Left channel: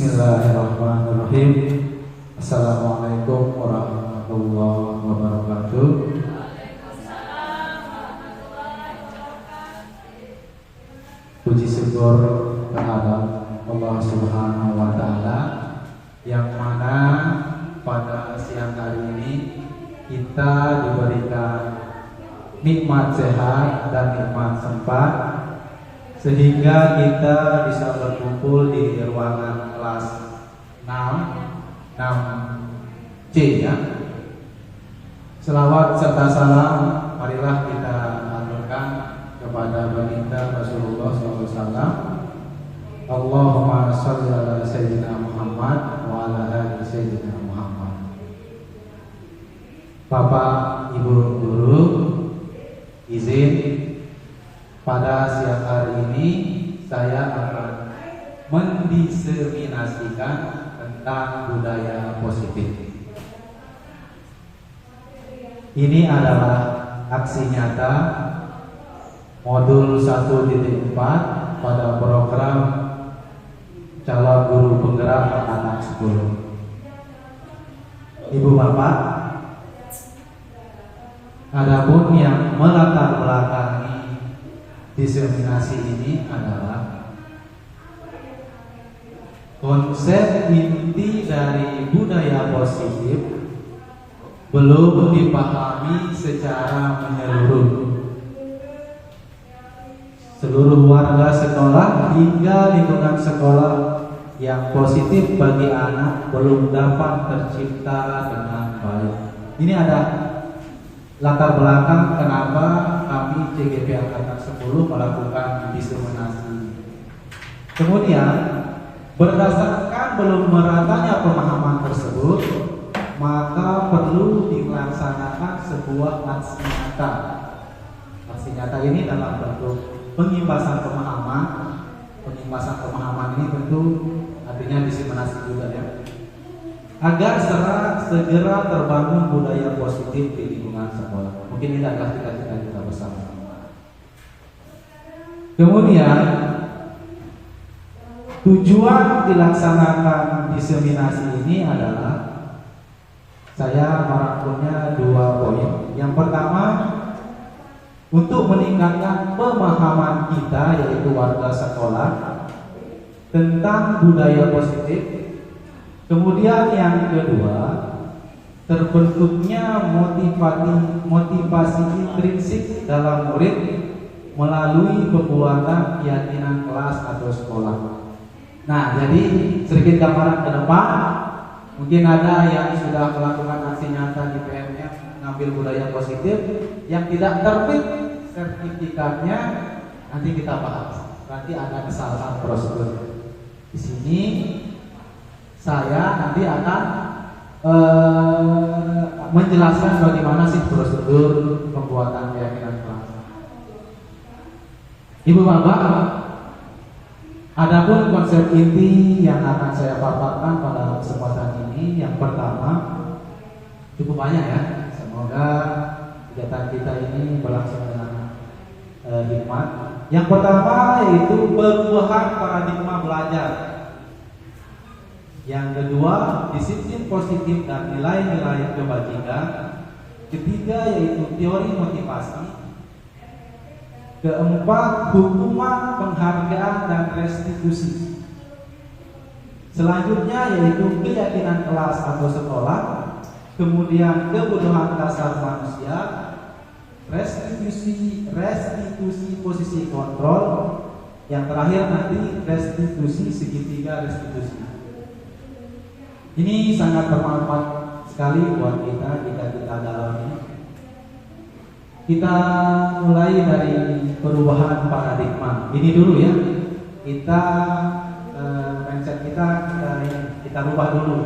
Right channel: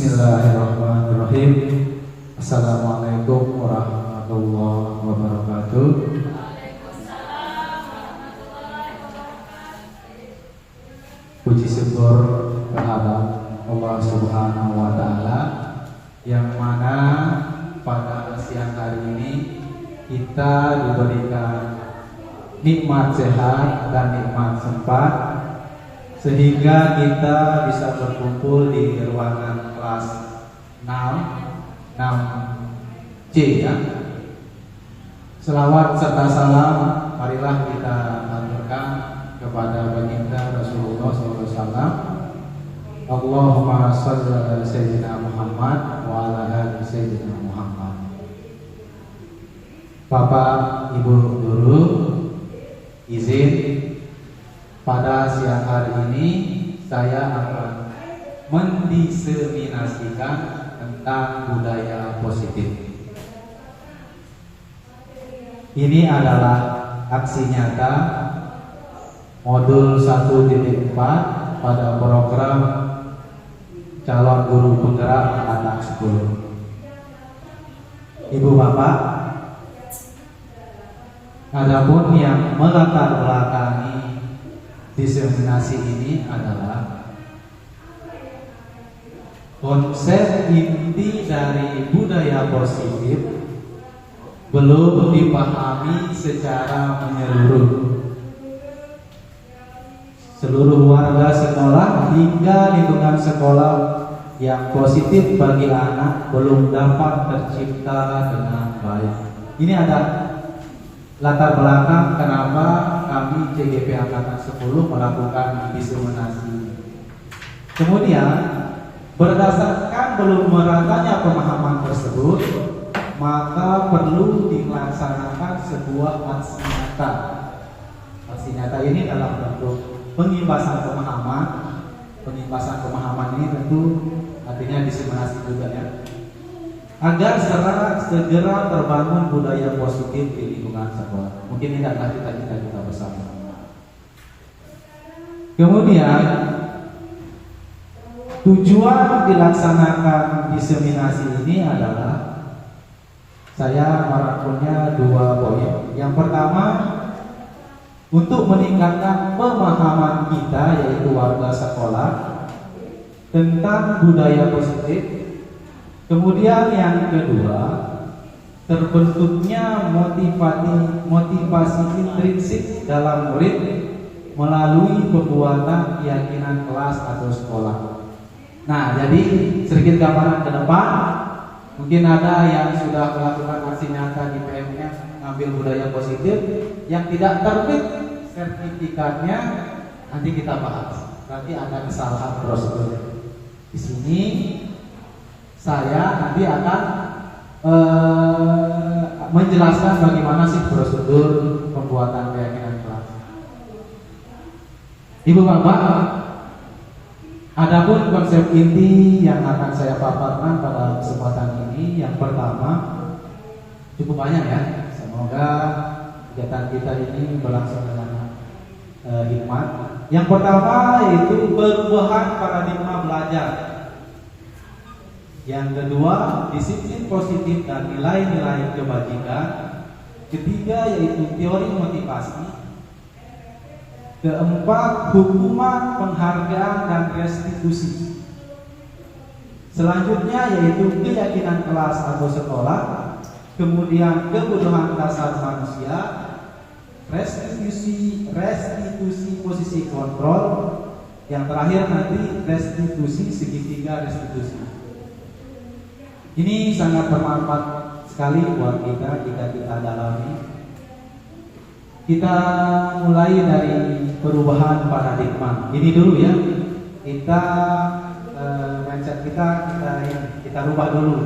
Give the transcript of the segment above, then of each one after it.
Bismillahirrahmanirrahim. Assalamualaikum warahmatullahi wabarakatuh. Puji syukur kehadirat Allah Subhanahu wa Ta'ala, yang mana pada siang hari ini kita diberikan nikmat sehat dan nikmat sempat, sehingga kita bisa berkumpul di ruangan kelas 6C ya. Selawat serta salam marilah kita aturkan kepada baginda Rasulullah SAW. Allahumma shalli ala sayyidina Muhammad wa ala ali sayyidina Muhammad. Bapak Ibu guru, izin pada siang hari ini saya akan mendiseminasikan tentang budaya positif. Ini adalah aksi nyata modul 1.4 pada program calon guru penggerak anak 10. Ibu bapak, adapun yang melatar belakangi diseminasi ini adalah konsep inti dari budaya positif belum dipahami secara menyeluruh. Seluruh warga sekolah hingga lingkungan sekolah yang positif bagi anak belum dapat tercipta dengan baik. Ini ada latar belakang kenapa kami CGP Angkatan 10 melakukan diseminasi. Kemudian, berdasarkan belum meratanya pemahaman tersebut, maka perlu dilaksanakan sebuah aksi nyata. Aksi nyata ini dalam bentuk pengimbasan pemahaman. Pengimbasan pemahaman ini tentu artinya diseminasi juga ya, agar segera terbangun budaya positif di lingkungan sekolah. Mungkin ini adalah cita-cita kita bersama. Kemudian, tujuan dilaksanakan diseminasi ini adalah saya merangkumnya 2 poin. Yang pertama, untuk meningkatkan pemahaman kita, yaitu warga sekolah, tentang budaya positif. Kemudian yang kedua, terbentuknya motivasi intrinsik dalam murid melalui pembuatan keyakinan kelas atau sekolah. Nah, jadi sedikit gambaran ke depan. Mungkin ada yang sudah melakukan aksi nyata di PMF ngambil budaya positif, yang tidak terbit sertifikatnya, nanti kita bahas. Nanti ada kesalahan prosedur. Di sini saya nanti akan menjelaskan bagaimana sih prosedur pembuatan keyakinan kelas. Ibu bapak, adapun konsep inti yang akan saya paparkan pada kesempatan ini, yang pertama, cukup banyak ya. Semoga kegiatan kita ini berlangsung dengan hikmat. Yang pertama yaitu perubahan paradigma belajar. Yang kedua, disiplin positif dan nilai-nilai kebajikan. Ketiga yaitu teori motivasi. Keempat, hukuman, penghargaan, dan restitusi. Selanjutnya yaitu keyakinan kelas atau sekolah. Kemudian kebutuhan dasar manusia, restitusi posisi kontrol. Yang terakhir nanti restitusi segitiga restitusi. Ini sangat bermanfaat sekali buat kita jika kita dalami. Kita mulai dari perubahan paradigma. Ini dulu ya. Kita mindset kita rubah dulu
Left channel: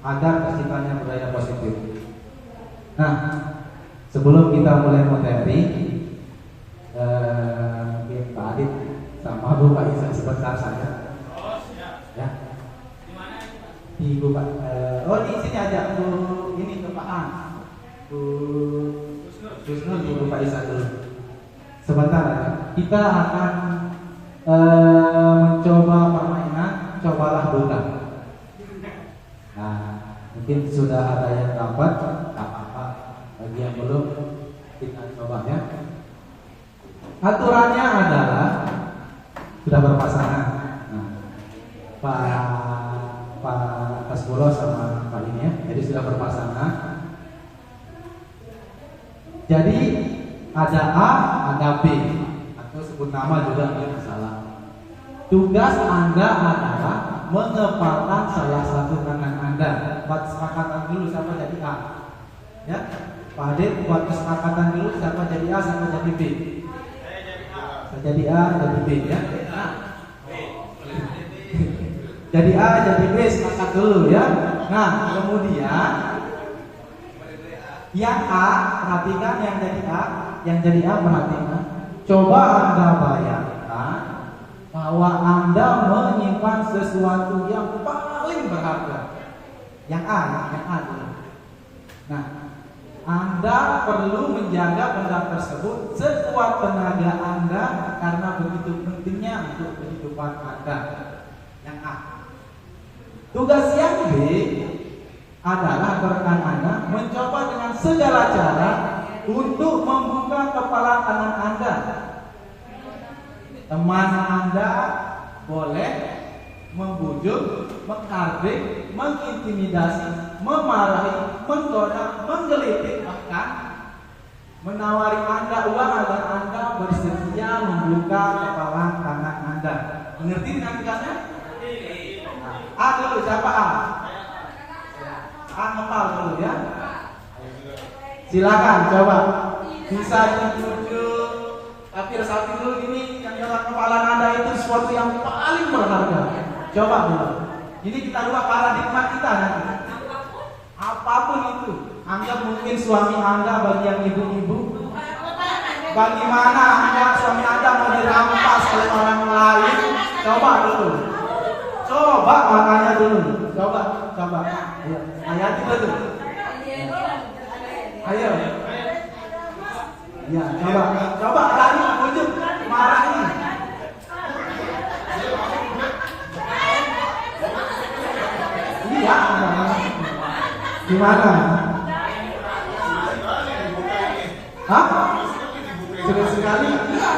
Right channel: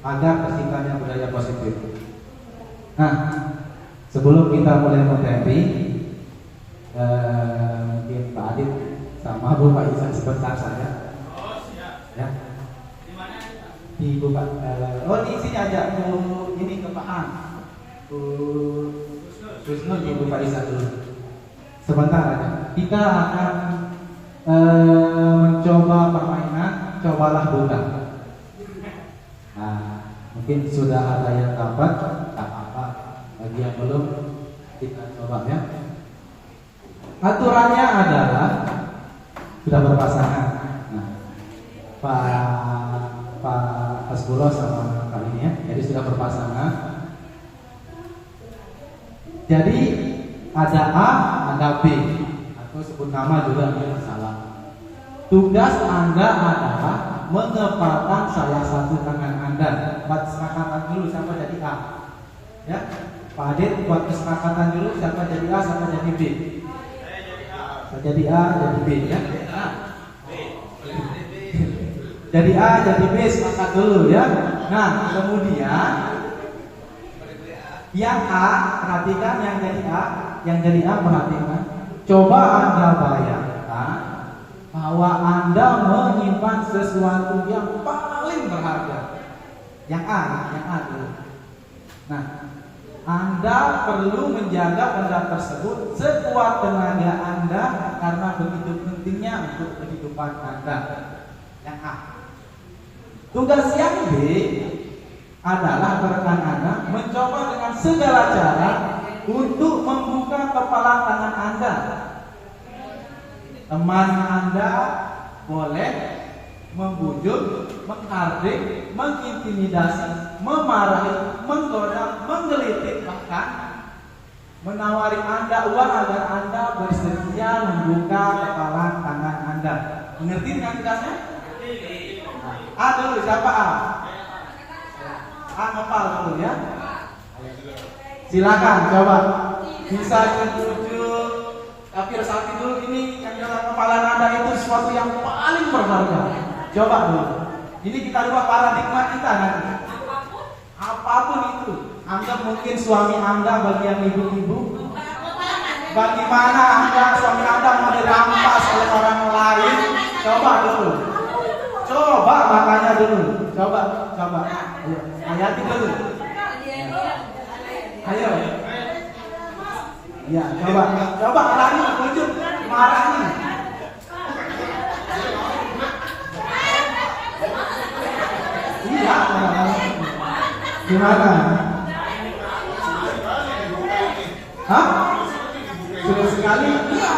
agar terciptanya budaya positif. Nah, sebelum kita mulai materi, mungkin Pak Adit sama Bu Pak Isan sebentar saja. Oh siap. Ya. Di mana? Di Bu Pak. Di sini aja. Ini ke Pak An. Justru Ibu Pak Isa dulu. Sebentar aja. Kita akan mencoba permainan cobalah buka. Mungkin sudah ada yang dapat, tak apa. Bagi yang belum, kita coba ya. Aturannya adalah sudah berpasangan. Nah, Pak Hasbulo sama Pak ini ya, jadi sudah berpasangan. Jadi ada A, ada B, atau sebut nama juga tidak masalah. Tugas Anda adalah menempatkan salah satu tangan Anda. Buat kesepakatan dulu siapa jadi A. Ya, Pak Adit buat kesepakatan dulu siapa jadi A, siapa jadi B. Saya jadi A, jadi B ya. Jadi A, jadi B, sepakat dulu ya. Nah, kemudian yang A, perhatikan yang jadi A perhatikan. Coba Anda bayangkan bahwa Anda menyimpan sesuatu yang paling berharga. Yang A dulu. Nah, Anda perlu menjaga benda tersebut sekuat tenaga Anda karena begitu pentingnya untuk kehidupan Anda. Yang A. Tugas yang B adalah rekan Anda mencoba dengan segala cara untuk membuka kepala tangan Anda. Teman Anda boleh membujuk, menghardik, mengintimidasi, memarahi, menggoda, menggelitik, bahkan menawari Anda uang agar Anda bersedia membuka kepala tangan Anda. Mengerti dengan tugasnya? A dulu, siapa A? A ngepal dulu ya. Silakan coba. Bisa dibujuk, tapi resapi dulu ini yang dalam kepala Anda itu sesuatu yang paling berharga. Coba dulu. Ini kita ubah paradigma kita nanti. Apapun itu. Anggap mungkin suami Anda bagi yang ibu-ibu. Bagaimana Anda suami Anda mau dirampas oleh orang lain? Coba dulu. Coba makanya dulu. Coba. Ayo, hayati dulu. Ayo. Ya, coba berani bujuk, marahin. Iya. Gimana? Hah? Sudah sekali? Iya.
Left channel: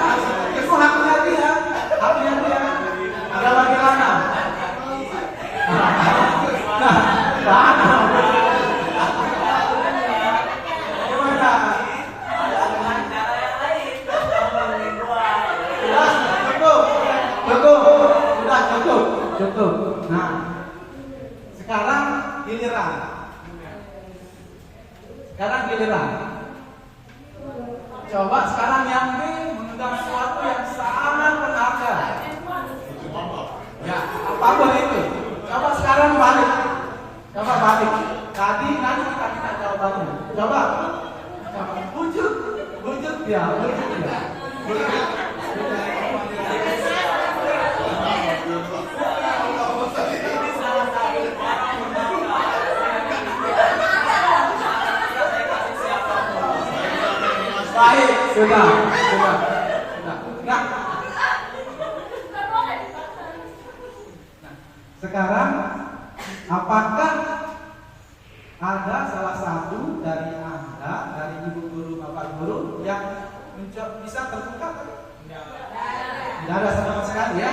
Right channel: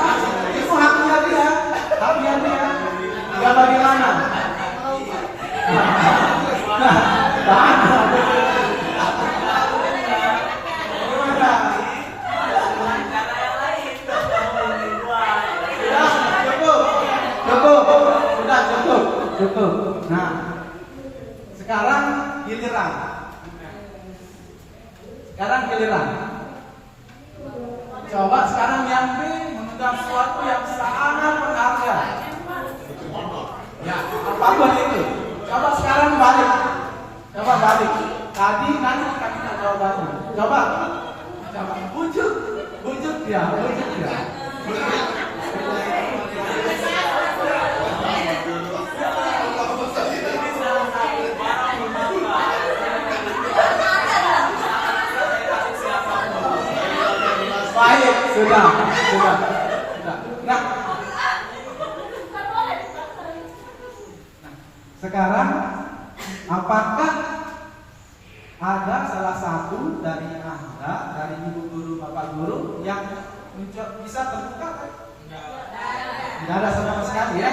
Itu haknya dia. Enggak bagaimana? Nah, cukup. Nah, sekarang giliran. Coba sekarang yang B mengundang sesuatu yang sangat berharga. Ya, apapun itu. Coba sekarang balik. Tadi nanti kita minta jawabannya. Coba. Bujuk dia. Baik, sudah. Nah, sekarang apakah ada salah satu dari Anda, dari ibu guru, bapak guru yang bisa terbuka? Tidak ada sama sekali ya.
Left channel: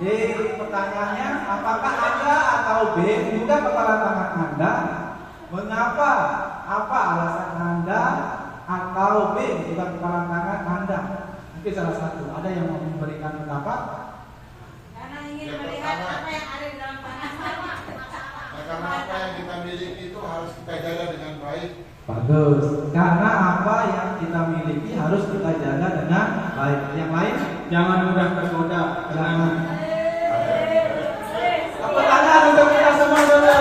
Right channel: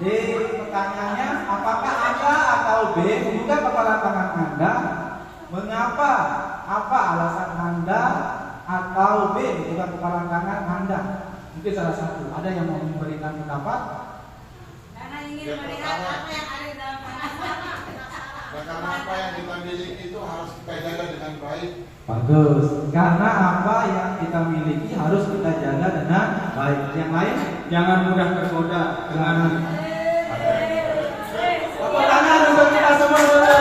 Jadi pertanyaannya, apakah Anda atau B membuka kepala tangan Anda? Mengapa? Apa alasan Anda atau B membuka kepala tangan Anda? Mungkin salah satu. Ada yang mau memberikan pendapat? Karena ingin melihat apa yang ada di dalam tangan. Karena apa yang kita miliki itu harus kita jaga dengan baik. Bagus. Karena apa yang kita miliki harus kita jaga dengan baik. Yang lain jangan mudah tergoda. Tepuk tangan untuk kita semua dulu.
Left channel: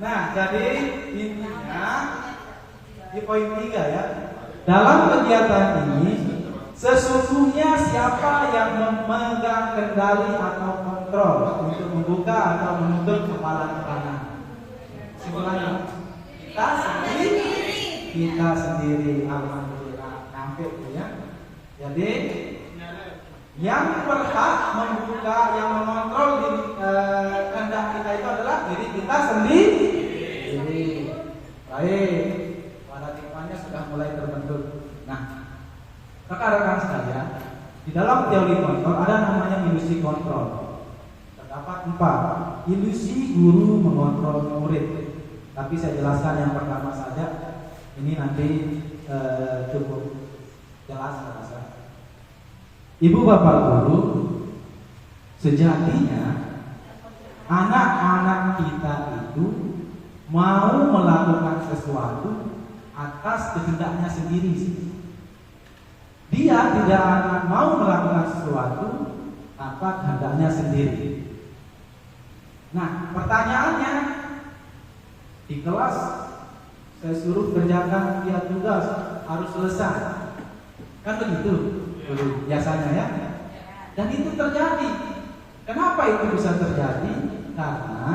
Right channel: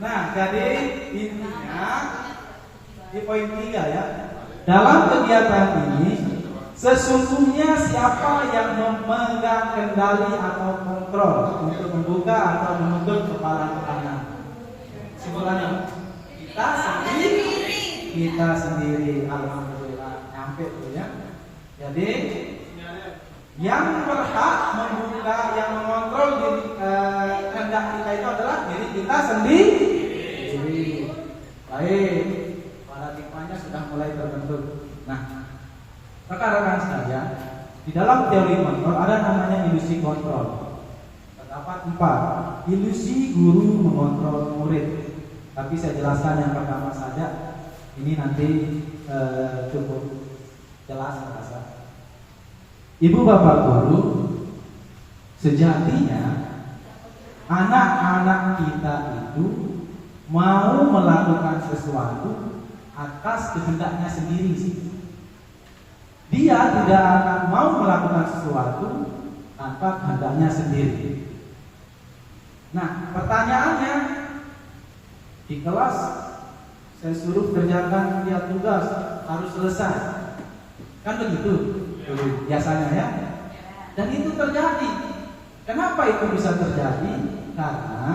Nah, jadi intinya di poin 3 ya. Dalam kegiatan ini sesungguhnya siapa yang memegang kendali atau kontrol untuk membuka atau menutup kepala tangan? Simpulannya kita sendiri. Alhamdulillah nyampe tuh ya. Jadi Yang berhak membuka, yang mengontrol kehendak kita itu adalah diri kita sendiri. Baik, paradigmanya sudah mulai terbentuk. Nah, rekan-rekan sekalian, di dalam teori kontrol ada namanya ilusi kontrol. Terdapat 4 ilusi guru mengontrol murid. Tapi saya jelaskan yang pertama saja. Ini nanti cukup jelas terasa. Ibu bapak guru, sejatinya anak-anak kita itu mau melakukan sesuatu atas kehendaknya sendiri sih. Dia tidak akan mau melakukan sesuatu tanpa kehendaknya sendiri. Nah, pertanyaannya, di kelas saya suruh kerjakan dia tugas harus selesai, kan begitu biasanya ya. Dan itu terjadi. Kenapa itu bisa terjadi? Karena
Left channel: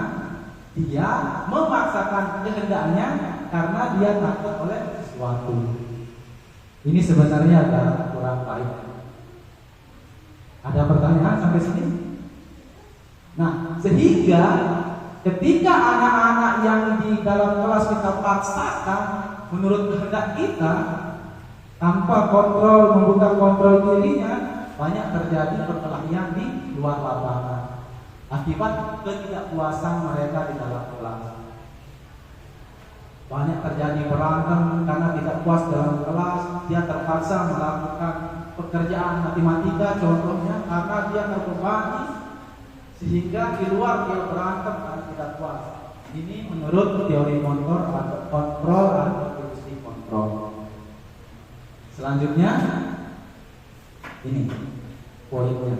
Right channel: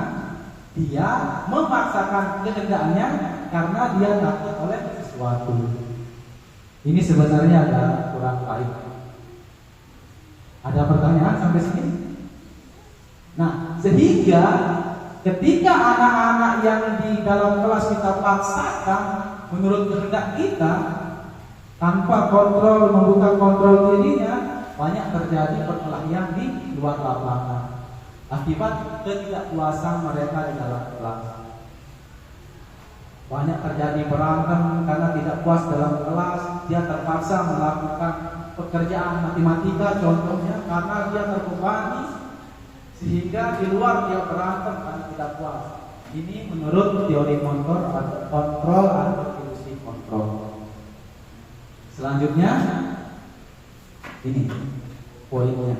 dia memaksakan kehendaknya karena dia takut oleh sesuatu. Ini sebenarnya agak kurang baik. Ada pertanyaan sampai sini? Nah, sehingga ketika anak-anak yang di dalam kelas kita paksakan menurut kehendak kita tanpa kontrol, membuka kontrol dirinya, banyak terjadi perkelahian di luar lapangan akibat ketidakpuasan mereka di dalam kelas. Banyak terjadi berantem karena tidak puas dalam kelas. Dia terpaksa melakukan pekerjaan matematika contohnya karena dia terbebani, sehingga di luar dia berantem karena tidak puas. Ini menurut teori kontrol atau ilusi kontrol. Selanjutnya ini poinnya.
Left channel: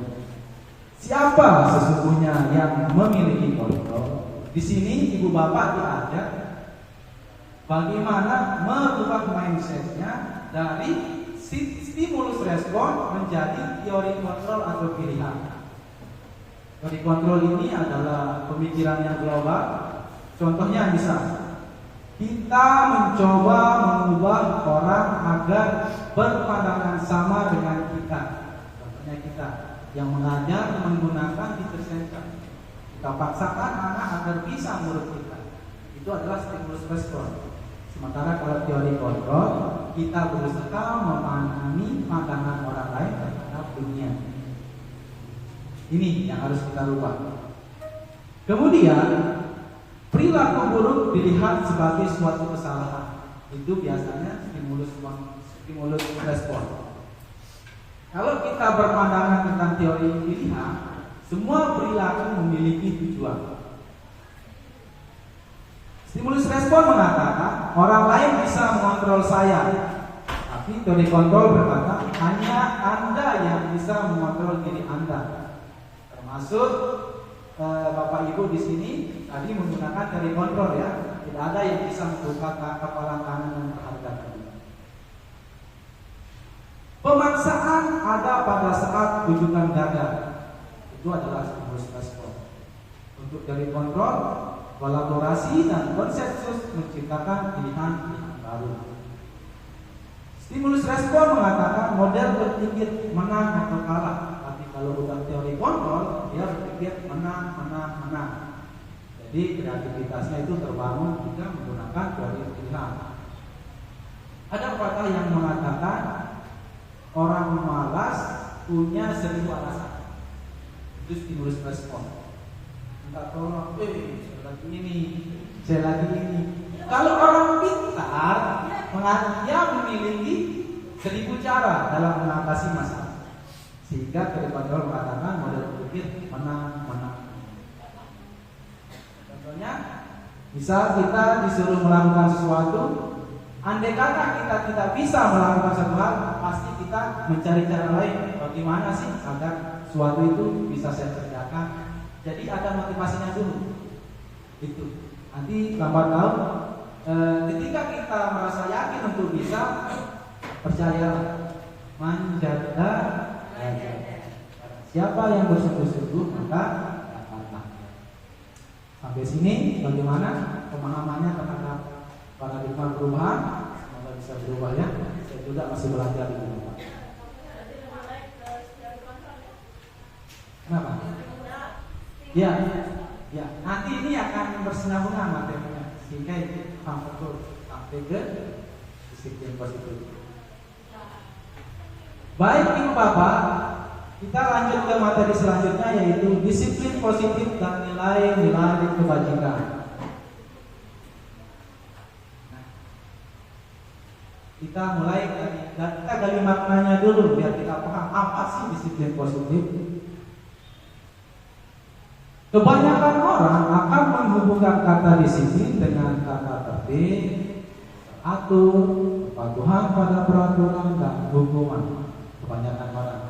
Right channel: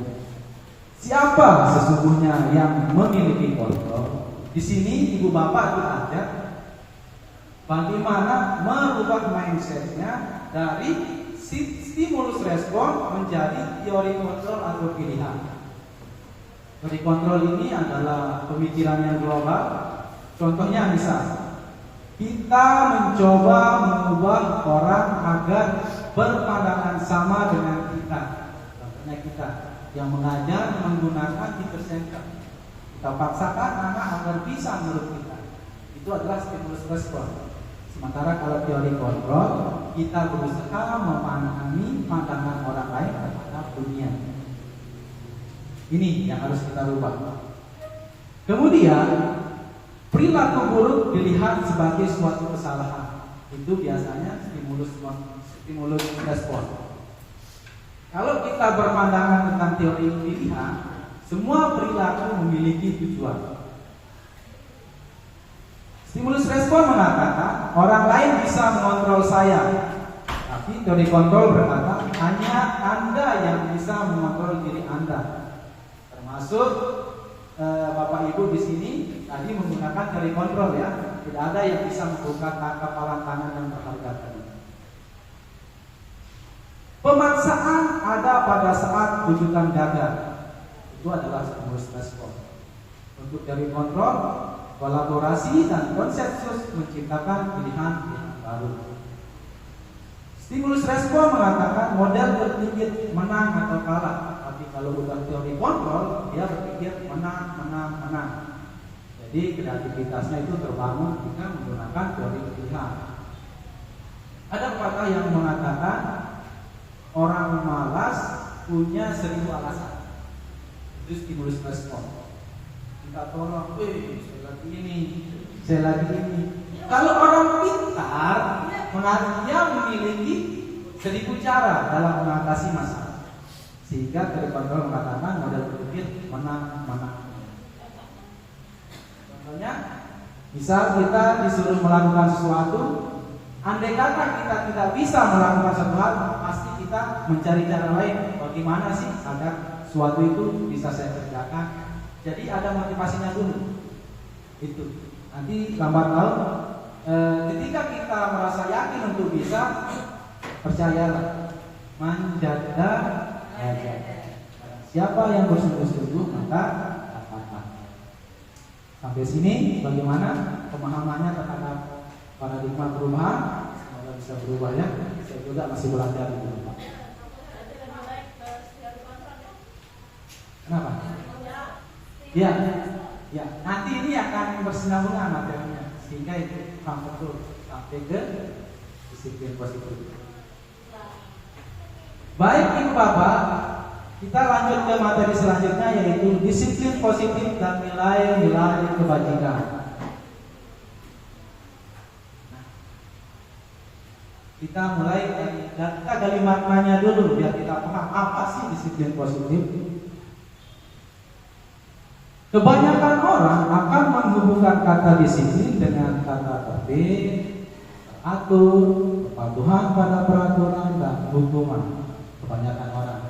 Siapa sesungguhnya yang memiliki kontrol? Di sini ibu bapak diajak bagaimana merubah mindsetnya dari stimulus respon menjadi teori kontrol atau pilihan. Teori kontrol ini adalah pemikiran yang global. Contohnya misal kita mencoba mengubah orang agar berpandangan sama dengan kita. Contohnya kita yang mengajar menggunakan teacher center. Kita paksakan anak agar bisa menurut kita. Itu adalah stimulus respon. Sementara kalau teori kontrol, kita berusaha memahami pandangan orang lain terhadap dunia. Ini yang harus kita rubah. Kemudian perilaku buruk dilihat sebagai suatu kesalahan. Itu biasanya stimulus respon. Kalau kita berpandangan tentang teori pilihan, semua perilaku memiliki tujuan. Stimulus respon mengatakan orang lain bisa mengontrol saya, tapi teori kontrol berkata hanya Anda yang bisa mengontrol diri Anda. Termasuk Bapak Ibu di sini tadi menggunakan teori kontrol ya, tidak ada yang bisa membuka kepalan tangan yang terhadap tadi. Pemaksaan ada pada saat rujukan gagal. Itu adalah stimulus respon. Untuk teori kontrol, kolaborasi dan konsensus menciptakan pilihan-pilihan baru. Stimulus respon mengatakan model berpikir menang atau kalah. Tapi kalau bukan teori kontrol, dia berpikir menang. Jadi kreativitasnya itu terbangun jika menggunakan teori pilihan. Ada pepatah yang mengatakan orang malas punya 1000 alasan. Itu stimulus respon. Minta tolong, saya lagi ini. Kalau orang pintar, dia memiliki 1000 cara dalam mengatasi masalah. Sehingga teori kontrol mengatakan model berpikir menang. Contohnya, misal kita disuruh melakukan sesuatu, andai kata kita tidak bisa melakukan satu hal, pasti kita mencari cara lain. Bagaimana sih agar sesuatu itu bisa saya kerjakan? Jadi ada motivasinya dulu. Itu nanti lambat laun ketika kita merasa yakin untuk bisa, percayalah, manjada. Siapa yang bersungguh-sungguh maka dapatlah. Sampai sini bagaimana pemahamannya terhadap paradigma perubahan? Semoga bisa berubah ya. Saya juga masih belajar di Bapak. Ya, ya. Nanti ini akan bersinambungan materinya, sehingga itu paham betul sampai ke disiplin positif. Baik Ibu Bapak, kita lanjut ke materi selanjutnya, yaitu disiplin positif dan nilai-nilai kebajikan. Kita mulai kita gali maknanya dulu biar kita paham apa sih disiplin positif. Kebanyakan orang akan menghubungkan kata disiplin dengan kata tertib, atur, kepatuhan pada peraturan dan hukuman. Kebanyakan orang.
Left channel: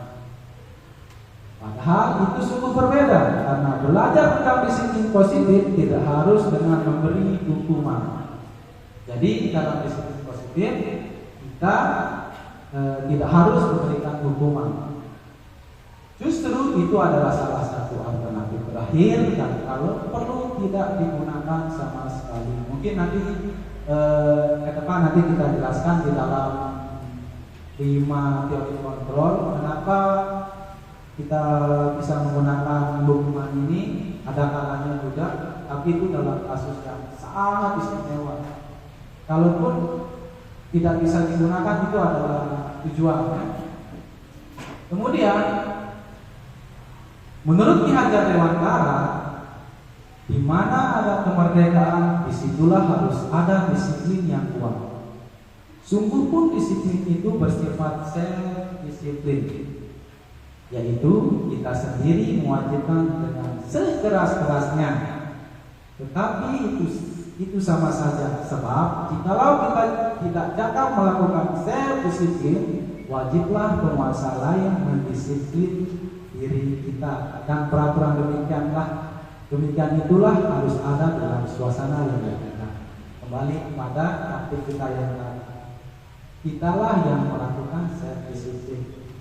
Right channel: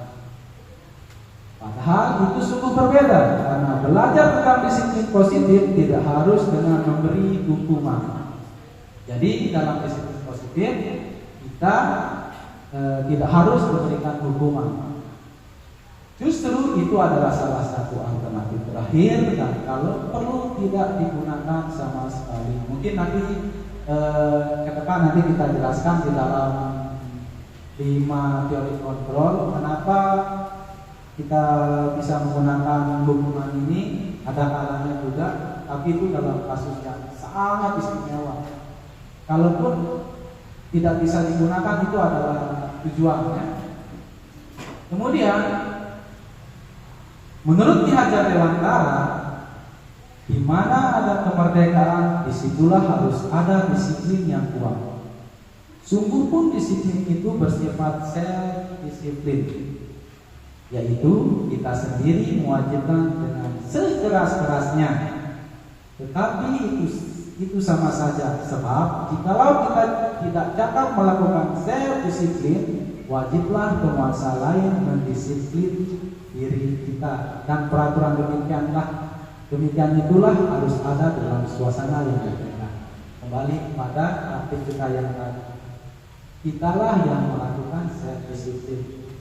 Padahal itu sungguh berbeda, karena belajar tentang disiplin positif tidak harus dengan memberi hukuman. Jadi dalam disiplin positif kita tidak harus memberikan hukuman. Justru itu adalah salah satu alternatif terakhir, dan kalau perlu tidak digunakan sama sekali. Mungkin nanti ke depan nanti kita jelaskan di dalam 5 teori kontrol kenapa kita bisa menggunakan hukuman ini. Ada kalanya juga, tapi itu dalam kasus yang sangat istimewa. Kalaupun tidak bisa digunakan, itu adalah tujuannya. Kemudian menurut Ki Hajar Dewantara, di mana ada kemerdekaan, disitulah harus ada disiplin yang kuat. Sungguh pun disiplin itu bersifat self-disiplin, yaitu kita sendiri mewajibkan dengan sekeras-kerasnya. Tetapi itu sama saja, sebab jikalau kita tidak dapat melakukan self-disiplin, wajiblah penguasa lain mendisiplin diri kita, dan peraturan demikian itulah harus ada dalam suasana yang berbeda. Kembali kepada praktik kita yang tadi, kitalah yang melakukan self-disiplin.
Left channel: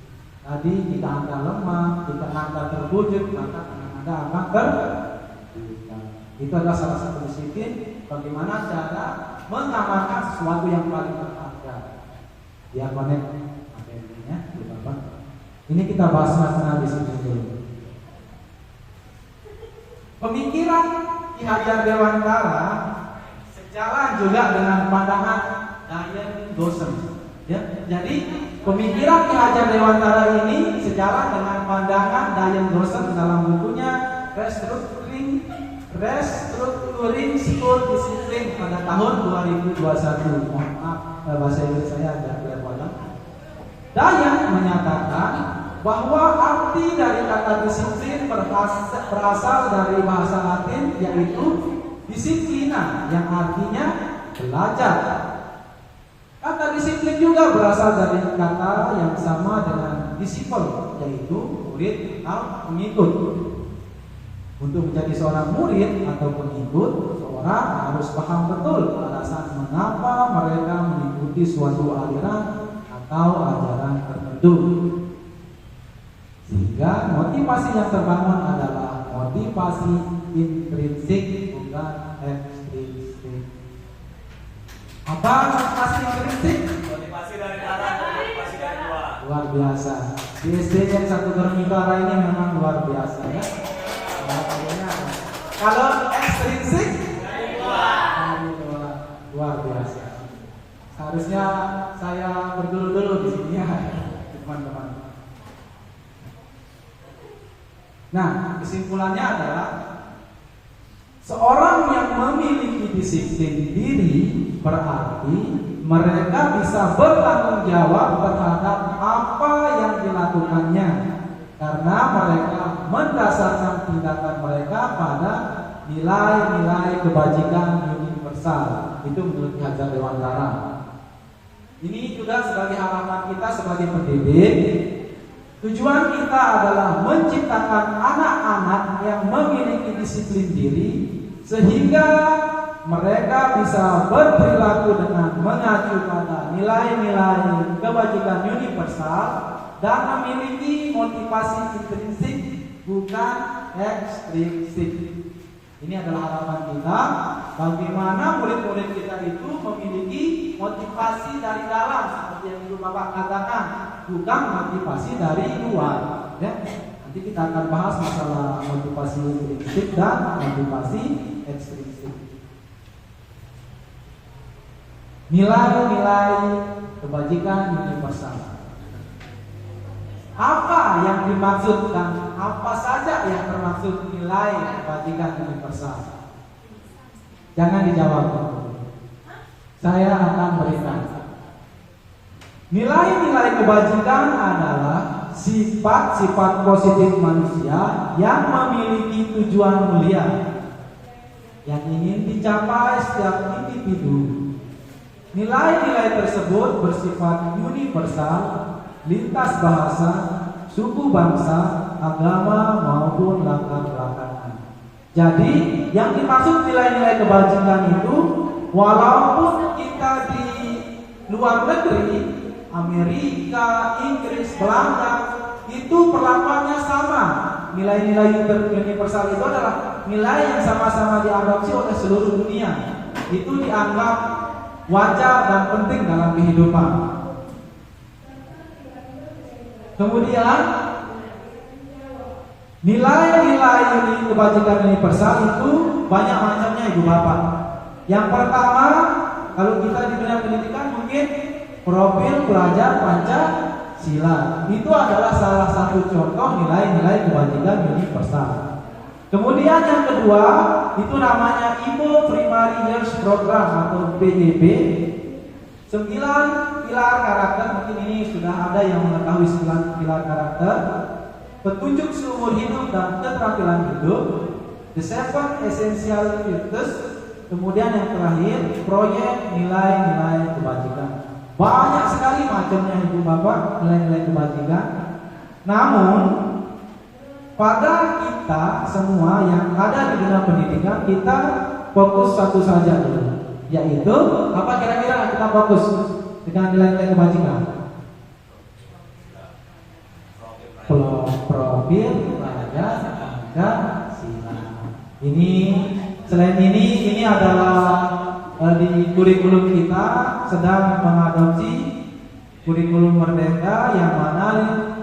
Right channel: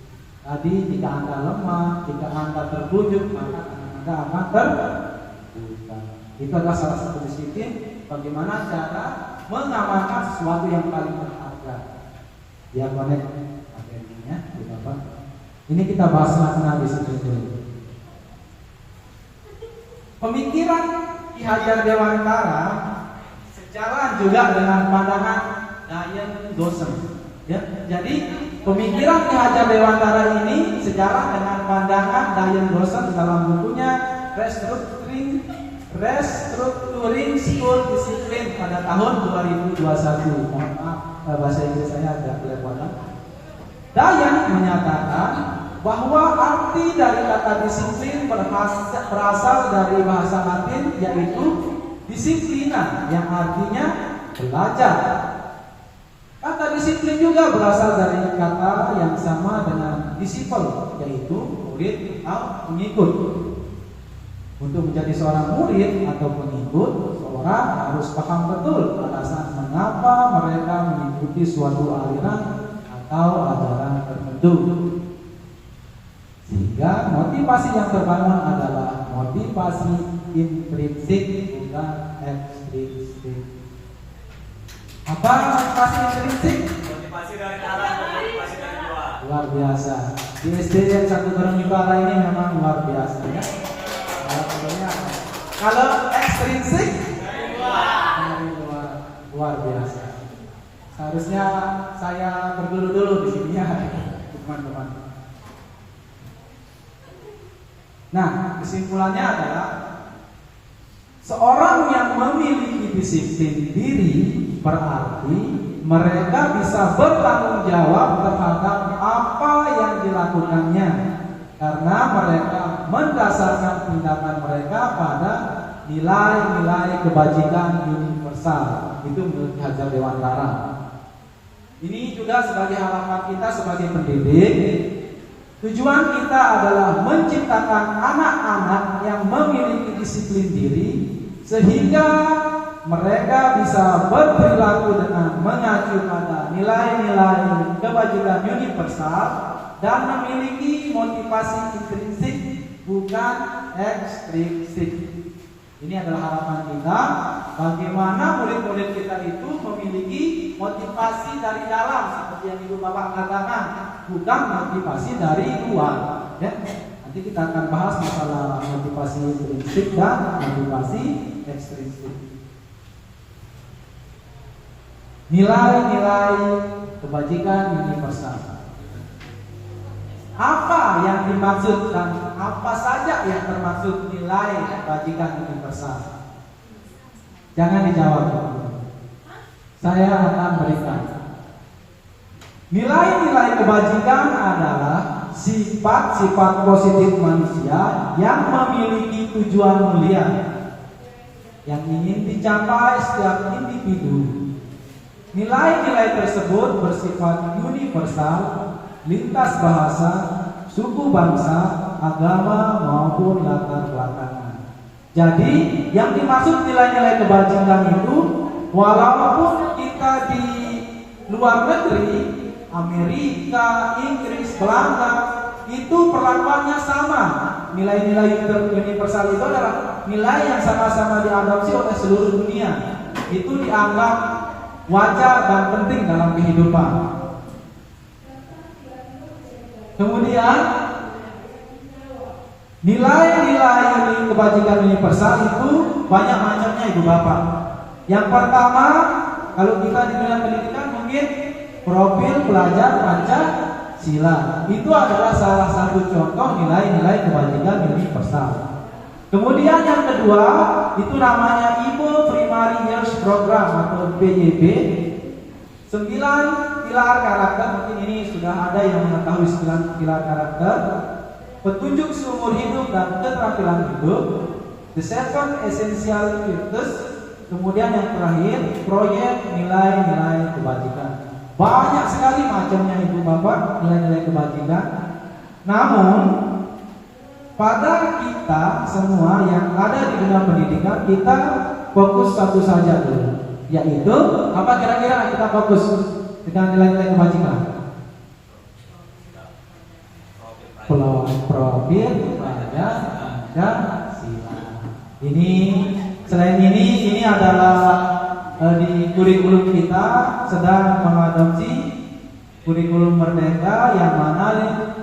Tadi jika Anda lemah, jika Anda terwujud, maka Anda akan terbuka. Itu adalah salah satu disiplin. Bagaimana cara mengamalkan sesuatu yang paling berharga. Dia connect akhirnya, Bapak. Ini kita bahas makna disiplin dulu. Pemikiran Ki Hajar Dewantara sejalan juga dengan pandangan Dian Dawson. Ya, jadi pemikiran Ki Hajar Dewantara ini sejalan dengan pandangan Dian Dawson dalam bukunya Restructuring School Discipline pada tahun 2021. Mohon maaf, bahasa Inggris saya agak berwalah. Dian menyatakan bahwa arti dari kata disiplin berasal dari bahasa Latin, yaitu disiplina, yang artinya belajar. Kata disiplin juga berasal dari kata yang sama dengan disciple, yaitu murid atau pengikut. Untuk menjadi seorang murid atau pengikut, seorang harus paham betul alasan mengapa mereka mengikuti suatu aliran atau ajaran tertentu. Sehingga motivasi yang terbangun adalah motivasi intrinsik, bukan ekstrinsik. Apa motivasi intrinsik? Motivasi dari dalam, motivasi dari luar. Luar biasa. Di SDN 1 Gereng Ibara ini memang luar biasa ya. Kalau ekstrinsik dari luar, luar biasa. Seharusnya saya berguru dulu di sini ya, teman-teman. Nah, kesimpulannya adalah seorang yang memiliki disiplin diri berarti mereka bisa bertanggung jawab terhadap apa yang dilakukannya, karena mereka mendasarkan tindakan mereka pada nilai-nilai kebajikan universal. Itu menurut Hajar Dewantara. Ini juga sebagai harapan kita sebagai pendidik. Tujuan kita adalah menciptakan anak-anak yang memiliki disiplin diri, sehingga mereka bisa berperilaku dengan mengacu pada nilai-nilai kebajikan universal dan memiliki motivasi intrinsik, bukan ekstrinsik. Ini adalah harapan kita, bagaimana murid-murid kita itu memiliki motivasi dari dalam, seperti yang Ibu Bapak katakan, bukan motivasi dari luar. Ya, Nanti kita akan bahas masalah motivasi intrinsik dan motivasi ekstrinsik. Nilai-nilai kebajikan universal. Apa yang dimaksudkan? Apa saja yang termasuk nilai kebajikan universal? Jangan dijawab. Saya akan berikan. Nilai-nilai kebajikan adalah sifat-sifat positif manusia yang memiliki tujuan mulia yang ingin dicapai setiap individu. Nilai-nilai tersebut bersifat universal, lintas bahasa, suku bangsa, agama maupun latar belakang. Jadi yang dimaksud nilai-nilai kebajikan itu, walaupun kita di luar negeri, Amerika, Inggris, Belanda, itu perlakuannya sama. Nilai-nilai universal itu adalah nilai yang sama-sama diadopsi oleh seluruh dunia. Itu dianggap wajar dan penting dalam kehidupan. Kemudian nilai-nilai kebajikan universal itu banyak macamnya, Ibu Bapak. Yang pertama, kalau kita di dunia pendidikan mungkin profil pelajar Pancasila. Itu adalah salah satu contoh nilai-nilai kebajikan universal. Kemudian yang kedua, itu namanya Ibo Primary Years Program atau PYP. 9 pilar karakter, mungkin ini sudah ada yang mengetahui 9 pilar karakter. Petunjuk seumur hidup dan keterampilan hidup. The 7 Essential Virtues. Kemudian yang terakhir, proyek nilai-nilai kebajikan. Banyak sekali macamnya Ibu Bapak nilai-nilai kebajikan. Namun pada kita semua yang ada di dunia pendidikan, kita fokus satu saja dulu, yaitu apa kira-kira kita fokus dengan nilai-nilai kebajikan? Profil pelajar Pancasila. Ini selain ini adalah di kurikulum kita sedang mengadopsi kurikulum Merdeka, yang mana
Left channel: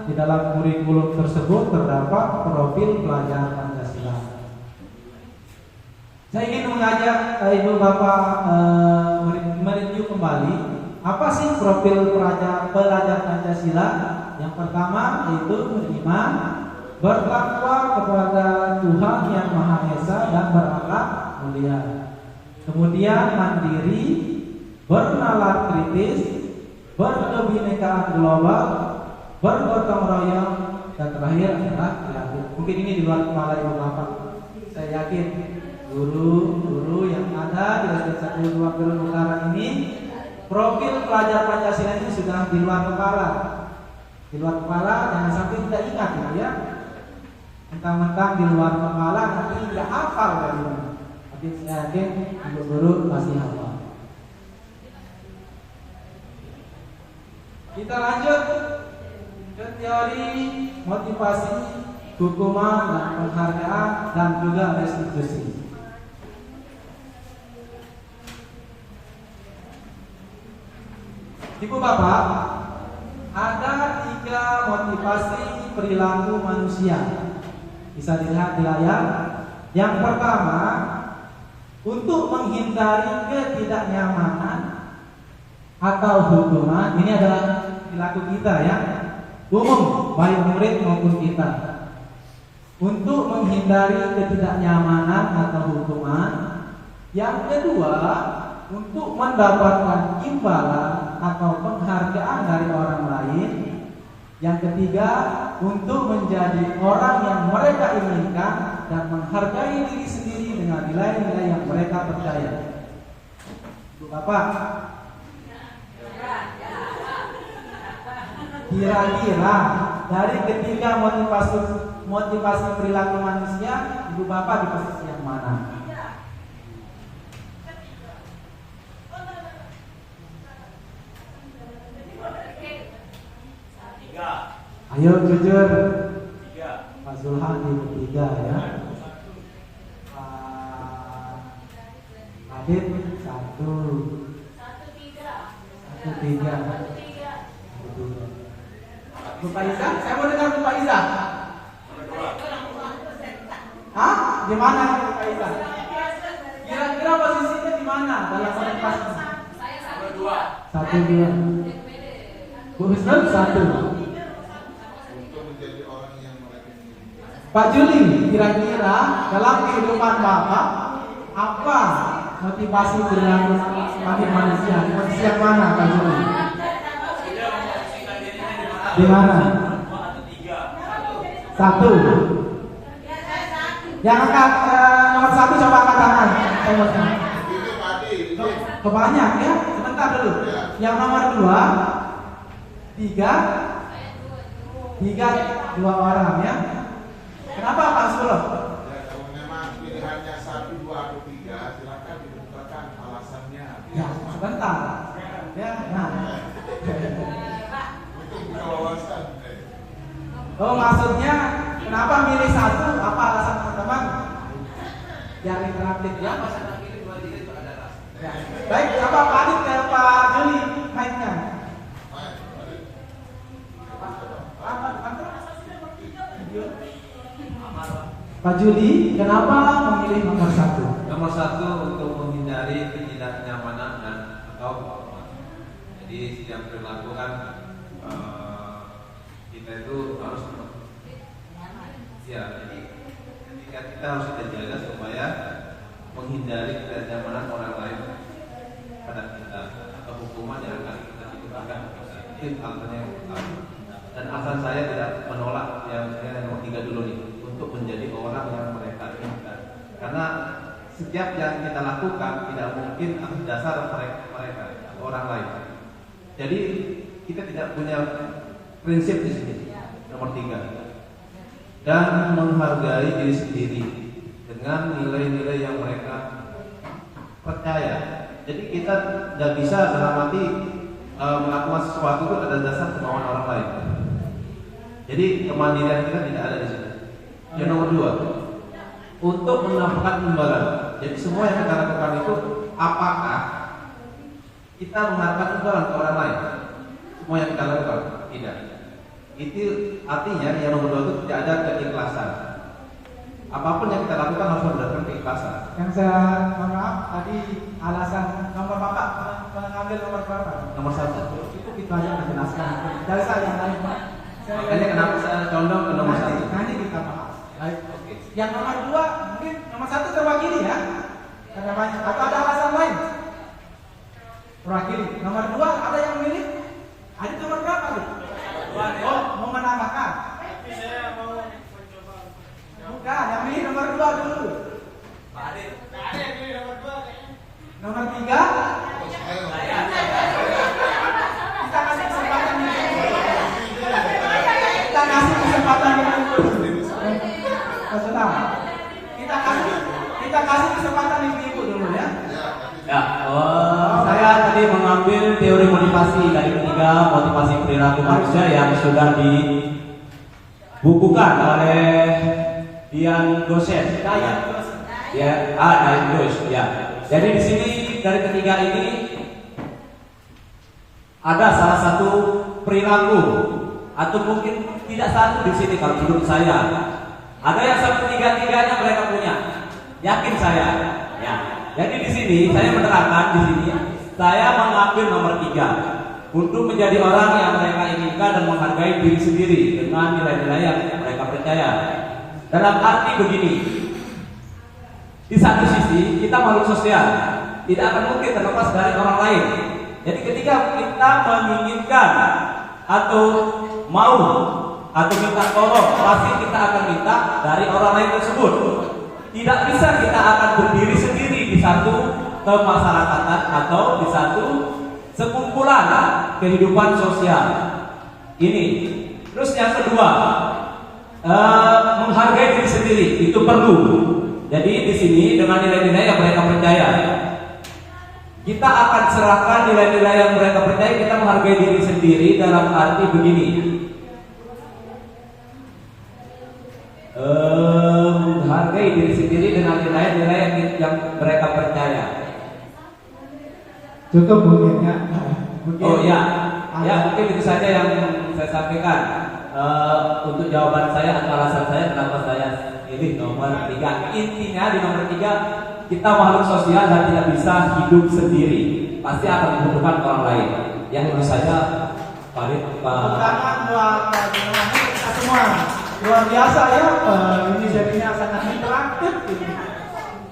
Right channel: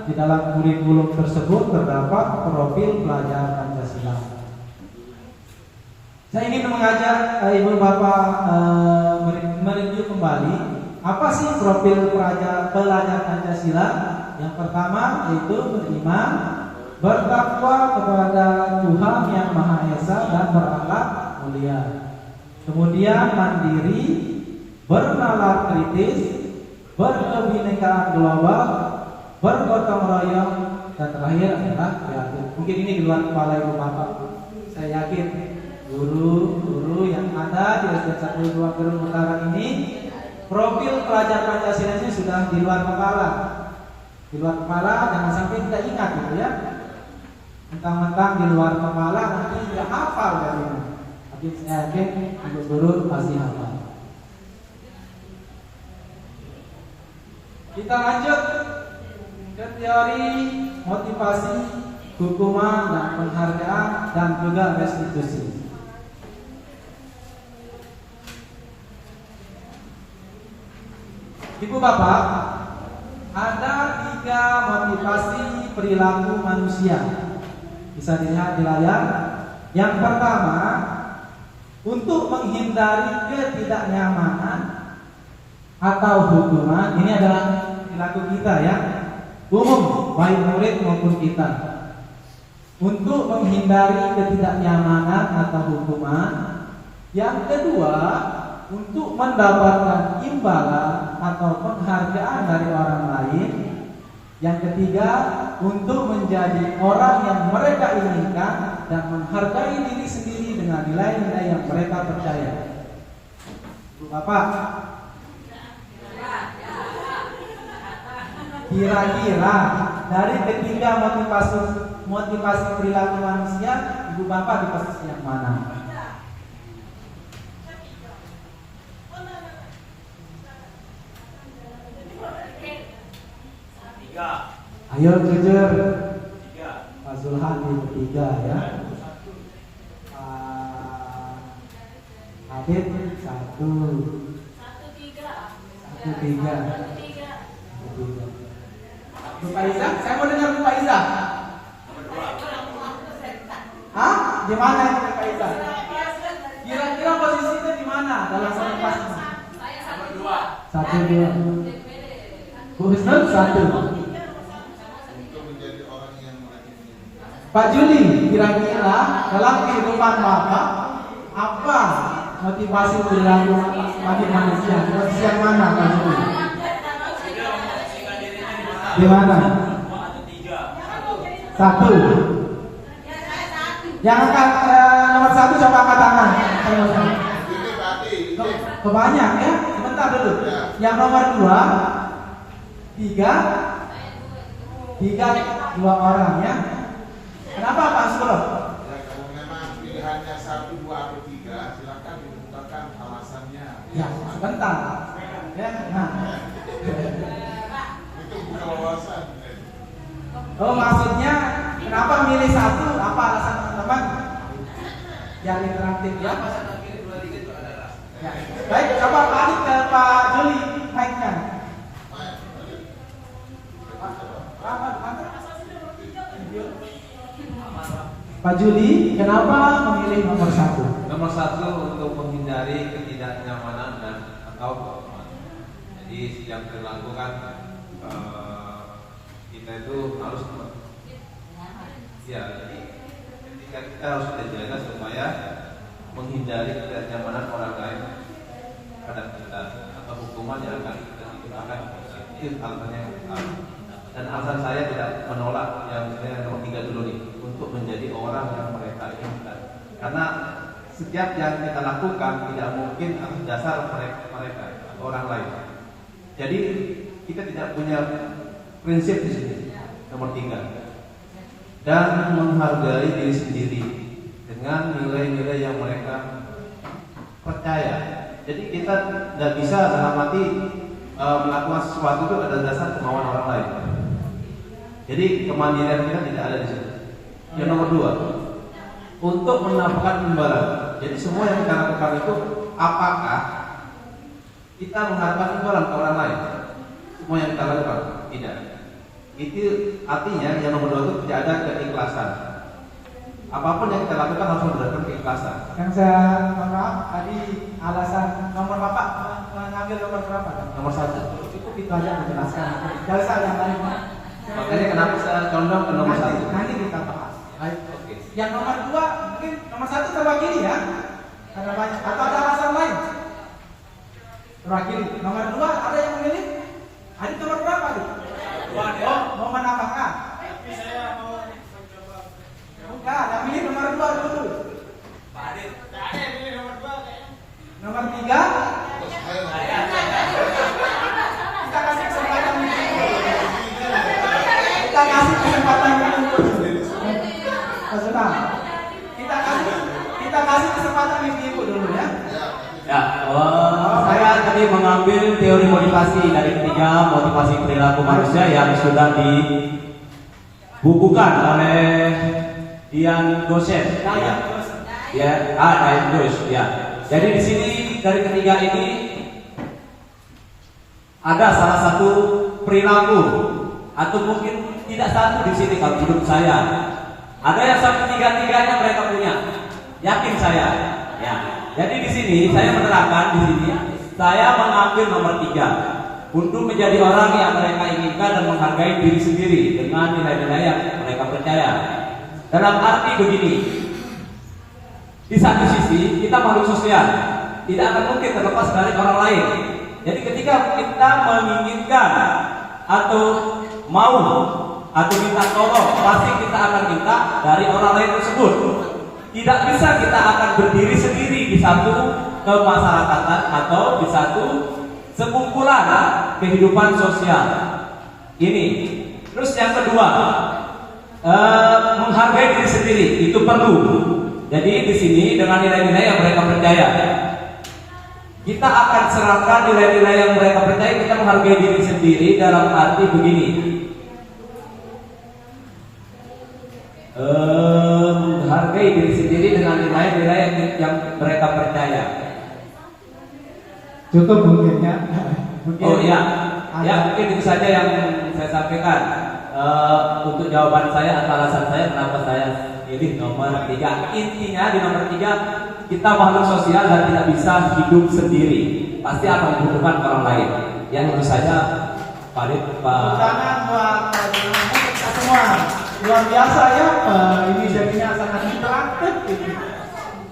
di dalam kurikulum tersebut terdapat profil pelajar Pancasila. Saya ingin mengajak Ibu Bapak mereview kembali apa sih profil pelajar Pancasila. Yang pertama yaitu beriman, bertakwa kepada Tuhan Yang Maha Esa dan berakhlak mulia. Kemudian mandiri, bernalar kritis, berkebinekaan global, bergotong royong, dan terakhir adalah kreatif. Mungkin ini di luar kepala Ibu Bapak. Saya yakin guru-guru yang ada di SD 1 2 Perun Utara ini, profil pelajar Pancasila ini sudah di luar kepala. Di luar kepala, jangan sampai tidak ingat gitu ya. Mentang-mentang di luar kepala nanti tidak hafal dari. Tapi saya yakin guru-guru pasti hafal. Kita lanjut ke teori motivasi, hukuman dan penghargaan dan juga restitusi. Ibu Bapak, ada 3 motivasi perilaku manusia. Bisa dilihat di layar. Yang pertama, untuk menghindari ketidaknyamanan atau hukuman. Ini adalah perilaku kita ya, umum, baik murid maupun kita. Untuk menghindari ketidaknyamanan atau hukuman. Yang kedua, untuk mendapatkan imbalan atau penghargaan dari orang lain. Yang ketiga, untuk menjadi orang yang mereka inginkan dan menghargai diri sendiri dengan nilai-nilai yang mereka percaya. Ibu Bapak, kira-kira dari ketiga motivasi perilaku manusia, Ibu Bapak di posisi yang mana? Ayo jujur. Pak Zulhan di ketiga ya. Adit 1 3. Bu Faiza, saya mau dengar Bu Faiza. Hah? Di mana itu Kak Ita? Kira-kira posisinya di mana dalam orientasinya? Satu dua. Bu Husnul satu. Untuk menjadi orang yang mereka. Pak Juli, kira-kira dalam kehidupan Bapak apa motivasi perilaku bagi manusia? Posisi yang mana Pak Juli? Di mana? Satu. Yang angkat nomor satu coba angkat tangan. Ini tadi, ini Kebanyak ya. Sebentar dulu. Yang nomor dua, tiga, dua orang ya. Kenapa Pak Sulo? ya kalau memang pilihannya 1, 2 atau 3, silakan dibukakan alasannya. Ya, sebentar. Ya, nah. Untuk buka wawasan. Oh, maksudnya kenapa milih satu? Apa alasan teman-teman? Yang interaktif ya. Ya. Baik, coba Pak Adit ke Pak Juli mainkan. Pak Juli, kenapa memilih nomor satu? Nomor satu untuk menghindari ketidaknyamanan dan atau jadi yang perilaku kan kita itu harus ya jadi ketika kita harus terjaga supaya menghindari ketidaknyamanan orang lain pada kita atau hukuman yang akan kita timbulkan itu alasannya yang utama. Dan alasan saya tidak menolak yang saya nomor 3 dulu nih untuk menjadi orang yang mereka inginkan, karena setiap yang kita lakukan tidak mungkin atas dasar mereka atau orang lain. Jadi kita tidak punya prinsip di sini. Nomor 3, dan menghargai diri sendiri dengan nilai-nilai yang mereka percaya. Jadi kita tidak bisa dalam arti melakukan sesuatu itu ada dasar kemauan orang lain. Jadi kemandirian kita tidak ada di sini. Yang nomor 2, untuk menampakkan imbalan. Jadi semua yang kita lakukan itu apakah kita mengharapkan imbalan ke orang lain? Semua yang kita lakukan tidak. Itu artinya yang nomor 2 itu tidak ada keikhlasan. Apapun yang kita lakukan harus berdasarkan keikhlasan. Yang saya mohon maaf tadi alasan nomor Bapak mengambil nomor berapa? Nomor 1. Cukup itu aja menjelaskan. Tidak usah yang lain. Makanya kenapa saya condong ke nomor 1? Nanti kita bahas. Baik. Oke. Yang nomor 2 mungkin nomor 1 terwakili ya. Karena banyak. Atau ada alasan lain? Terwakili. Nomor 2 ada yang memilih? Adit nomor berapa Adit? Oh, mau menambahkan? Tapi saya mau mencoba. Bukan, yang milih nomor 2 dulu. Pak Adil. Nggak ada yang pilih nomor 2 kayaknya. Nomor 3 kita kasih kesempatan kita kasih kesempatan Senang. Kita kasih kesempatan ibu dulu ya. Ya, saya tadi mengambil teori motivasi dari ketiga motivasi perilaku manusia yang sudah dibukukan oleh Dian Gosset. Ya, Dian Gosset. Ya. Jadi di sini dari ketiga ini ada salah satu perilaku atau mungkin tidak satu di sini kalau menurut saya. Ada yang sampai tiga-tiganya mereka punya. Yakin saya. Ya. Jadi di sini saya menerangkan di sini saya mengambil nomor 3 untuk menjadi orang yang mereka inginkan dan menghargai diri sendiri dengan nilai-nilai yang mereka percaya. Dalam arti begini, di satu sisi kita makhluk sosial, tidak akan mungkin terlepas dari orang lain. Jadi ketika kita menginginkan atau mau atau minta tolong, pasti kita akan minta dari orang lain tersebut. Tidak bisa kita akan berdiri sendiri di satu kemasyarakatan atau di satu sekumpulan kehidupan sosial ini. Terus yang kedua, menghargai diri sendiri itu perlu. Jadi di sini dengan nilai-nilai yang mereka percaya, kita akan serahkan nilai-nilai yang mereka percaya. Kita menghargai diri sendiri dalam arti begini. Menghargai diri sendiri dengan nilai-nilai yang mereka percaya. Cukup mungkin ya. Oh ya, ya mungkin itu saja yang saya sampaikan. untuk jawaban saya atau alasan saya kenapa saya pilih nomor 3. Intinya di nomor 3 kita makhluk sosial dan tidak bisa hidup sendiri, pasti akan membutuhkan orang lain. Yang menurut saya Farid, Tepuk tangan buat kita semua. Luar biasa ya, ini jadinya sangat interaktif ini.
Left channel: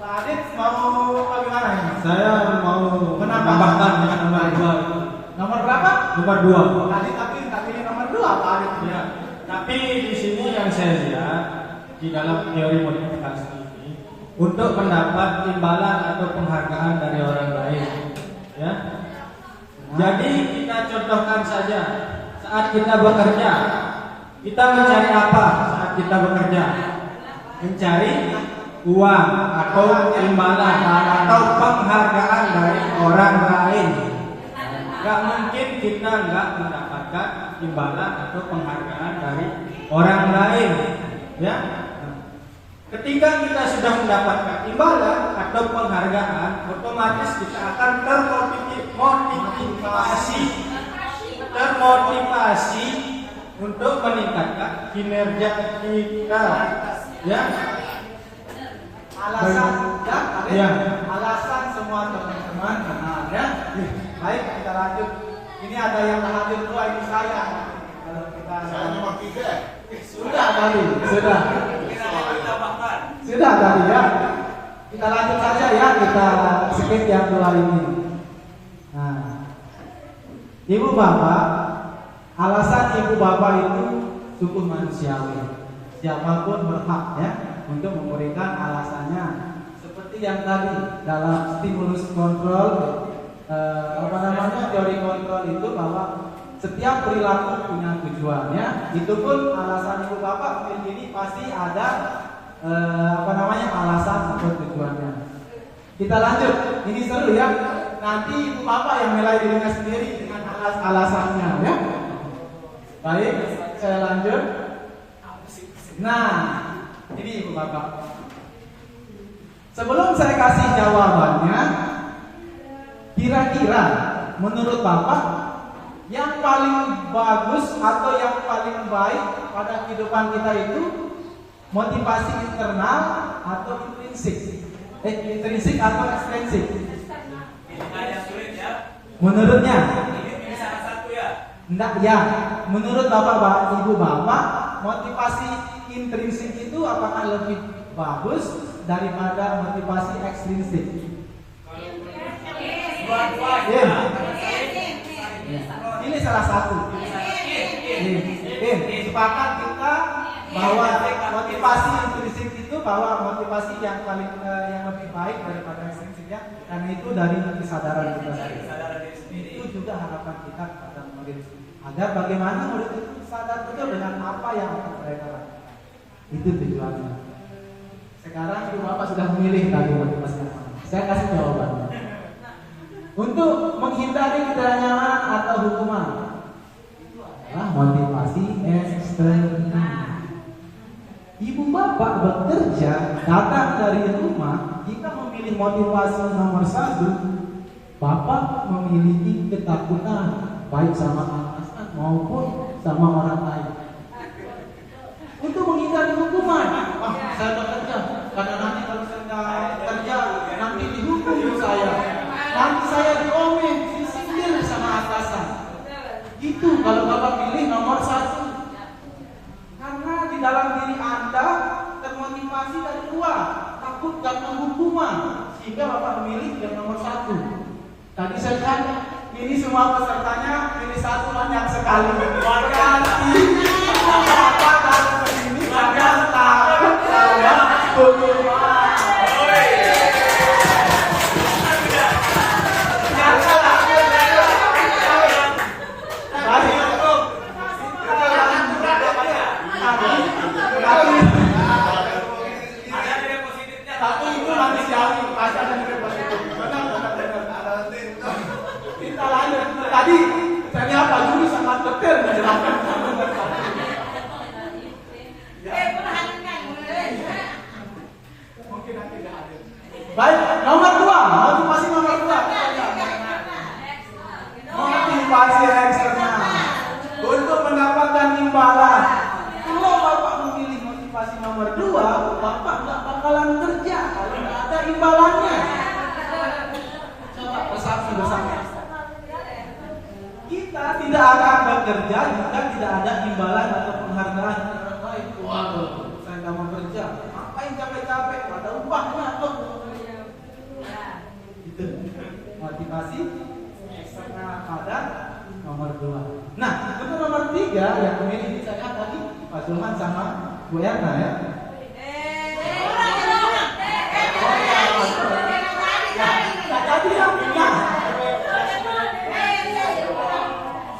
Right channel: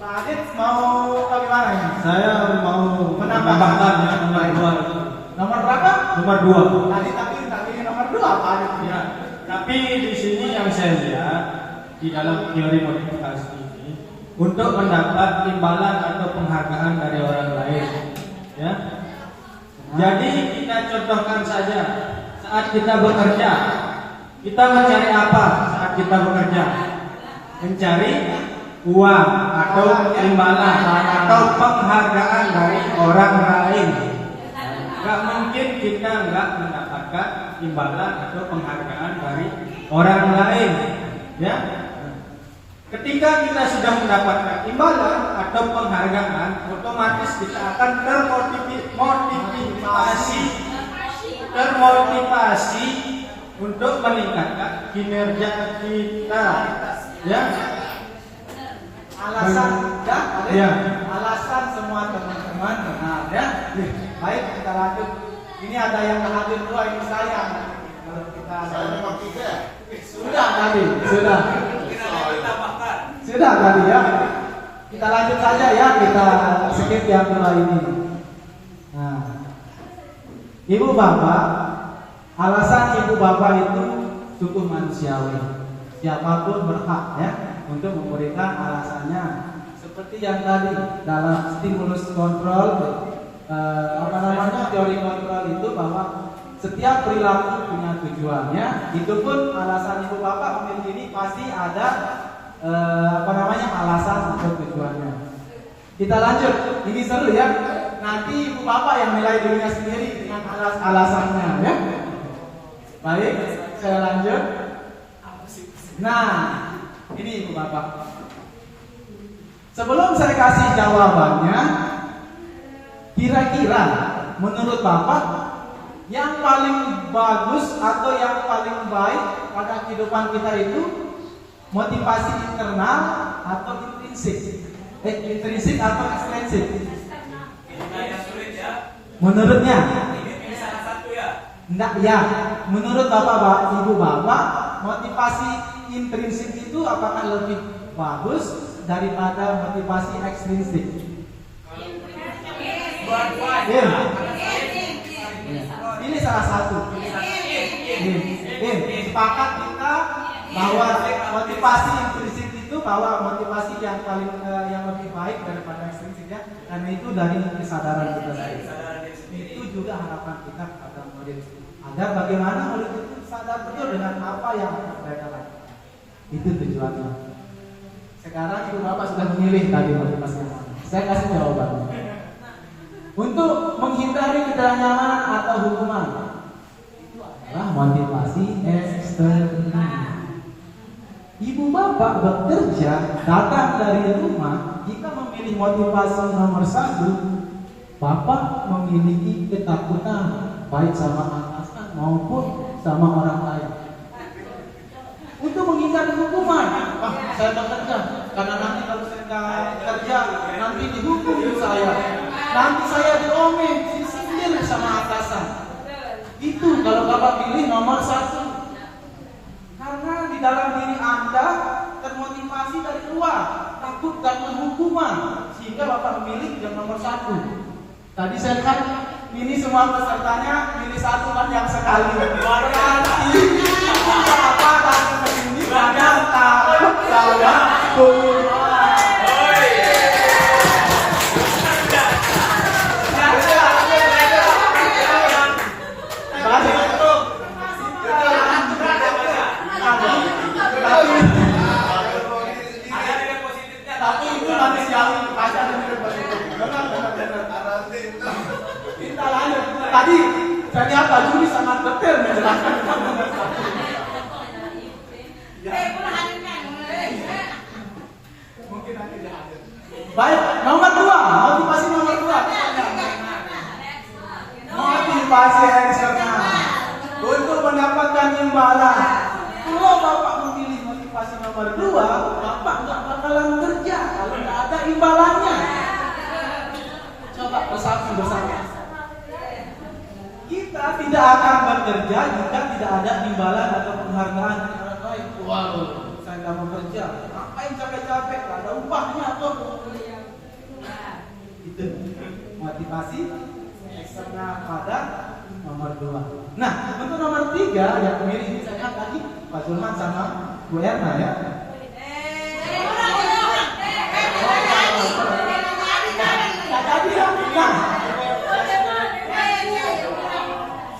Pak Adit mau bagaimana ini? Saya mau Menambahkan ya nomor 2 itu. Nomor berapa? Nomor 2. Tadi ini nomor 2 Pak Adit. Ya, tapi di sini yang saya lihat di dalam teori motivasi ini untuk mendapat imbalan atau penghargaan dari orang lain, ya. Jadi kita contohkan saja saat kita bekerja, kita mencari apa saat kita bekerja? Mencari uang atau imbalan atau penghargaan dari orang lain. Gak mungkin kita nggak mendapatkan imbalan atau penghargaan dari orang lain, ya. Ketika kita sudah mendapatkan imbalan atau penghargaan, otomatis kita akan termotivasi untuk meningkatkan kinerja kita, ya. Alasan Ya. Alasan semua teman-teman benar ya. Baik, kita lanjut. Ini ada yang hadir 2, ini saya. Kalau kita Saya nomor 3. sudah tadi, sudah tadi ya. Kita lanjut saja ya, kita skip yang 2 ini. Nah, ibu bapak, alasan ibu bapak itu sungguh manusiawi. Siapapun berhak ya untuk memberikan alasannya. Seperti yang tadi dalam stimulus kontrol, teori kontrol itu bahwa setiap perilaku punya tujuannya. Itu pun alasan ibu bapak memilih ini pasti ada alasan atau tujuannya. Kita lanjut. Ini seru ya. Nanti ibu bapak yang nilai dirinya sendiri dengan alasannya ya. Baik, saya lanjut. Nah, ini ibu bapak. Sebelum saya kasih jawabannya, kira-kira menurut bapak yang paling bagus atau yang paling baik pada kehidupan kita itu motivasi internal atau intrinsik? Intrinsik atau ekstrinsik? Menurutnya? Enggak ya. Menurut bapak, ibu bapak, motivasi intrinsik itu apakah lebih bagus daripada motivasi ekstrinsik? Pilih salah satu. Sepakat kita bahwa motivasi intrinsik itu bahwa motivasi yang paling yang lebih baik daripada ekstrinsik ya, karena itu dari kesadaran kita sendiri. Itu juga harapan kita kepada murid agar bagaimana murid itu sadar betul dengan apa yang mereka lakukan. Itu tujuannya. Sekarang ibu bapak sudah memilih tadi motivasi yang mana. Saya kasih jawabannya. Untuk menghindari ketidaknyamanan atau hukuman, itu adalah motivasi eksternal. Ibu bapak bekerja datang dari rumah, jika memilih motivasi nomor 1, bapak memiliki ketakutan baik sama atasan maupun sama orang lain. Untuk menghindari hukuman, saya bekerja karena nanti kalau saya nggak kerja nanti dihukum saya. Nanti saya diomel, disindir sama atasan. Itu kalau bapak pilih nomor 1. Karena di dalam diri Anda termotivasi dari luar, takut karena hukuman, sehingga bapak memilih yang nomor 1. Tadi saya lihat ini semua pesertanya pilih 1 kan yang sekali. Berarti bapak kalau ini gagal takut saya hukuman. Tapi itu manusiawi, pasti ada nilai positif. Benar. Kita lanjut. Tadi saya lihat Pak Juri sangat detail menjelaskan. Mungkin nanti dia hadir. Baik, nomor 2, motivasi nomor 2. Motivasi eksternal untuk mendapatkan imbalan. nomor 2, Bapak nggak bakalan kerja kalau nggak ada imbalannya. Coba bersatu bersama. Kita tidak akan bekerja jika tidak ada imbalan atau penghargaan dari orang lain. Wow, saya nggak mau kerja. Ngapain capek-capek? Nggak ada upahnya tuh. Itu motivasi eksternal pada nomor 2. Nah, untuk nomor 3 yang pemilih ini saya lihat tadi Pak Zulhan sama Bu Erna ya. Jadi yang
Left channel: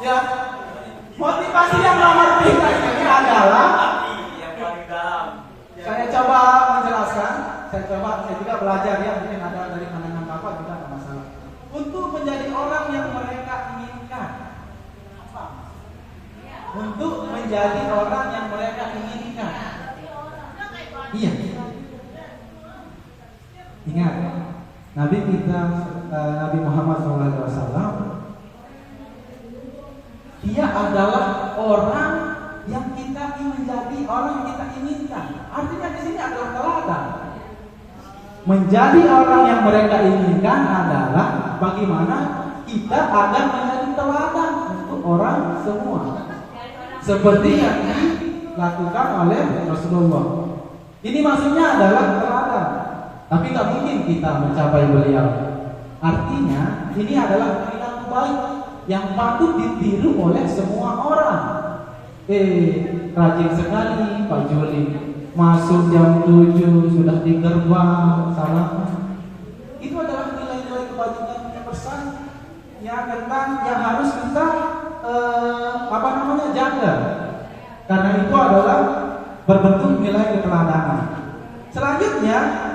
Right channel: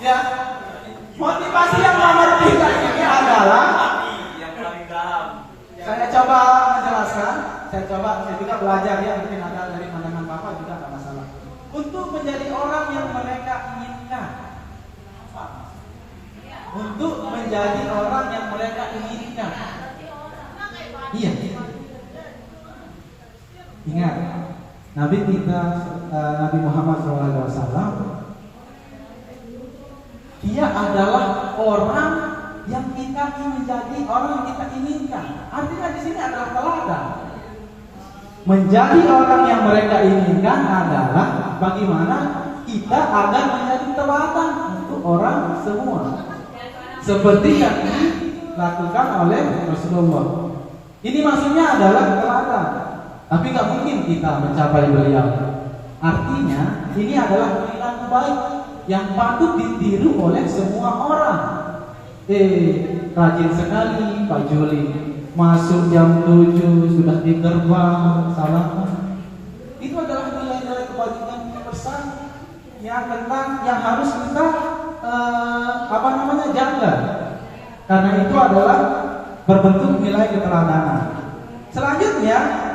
ya, motivasi yang nomor 3 ini adalah yang paling dalam. saya coba menjelaskan, saya juga belajar ya, mungkin ada dari pandangan Bapak juga ada masalah. Untuk menjadi orang yang mereka inginkan. Apa? Untuk menjadi orang yang mereka inginkan. Iya. Ingat, Nabi kita Nabi Muhammad SAW, dia adalah orang yang kita ingin menjadi orang yang kita inginkan. Artinya di sini adalah teladan. Menjadi orang yang mereka inginkan adalah bagaimana kita akan menjadi teladan untuk orang semua. Seperti yang dilakukan oleh Rasulullah. Ini maksudnya adalah teladan. Tapi nggak mungkin kita mencapai beliau. Artinya ini adalah perilaku baik yang patut ditiru oleh semua orang. Rajin sekali Pak Juli, masuk jam 7 sudah di gerbang, salah. Itu adalah nilai-nilai kebajikan yang besar yang harus kita jaga. Karena itu adalah berbentuk nilai keteladanan. Selanjutnya,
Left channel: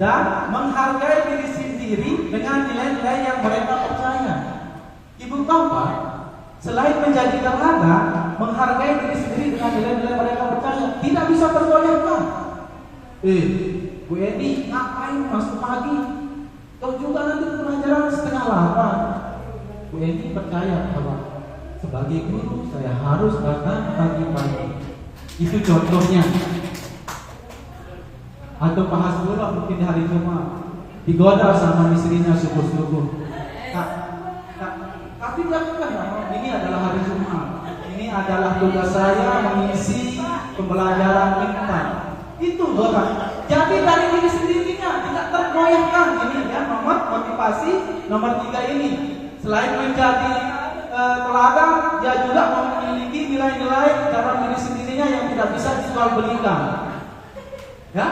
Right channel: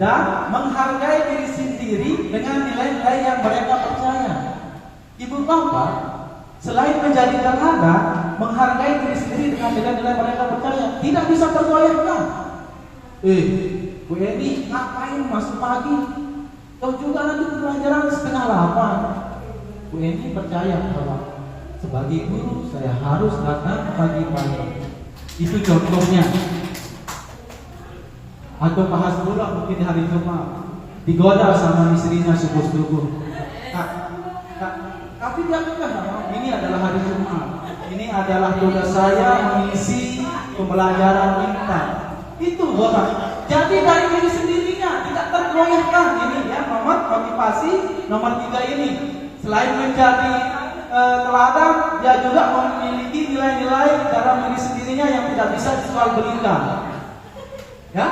dan menghargai diri sendiri dengan nilai-nilai yang mereka percaya. Ibu bapak, selain menjadi teladan, menghargai diri sendiri dengan nilai-nilai mereka percaya, tidak bisa tergoyahkan. Bu Eni, ngapain masuk pagi? Kau juga nanti pelajaran 7:30. Bu Eni percaya bahwa sebagai guru saya harus datang pagi-pagi. Itu contohnya. Atau Pak Hasbullah mungkin hari Jumat digoda sama istrinya subuh-subuh. Tapi dia bilang, ini adalah hari Jumat. Ini adalah tugas saya mengisi pembelajaran kita. Itu Bapak. Jadi dari diri sendirinya tidak tergoyahkan. Ini ya motivasi nomor 3 ini. Selain menjadi teladan, dia juga memiliki nilai-nilai dalam diri sendirinya yang tidak bisa dijual-belikan. Ya,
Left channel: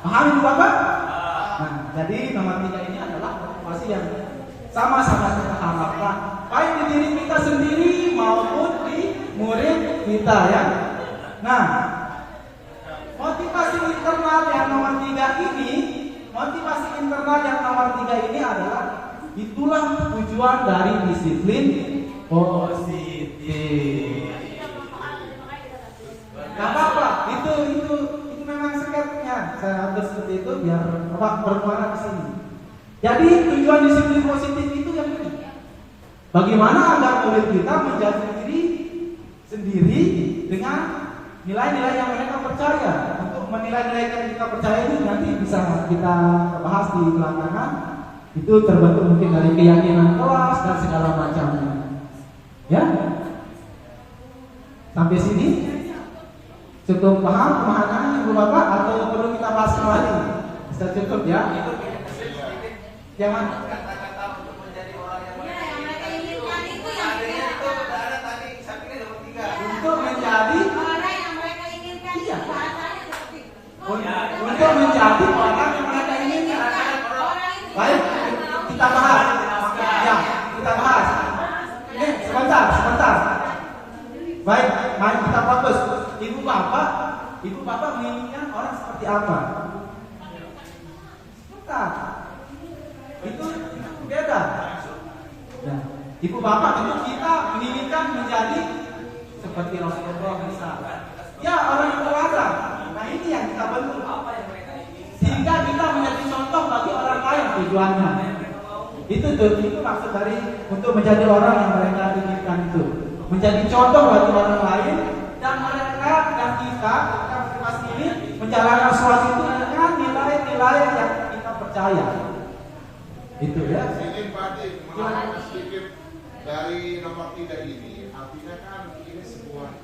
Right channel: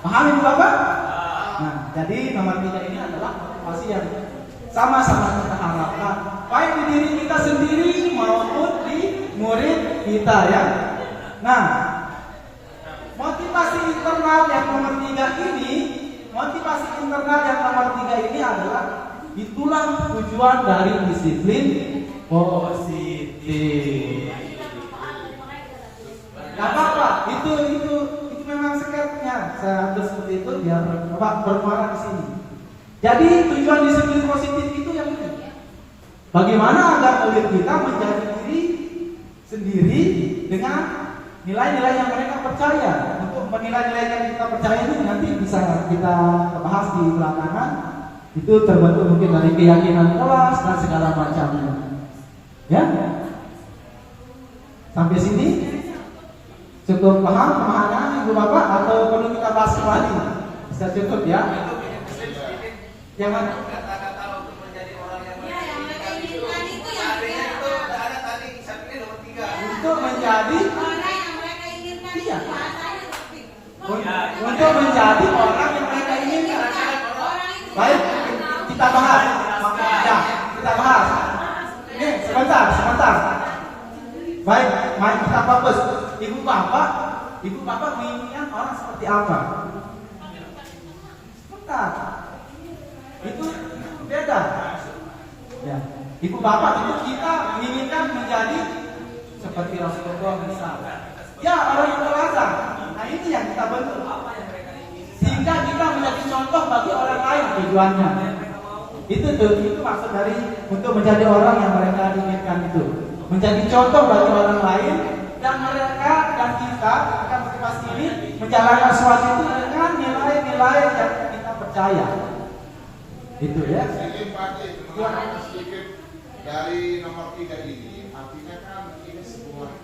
paham itu Bapak? Nah, jadi nomor 3 ini adalah motivasi yang sama-sama kita harapkan, baik di diri kita sendiri maupun di murid kita ya. Nah, motivasi internal yang nomor 3 ini adalah itulah tujuan dari disiplin positif. Nah, Bapak, itu memang sekatnya. Saya ambil seperti itu biar Bapak bermuara di sini. Jadi tujuan disiplin positif itu yang ini. Bagaimana agar murid kita menjadi diri sendiri dengan nilai-nilai yang mereka percaya. Untuk menilai-nilai yang kita percaya itu nanti bisa kita bahas di belakangan. Itu terbentuk mungkin dari keyakinan kelas dan segala macamnya. Ya? Sampai sini cukup paham pemahamannya Ibu Bapak atau perlu kita bahas kembali? Bisa cukup ya? Jangan Kata-kata untuk menjadi orang yang mereka inginkan itu yang itu ada tadi saya pikir nomor 3. untuk menjadi orang yang mereka inginkan. Iya. Bahasanya seperti untuk menjadi orang yang mereka inginkan. Baik, kita bahas. Ya, kita bahas. Ini sebentar. Baik, mari kita fokus. Ibu Bapak menginginkan orang seperti apa? Sebentar. Itu beda. Ya. Ibu Bapak itu kita menginginkan menjadi seperti Rasulullah misalnya. Ya, orang yang teladan. Nah, ini yang kita bentuk. Sehingga kita menjadi contoh bagi orang lain tujuannya. Itu maksud dari untuk menjadi orang yang mereka inginkan itu. Menjadi contoh bagi orang lain dan mereka dan kita akan motivasi ini menjalankan sesuatu itu dengan nilai-nilai yang kita percaya. Itu ya. Ini Pak Dik, menambahkan sedikit dari nomor 3 ini, artinya kan ini sebuah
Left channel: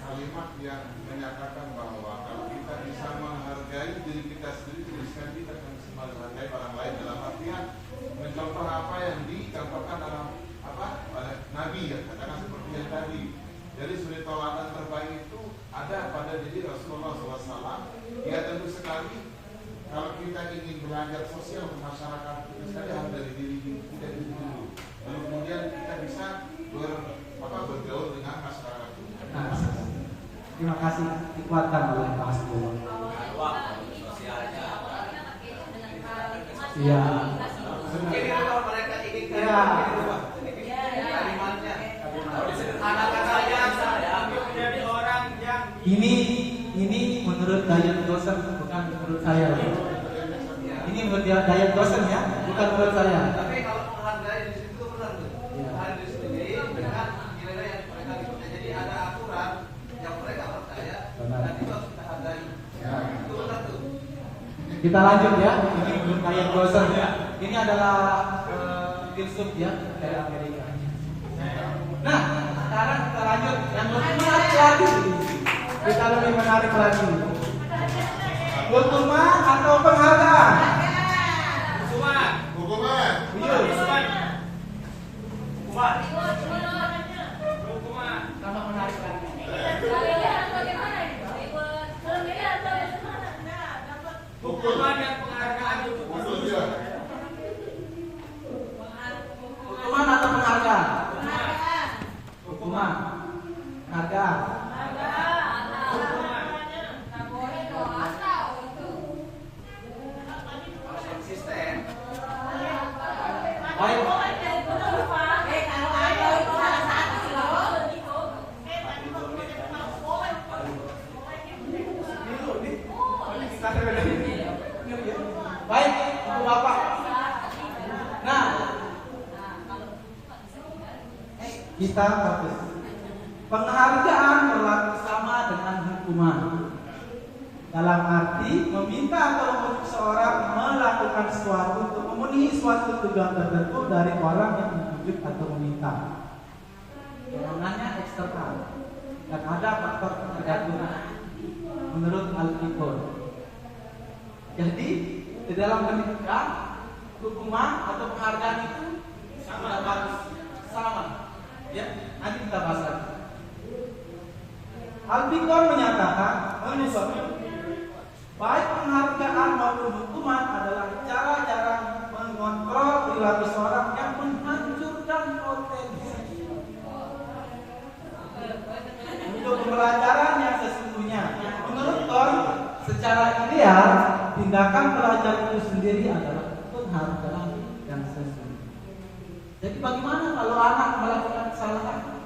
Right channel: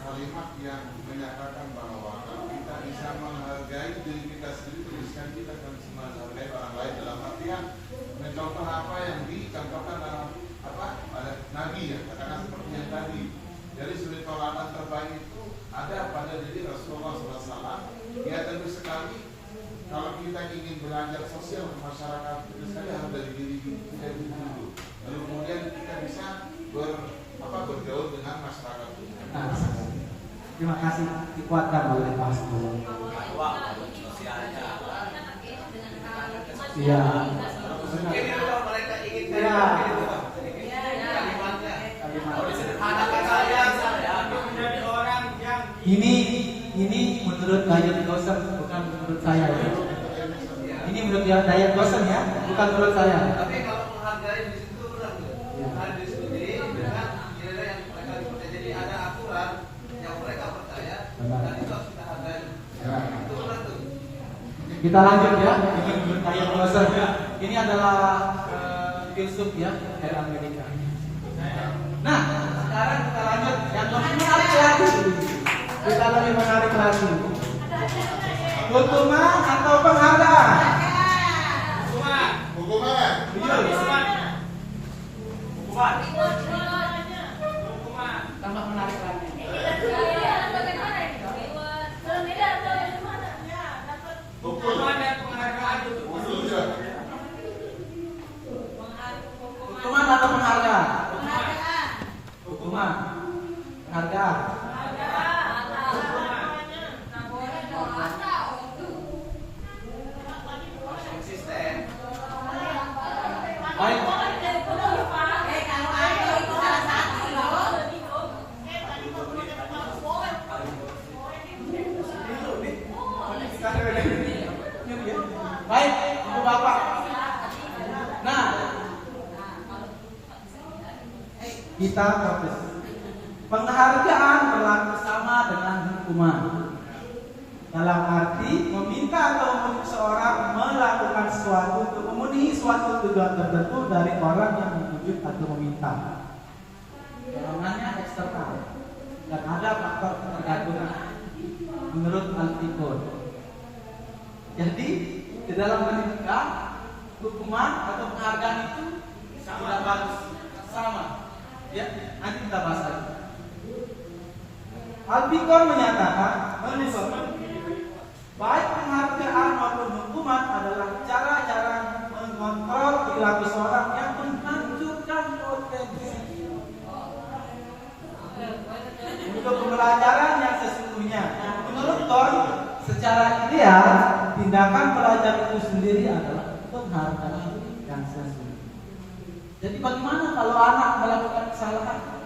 kalimat yang menyatakan bahwa kalau kita bisa menghargai diri kita sendiri, tuliskan kita akan bisa menghargai orang lain, dalam artian mencontoh apa yang dicontohkan dalam oleh Nabi ya, katakan seperti yang tadi. Jadi suri toladan terbaik itu ada pada diri Rasulullah SAW. Ya tentu sekali kalau kita ingin belajar sosial ke masyarakat itu sekali harus dari diri kita dulu. Lalu kemudian kita bisa bergaul dengan masyarakat itu. Nah, terima kasih, dikuatkan oleh Mas Bung. Iya. Mungkin kalau mereka ingin kalimatnya, kalau disederhanakan saja untuk menjadi orang yang Ini menurut Dayat Gosen, bukan menurut saya. Ini menurut Dayat Gosen ya, bukan menurut saya. Tapi kalau menghargai di situ benar tuh. Menghargai diri sendiri dengan nilai yang mereka ikuti. Jadi ada aturan yang mereka percaya dan itu harus kita hargai. Itu benar tuh. Kita lanjut ya. Ini menurut Dayat Gosen ya. Ini adalah filsuf ya dari Amerika. Nah, sekarang kita lanjut yang lebih menarik lagi. Kita lebih menarik lagi. Hukuman atau penghargaan? Hukuman. Tambah menarik lagi. Hukuman dan penghargaan itu Hukuman atau penghargaan? Hukuman. Penghargaan. Konsisten. Baik. Kalau ada itu salah satu loh. Baik, Ibu Bapak. Nah, kita fokus. Penghargaan berlaku sama dengan hukuman. Dalam arti meminta atau menuntut seorang melakukan sesuatu untuk memenuhi suatu tujuan tertentu dari orang yang menuntut atau meminta. Dorongannya eksternal dan ada faktor ketergantungan menurut Al-Fiqh. Jadi di dalam pendidikan hukuman atau penghargaan itu sama. Ya, nanti kita bahas lagi. Al-Fiqh menyatakan baik penghargaan maupun hukuman adalah cara-cara mengontrol perilaku seorang yang menghancurkan potensi untuk pembelajaran yang sesungguhnya. Menurut Thor, secara ideal tindakan pelajar itu sendiri adalah penghargaan yang sesungguhnya. Jadi bagaimana kalau anak melakukan kesalahan?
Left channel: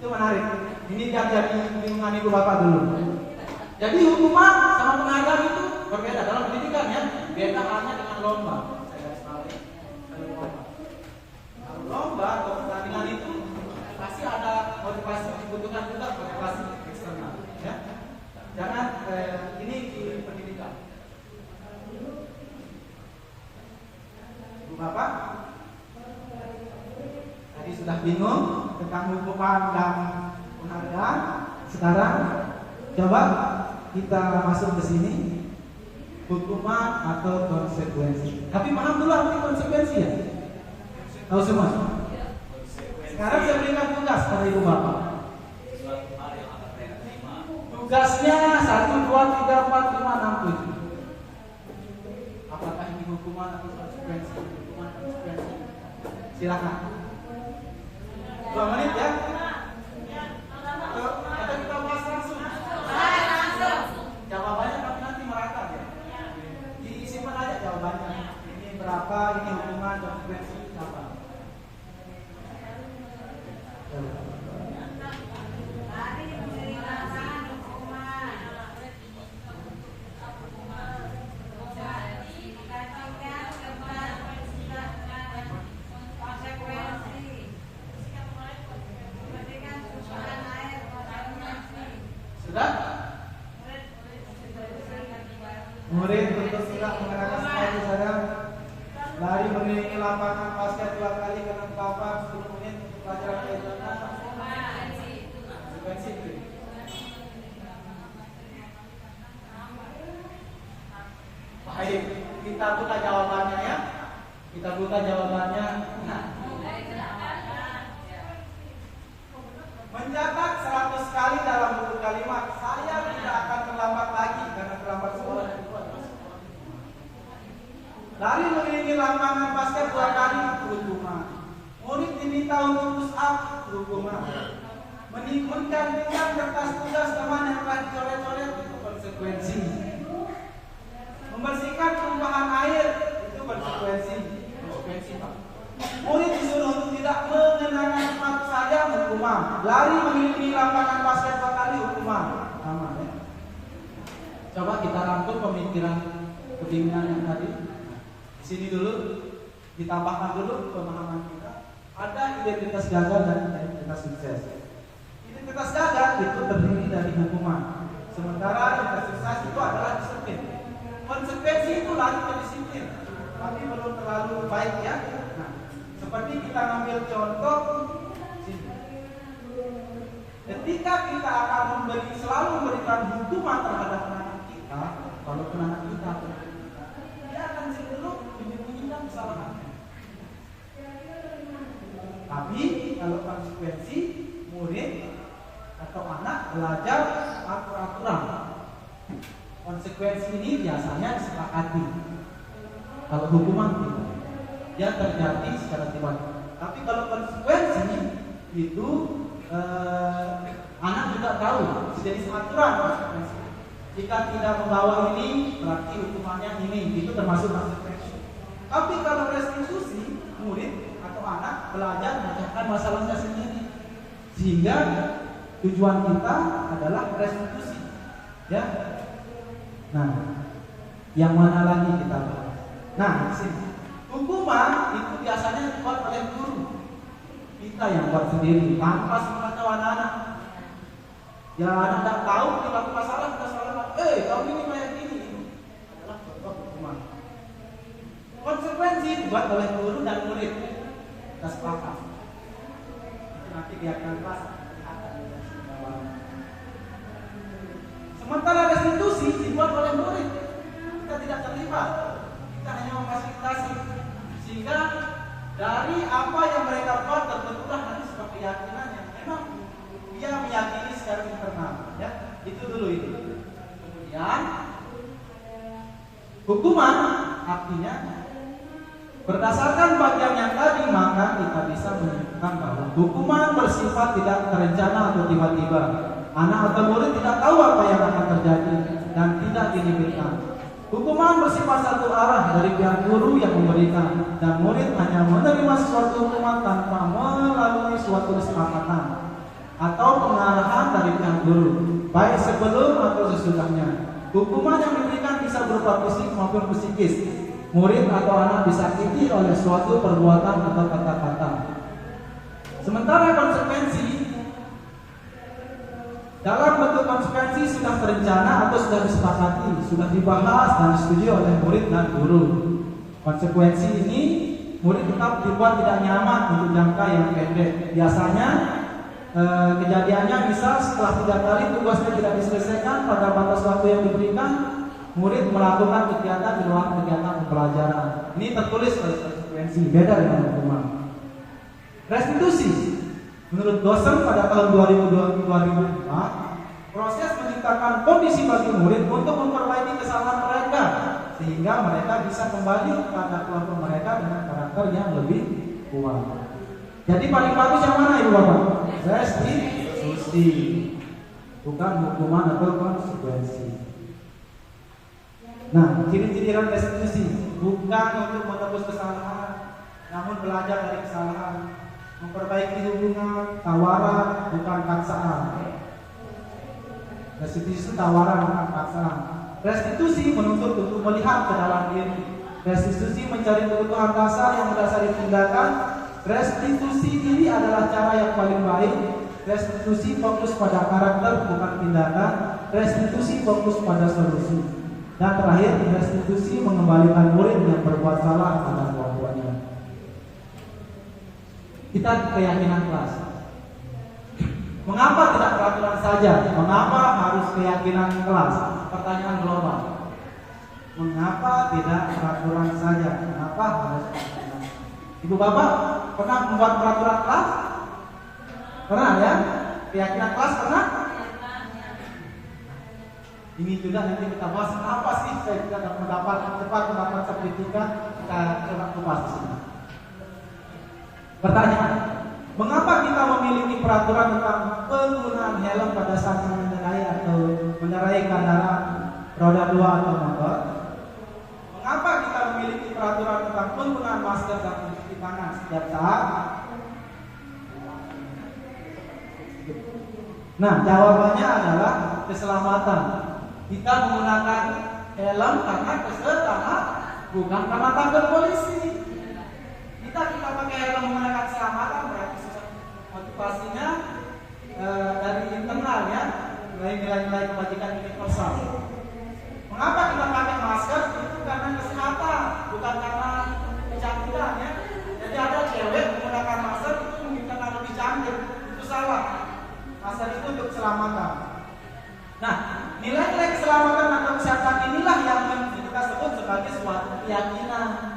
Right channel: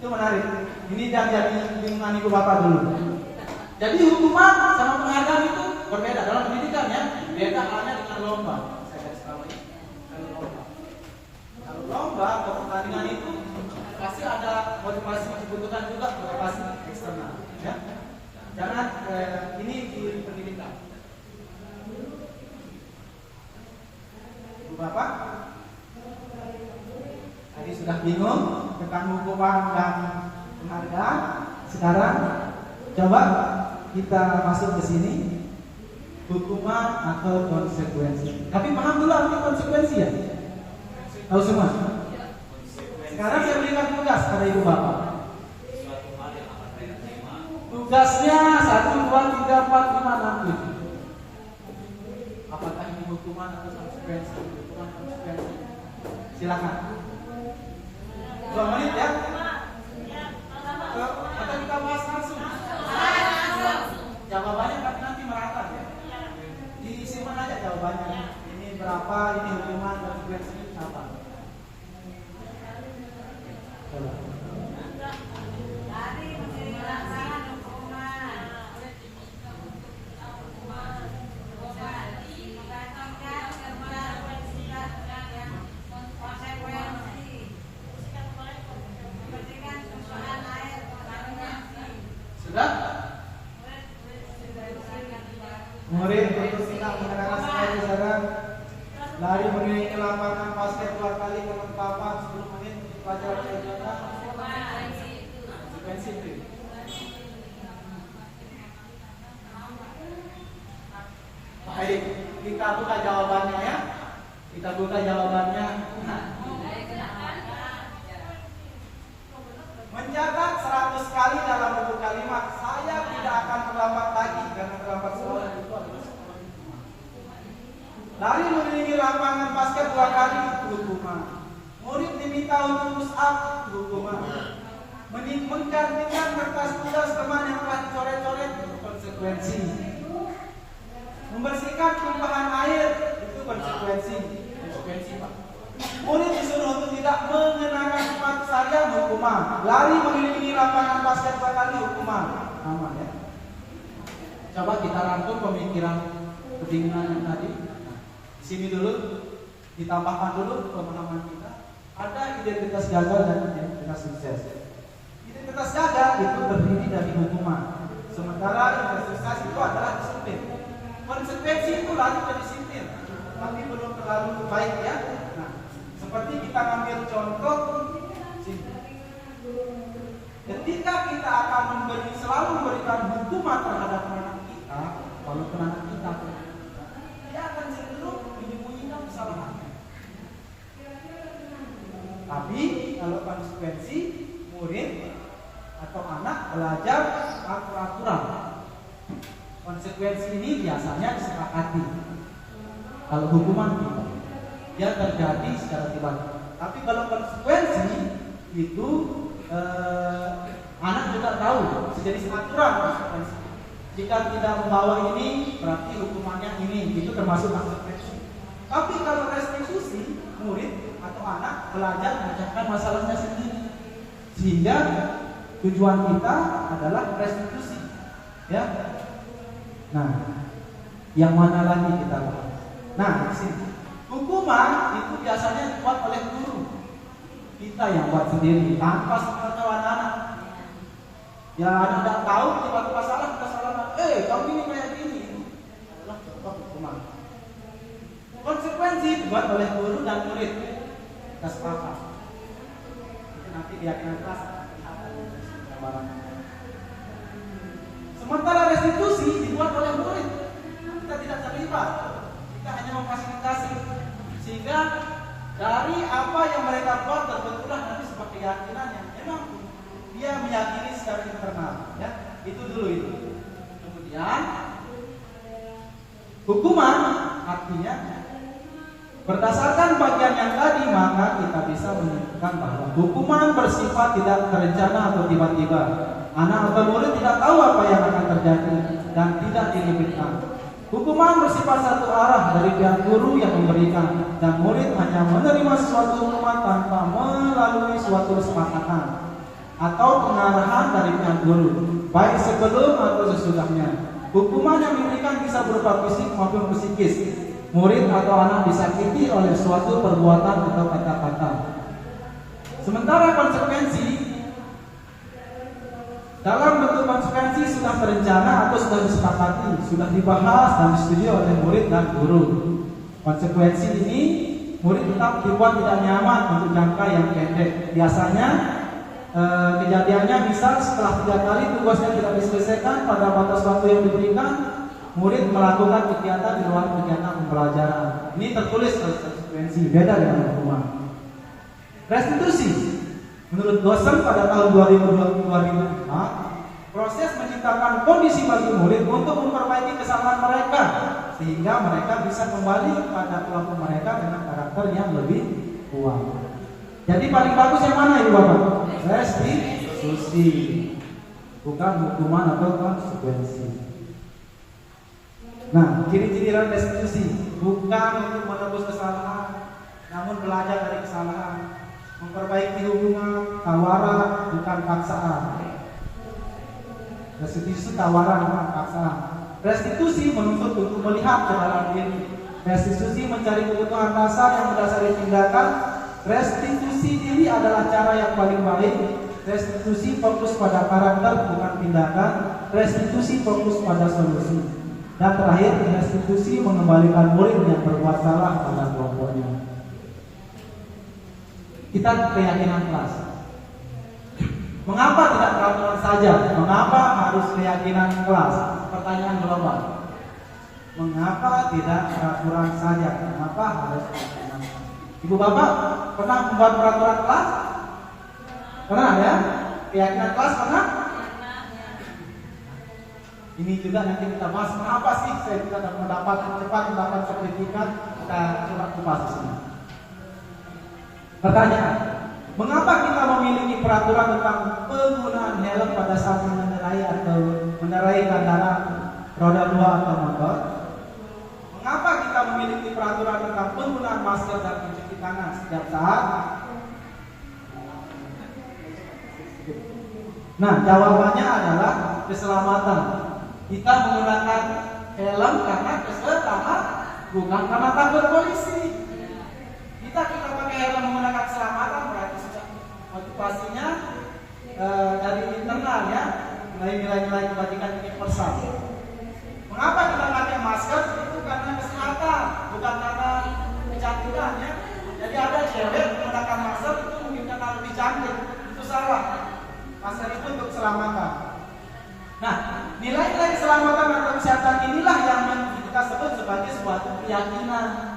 Itu menarik. Ini yang jadi lingkungan ibu bapak dulu. Jadi hukuman sama penghargaan itu berbeda dalam pendidikan ya. Beda halnya dengan lomba. Saya garis bawahi. Kalau lomba atau pertandingan itu pasti ada motivasi yang dibutuhkan juga, motivasi eksternal. Ya. Jangan ini di pendidikan. Ibu bapak tadi sudah bingung tentang hukuman dan penghargaan. Sekarang coba kita masuk ke sini, hukuman atau konsekuensi. Tapi paham dulu arti konsekuensi ya? Tahu semua? Sekarang saya berikan tugas pada ibu bapak. Tugasnya 1, 2, 3, 4, 5, 6, 7. Apakah ini hukuman atau konsekuensi? Hukuman, konsekuensi. Silakan. 2 menit ya. Atau kita bahas langsung. Jawabannya nanti merata ya. Disimpan aja jawabannya. Ini berapa, ini hukuman, konsekuensi apa? Murid untuk tidak mengenal sekali saudara. Lari menuju ke lapangan basket 2 kali ke papan 10 menit untuk belajar kegiatan. Konsekuensi itu. Baik, kita buka jawabannya ya. Kita buka jawabannya. Mencatat 100 kali dalam buku kalimat, saya tidak akan terlambat lagi karena terlambat sekolah itu adalah sekolah. Lari mengelilingi lapangan basket 2 kali itu hukuman. Murid diminta untuk push up itu hukuman. Menggantungkan kertas tugas teman yang telah dicoret-coret itu konsekuensi. Membersihkan tumpahan air itu konsekuensi. Konsekuensi Pak. Murid disuruh untuk tidak mengenakan sepatu saja hukuman. Lari mengelilingi lapangan basket 2 kali hukuman. Aman ya. Coba kita rangkum pemikiran kebingungan yang tadi. Di sini dulu ditambahkan dulu pemahaman kita. Ada identitas gagal dan identitas sukses. Identitas gagal itu terdiri dari hukuman. Sementara identitas sukses itu adalah disiplin. Konsekuensi itu lagi ke disiplin, tapi belum terlalu baik ya. Nah, seperti kita ambil contoh sini. Ketika kita akan selalu memberikan hukuman terhadap anak kita, kalau anak kita, dia akan cenderung menyembunyikan kesalahannya. Tapi kalau konsekuensi, murid atau anak belajar aturan. Konsekuensi ini biasanya disepakati. Kalau hukuman tidak, dia terjadi secara tiba-tiba. Tapi kalau konsekuensi itu anak juga tahu, jadi aturan konsekuensi. Jika tidak membawa ini, berarti hukumannya ini. Itu termasuk konsekuensi. Tapi kalau restitusi, murid atau anak belajar memecahkan masalahnya sendiri. Sehingga tujuan kita adalah restitusi. Ya. Nah, yang mana lagi kita bahas? Nah, sini. Hukuman itu biasanya dibuat oleh guru. Kita yang buat sendiri, tanpa sepengetahuan anak. Yang anak tidak tahu, tiba-tiba salah, kamu ini kayak gini. Adalah contoh hukuman. Konsekuensi dibuat oleh guru dan murid. Kita sepakat. Itu nanti keyakinan kelas. Sementara restitusi dibuat oleh murid, kita tidak terlibat, kita hanya memfasilitasi, sehingga dari apa yang mereka buat terbentuklah nanti sebuah keyakinan yang memang dia meyakini secara internal. Ya, itu dulu itu. Kemudian hukuman artinya berdasarkan bagian yang tadi maka kita bisa menyimpulkan bahwa hukuman bersifat tidak terencana atau tiba-tiba. Anak atau murid tidak tahu apa yang akan terjadi dan tidak diinginkan. Hukuman bersifat satu arah dari pihak guru yang memberikan dan murid hanya menerima suatu hukuman tanpa melalui suatu kesepakatan atau pengarahan dari pihak guru, baik sebelum atau sesudahnya. Hukuman yang diberikan bisa berupa fisik maupun psikis. Murid atau anak disakiti oleh suatu perbuatan atau kata-kata. Sementara konsekuensi dalam bentuk konsekuensi sudah berencana atau sudah disepakati, sudah dibahas dan disetujui oleh murid dan guru. Konsekuensi ini murid tetap dibuat tidak nyaman untuk jangka yang pendek. Biasanya kejadiannya misal setelah 3 kali tugasnya tidak diselesaikan pada batas waktu yang diberikan, murid melakukan kegiatan di luar kegiatan pembelajaran. Ini tertulis konsekuensi, beda dengan hukuman. Restitusi. Menurut dosen pada tahun 2004, proses menciptakan kondisi bagi murid untuk memperbaiki kesalahan mereka sehingga mereka bisa kembali pada kelompok mereka dengan karakter yang lebih kuat. Jadi paling bagus yang mana Ibu Bapak? Restitusi, bukan hukuman atau konsekuensi. Nah, ciri-ciri restitusi bukan untuk menebus kesalahan, namun belajar dari kesalahan. Memperbaiki hubungan, tawaran, bukan paksaan. Restitusi tawaran, bukan paksaan. Restitusi menuntut untuk melihat ke dalam diri. Restitusi mencari kebutuhan dasar yang berdasari tindakan. Restitusi diri adalah cara yang paling baik. Restitusi fokus pada karakter, bukan tindakan. Restitusi fokus pada solusi. Dan terakhir, restitusi mengembalikan murid yang berbuat salah pada kelompoknya. Kita keyakinan kelas. Mengapa tidak peraturan saja? Mengapa harus keyakinan kelas? Pertanyaan global. Mengapa tidak peraturan saja? Mengapa harus keyakinan? Ibu bapak pernah membuat peraturan kelas? Pernah ya? Keyakinan kelas pernah? Ini juga nanti kita bahas kenapa sih saya tidak cepat mendapat sertifikat. Kita coba kupas di sini. Pertanyaan, mengapa kita memiliki peraturan tentang penggunaan helm pada saat mengendarai atau mengendarai kendaraan roda 2 atau motor? Mengapa kita memiliki peraturan tentang penggunaan masker dan mencuci tangan setiap saat? Nah, jawabannya adalah keselamatan. Kita menggunakan helm karena keselamatan, bukan karena takut polisi. Kita pakai helm menggunakan keselamatan berarti sudah motivasinya dari internal ya, nilai-nilai kebajikan universal. Mengapa kita pakai masker? Itu karena kesehatan, bukan karena kecantikan ya. Jadi ada cewek menggunakan masker itu mungkin karena lebih cantik, itu salah. Masker itu untuk keselamatan. Nah, nilai-nilai keselamatan atau kesehatan inilah yang kita sebut sebagai suatu keyakinan.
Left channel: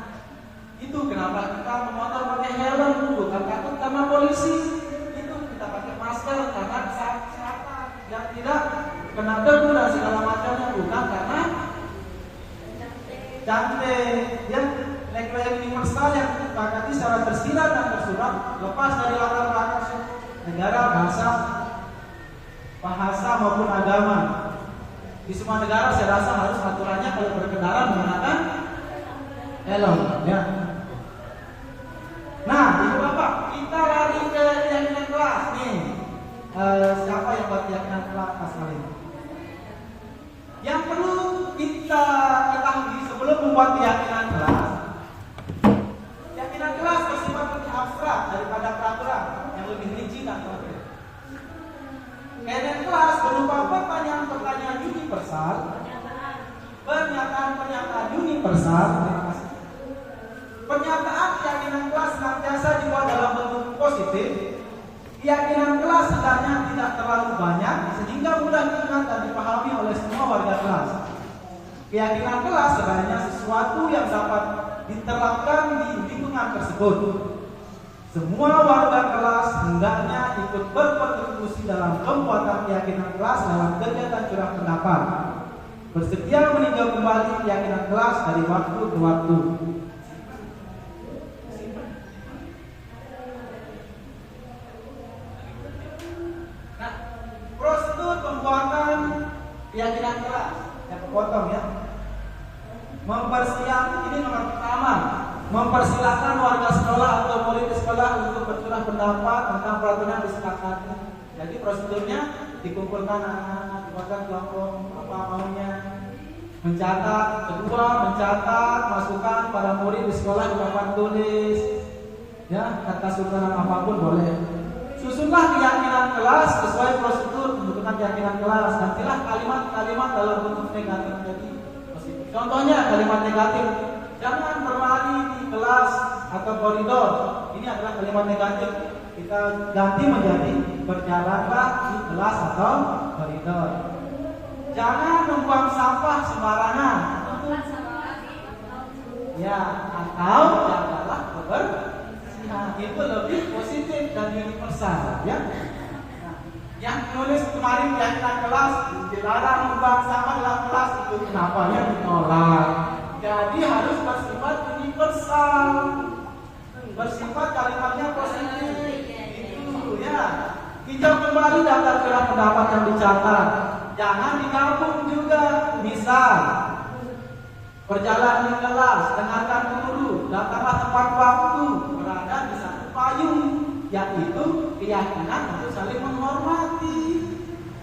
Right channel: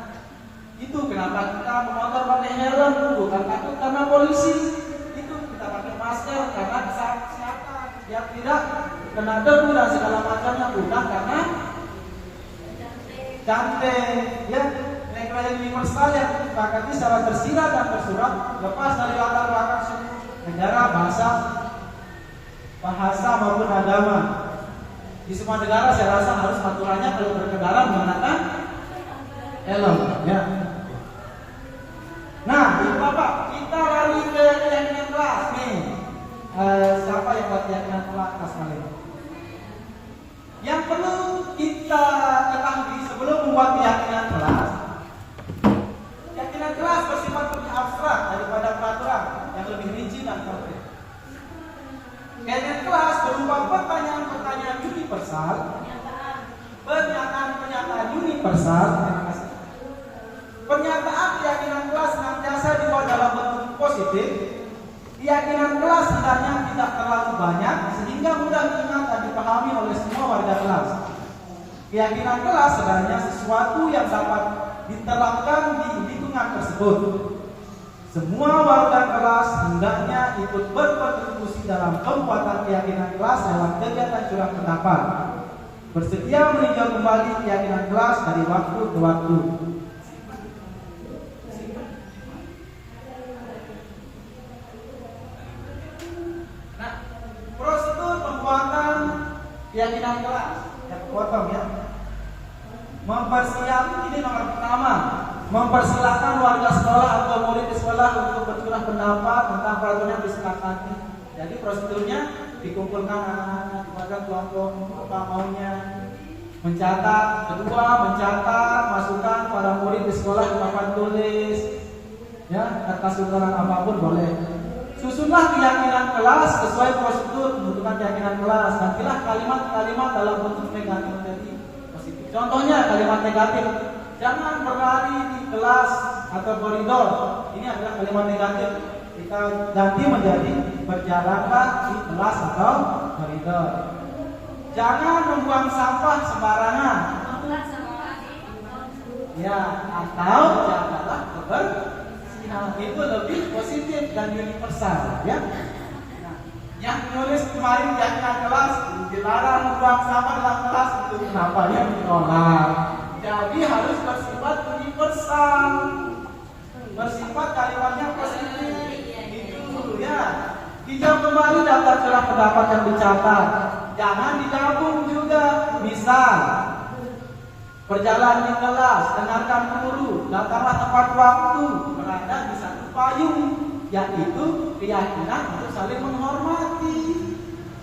Itu kenapa kita memotor pakai helm, bukan takut karena polisi. Itu kita pakai masker karena kesehatan, biar tidak kena debu dan segala macamnya, bukan karena cantik. Ya, nilai-nilai universal yang disepakati secara tersirat dan tersurat, lepas dari latar belakang suku, negara, bahasa maupun agama. Di semua negara saya rasa harus aturannya kalau berkendara menggunakan helm. Ya. Nah, ibu bapak, kita lari ke keyakinan kelas nih. Siapa yang buat keyakinan kelas kali ini? Yang perlu kita ketahui sebelum membuat keyakinan kelas bersifat lebih abstrak daripada peraturan yang lebih rinci dan konkret. Keyakinan kelas berupa pertanyaan-pertanyaan universal, pernyataan-pernyataan universal. Pernyataan keyakinan kelas senantiasa dibuat dalam bentuk positif. Keyakinan kelas sebenarnya tidak terlalu banyak sehingga mudah diingat dan dipahami oleh semua warga kelas. Keyakinan kelas sebenarnya sesuatu yang dapat diterapkan di lingkungan tersebut. Semua warga kelas hendaknya ikut berkontribusi dalam pembuatan keyakinan kelas dalam kegiatan curah pendapat. Bersedia meninjau kembali keyakinan kelas dari waktu ke waktu. Nah, prosedur pembuatan keyakinan kelas yang kepotong ya. Mempersiapkan, ini nomor pertama, mempersilahkan warga sekolah atau murid di sekolah untuk bercurah pendapat tentang peraturan yang disepakati. Jadi prosedurnya dikumpulkan anak-anak, dibuatkan kelompok apa maunya, mencatat, kedua mencatat masukan para murid di sekolah di papan tulis, ya atas sultanan apapun boleh. Susunlah keyakinan kelas sesuai prosedur pembentukan keyakinan kelas. Nantilah kalimat-kalimat dalam bentuk negatif tadi. Contohnya kalimat negatif, jangan berlari di kelas atau koridor. Ini adalah kalimat negatif. Kita ganti menjadi berjalanlah di kelas atau koridor. Jangan membuang sampah sembarangan. Ya, atau janganlah kebersihan. Itu lebih positif dan universal, ya. Nah, yang nulis kemarin keyakinan kelas dilarang membuang sampah dalam kelas, itu kenapa ya ditolak? Jadi harus bersifat universal, bersifat kalimatnya positif. Itu ya. Hijau kembali daftar curah pendapat yang dicatat. Jangan digabung juga. Misal, berjalan di kelas, dengarkan guru, daftarlah tepat waktu, berada di satu payung, yaitu keyakinan untuk saling menghormati.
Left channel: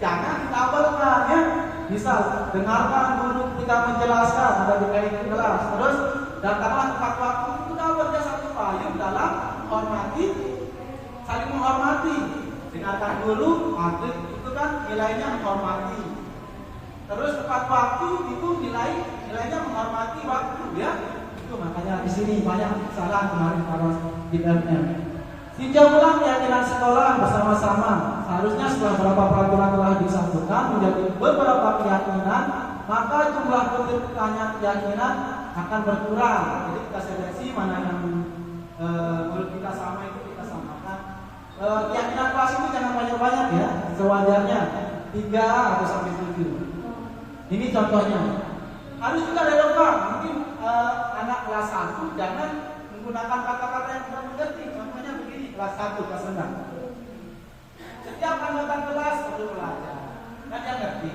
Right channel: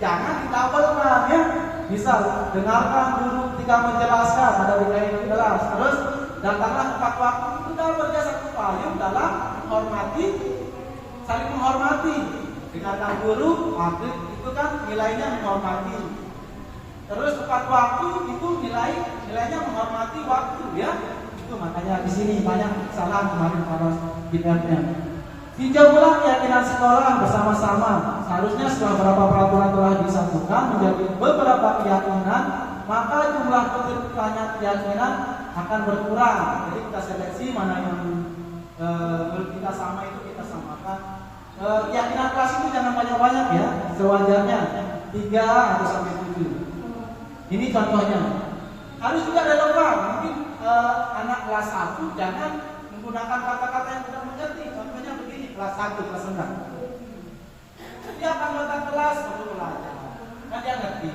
Jangan ditabelkan ya. Misal, dengarkan guru ketika menjelaskan ada di kelas, terus daftarlah tepat waktu, kita kerja satu payung dalam menghormati, saling menghormati. Dengarkan guru, itu kan nilainya menghormati. Terus tepat waktu itu nilainya menghormati waktu ya. Itu makanya di sini banyak kesalahan kemarin para dilihatnya. Tinjaulah keyakinan sekolah bersama-sama. Seharusnya setelah beberapa peraturan telah disatukan menjadi beberapa keyakinan, maka jumlah pertanyaan keyakinan akan berkurang. Jadi kita seleksi mana yang menurut kita sama itu kita samakan. Keyakinan kelas itu jangan banyak-banyak ya, sewajarnya 3 atau sampai 7. Ini contohnya. Harus juga relevan. Mungkin anak kelas 1 jangan menggunakan kata-kata yang tidak mengerti. Contohnya begini, kelas 1 kelas rendah. Setiap anggota kelas perlu belajar. Kan dia ngerti.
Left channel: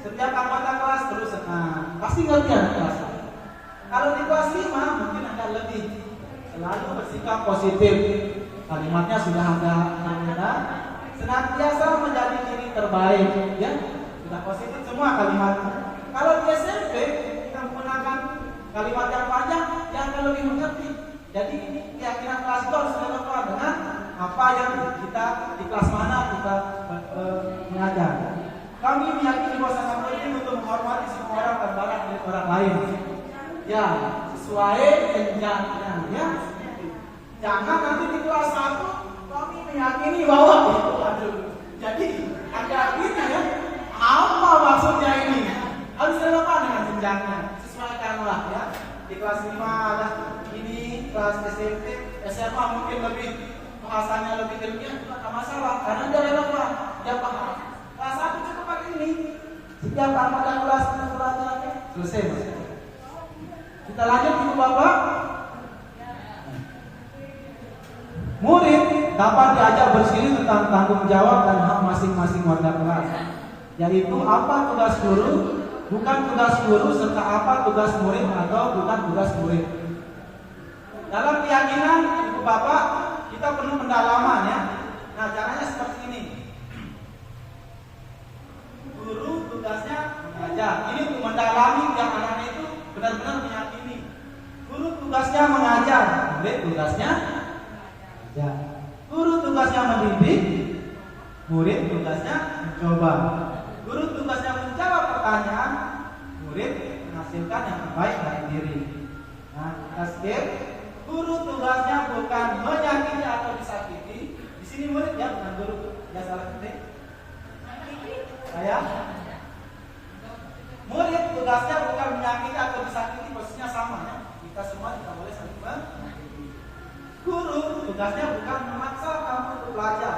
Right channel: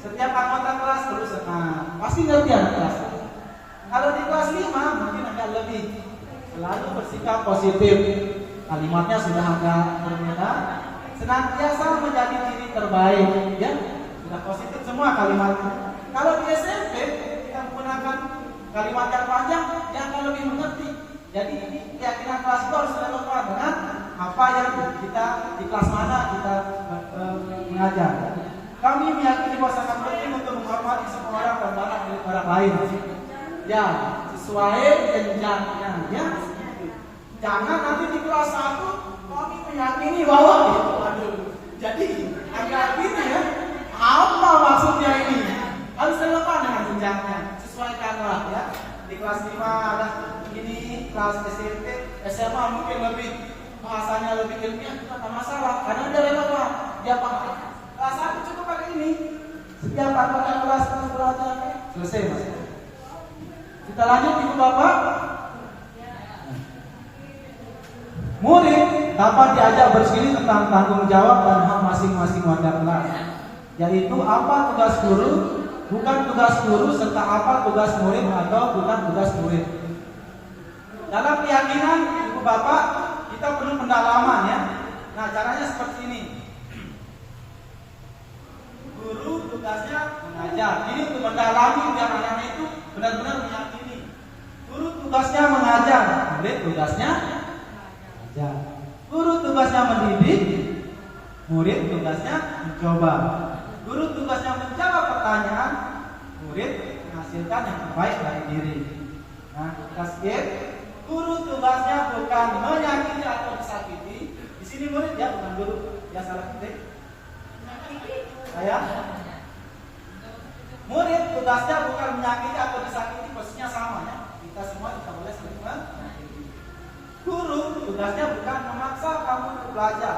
Setiap anggota kelas perlu senang. Pasti ngerti anak kelas. Kalau di kelas 5 mungkin agak lebih. Selalu bersikap positif. Kalimatnya sudah agak berbeda. Senantiasa menjadi diri terbaik, ya. Sudah positif semua kalimatnya. Kalau di SMP kita menggunakan kalimat yang panjang, yang akan lebih mengerti. Jadi ini keyakinan kelas itu harus relevan dengan apa yang kita di kelas mana kita mengajar. Kami meyakini bahwa sangat penting untuk menghormati semua orang terbaik dari orang lain. Ya, sesuai jenjangnya. Ya, jangan nanti di kelas 1 kami meyakini bahwa itu aduh. Jadi agak gini ya. Apa maksudnya ini? Harus relevan dengan jenjangnya. Sesuaikanlah ya. Di kelas 5 ada ini, kelas SMP, SMA mungkin lebih bahasanya lebih ilmiah, tidak masalah karena dia relevan, dia paham. Kelas 1 cukup pakai ini. Setiap anggota kelas belajar selesai mas. Kita lanjut ibu bapak. Murid dapat diajak berdiskusi tentang tanggung jawab dan hak masing-masing warga kelas, yaitu apa tugas guru, bukan tugas guru, serta apa tugas murid atau bukan tugas murid. Dalam keyakinan ibu bapak kita perlu pendalaman ya. Nah caranya seperti ini. Guru tugasnya mengajar. Ini untuk mendalami biar anaknya itu benar-benar meyakini. Guru tugasnya mengajar, murid tugasnya mengajar. Guru tugasnya mendidik, murid tugasnya mencoba. Guru tugasnya menjawab pertanyaan, murid menghasilkan yang terbaik dari diri. Nah, kita skip. Guru tugasnya bukan menyakiti atau disakiti. Di sini murid ya, bukan guru. Ya salah ketik. Saya. Murid tugasnya bukan menyakiti atau disakiti, persisnya sama ya. Kita semua tidak boleh saling menyakiti. Guru tugasnya bukan memaksa kamu untuk belajar.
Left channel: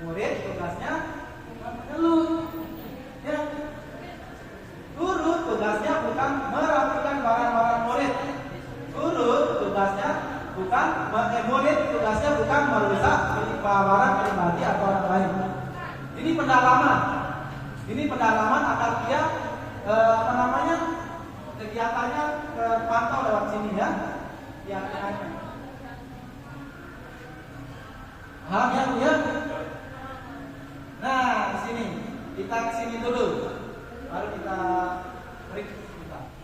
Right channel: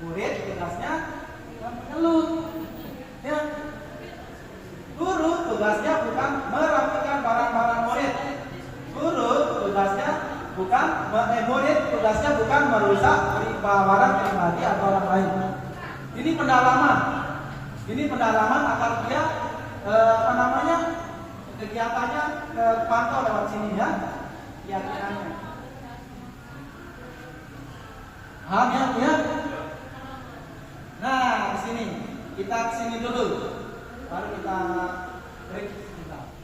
Murid tugasnya bukan mengeluh. Ya. Guru tugasnya bukan merapikan barang-barang murid. Guru tugasnya bukan murid tugasnya bukan merusak barang pribadi atau orang lain. Ini pendalaman. Ini pendalaman agar dia kegiatannya pantau lewat sini ya. Keyakinannya. Paham ya? Nah, di sini kita ke sini dulu. Baru kita break sebentar.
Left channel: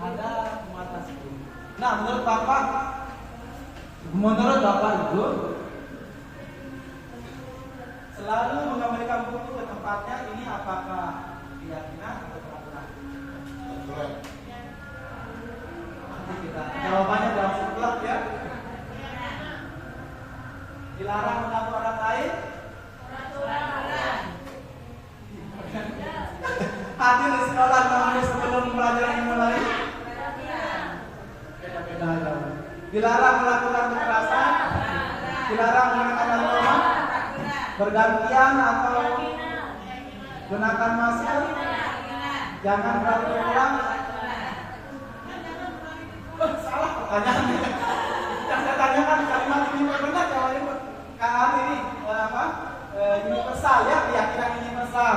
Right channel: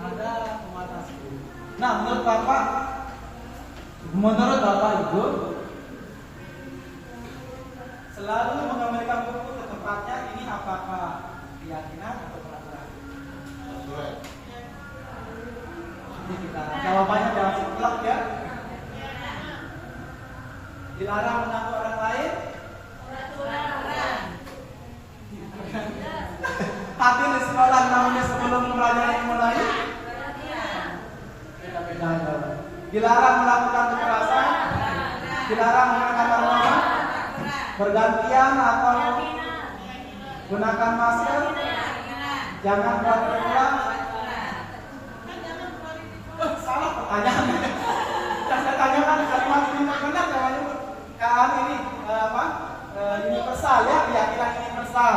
Ada pembatas guru. Nah, menurut Bapak Ibu, selalu mengembalikan buku ke tempatnya ini apakah keyakinan atau peraturan? Peraturan. Nanti kita jawabannya dalam sekolah ya. Dilarang mengganggu orang lain. Peraturan. Hadir di sekolah namanya sebelum mempelajari ilmu lain. Beda-beda jawaban. Dilarang melakukan kekerasan. Dilarang menggunakan norma. Bergantian atau gunakan masker. Jangan berulang. Salah pertanyaannya. Yang saya tanyakan kalimat ini benar jawabannya kan ini universal ya, keyakinan universal.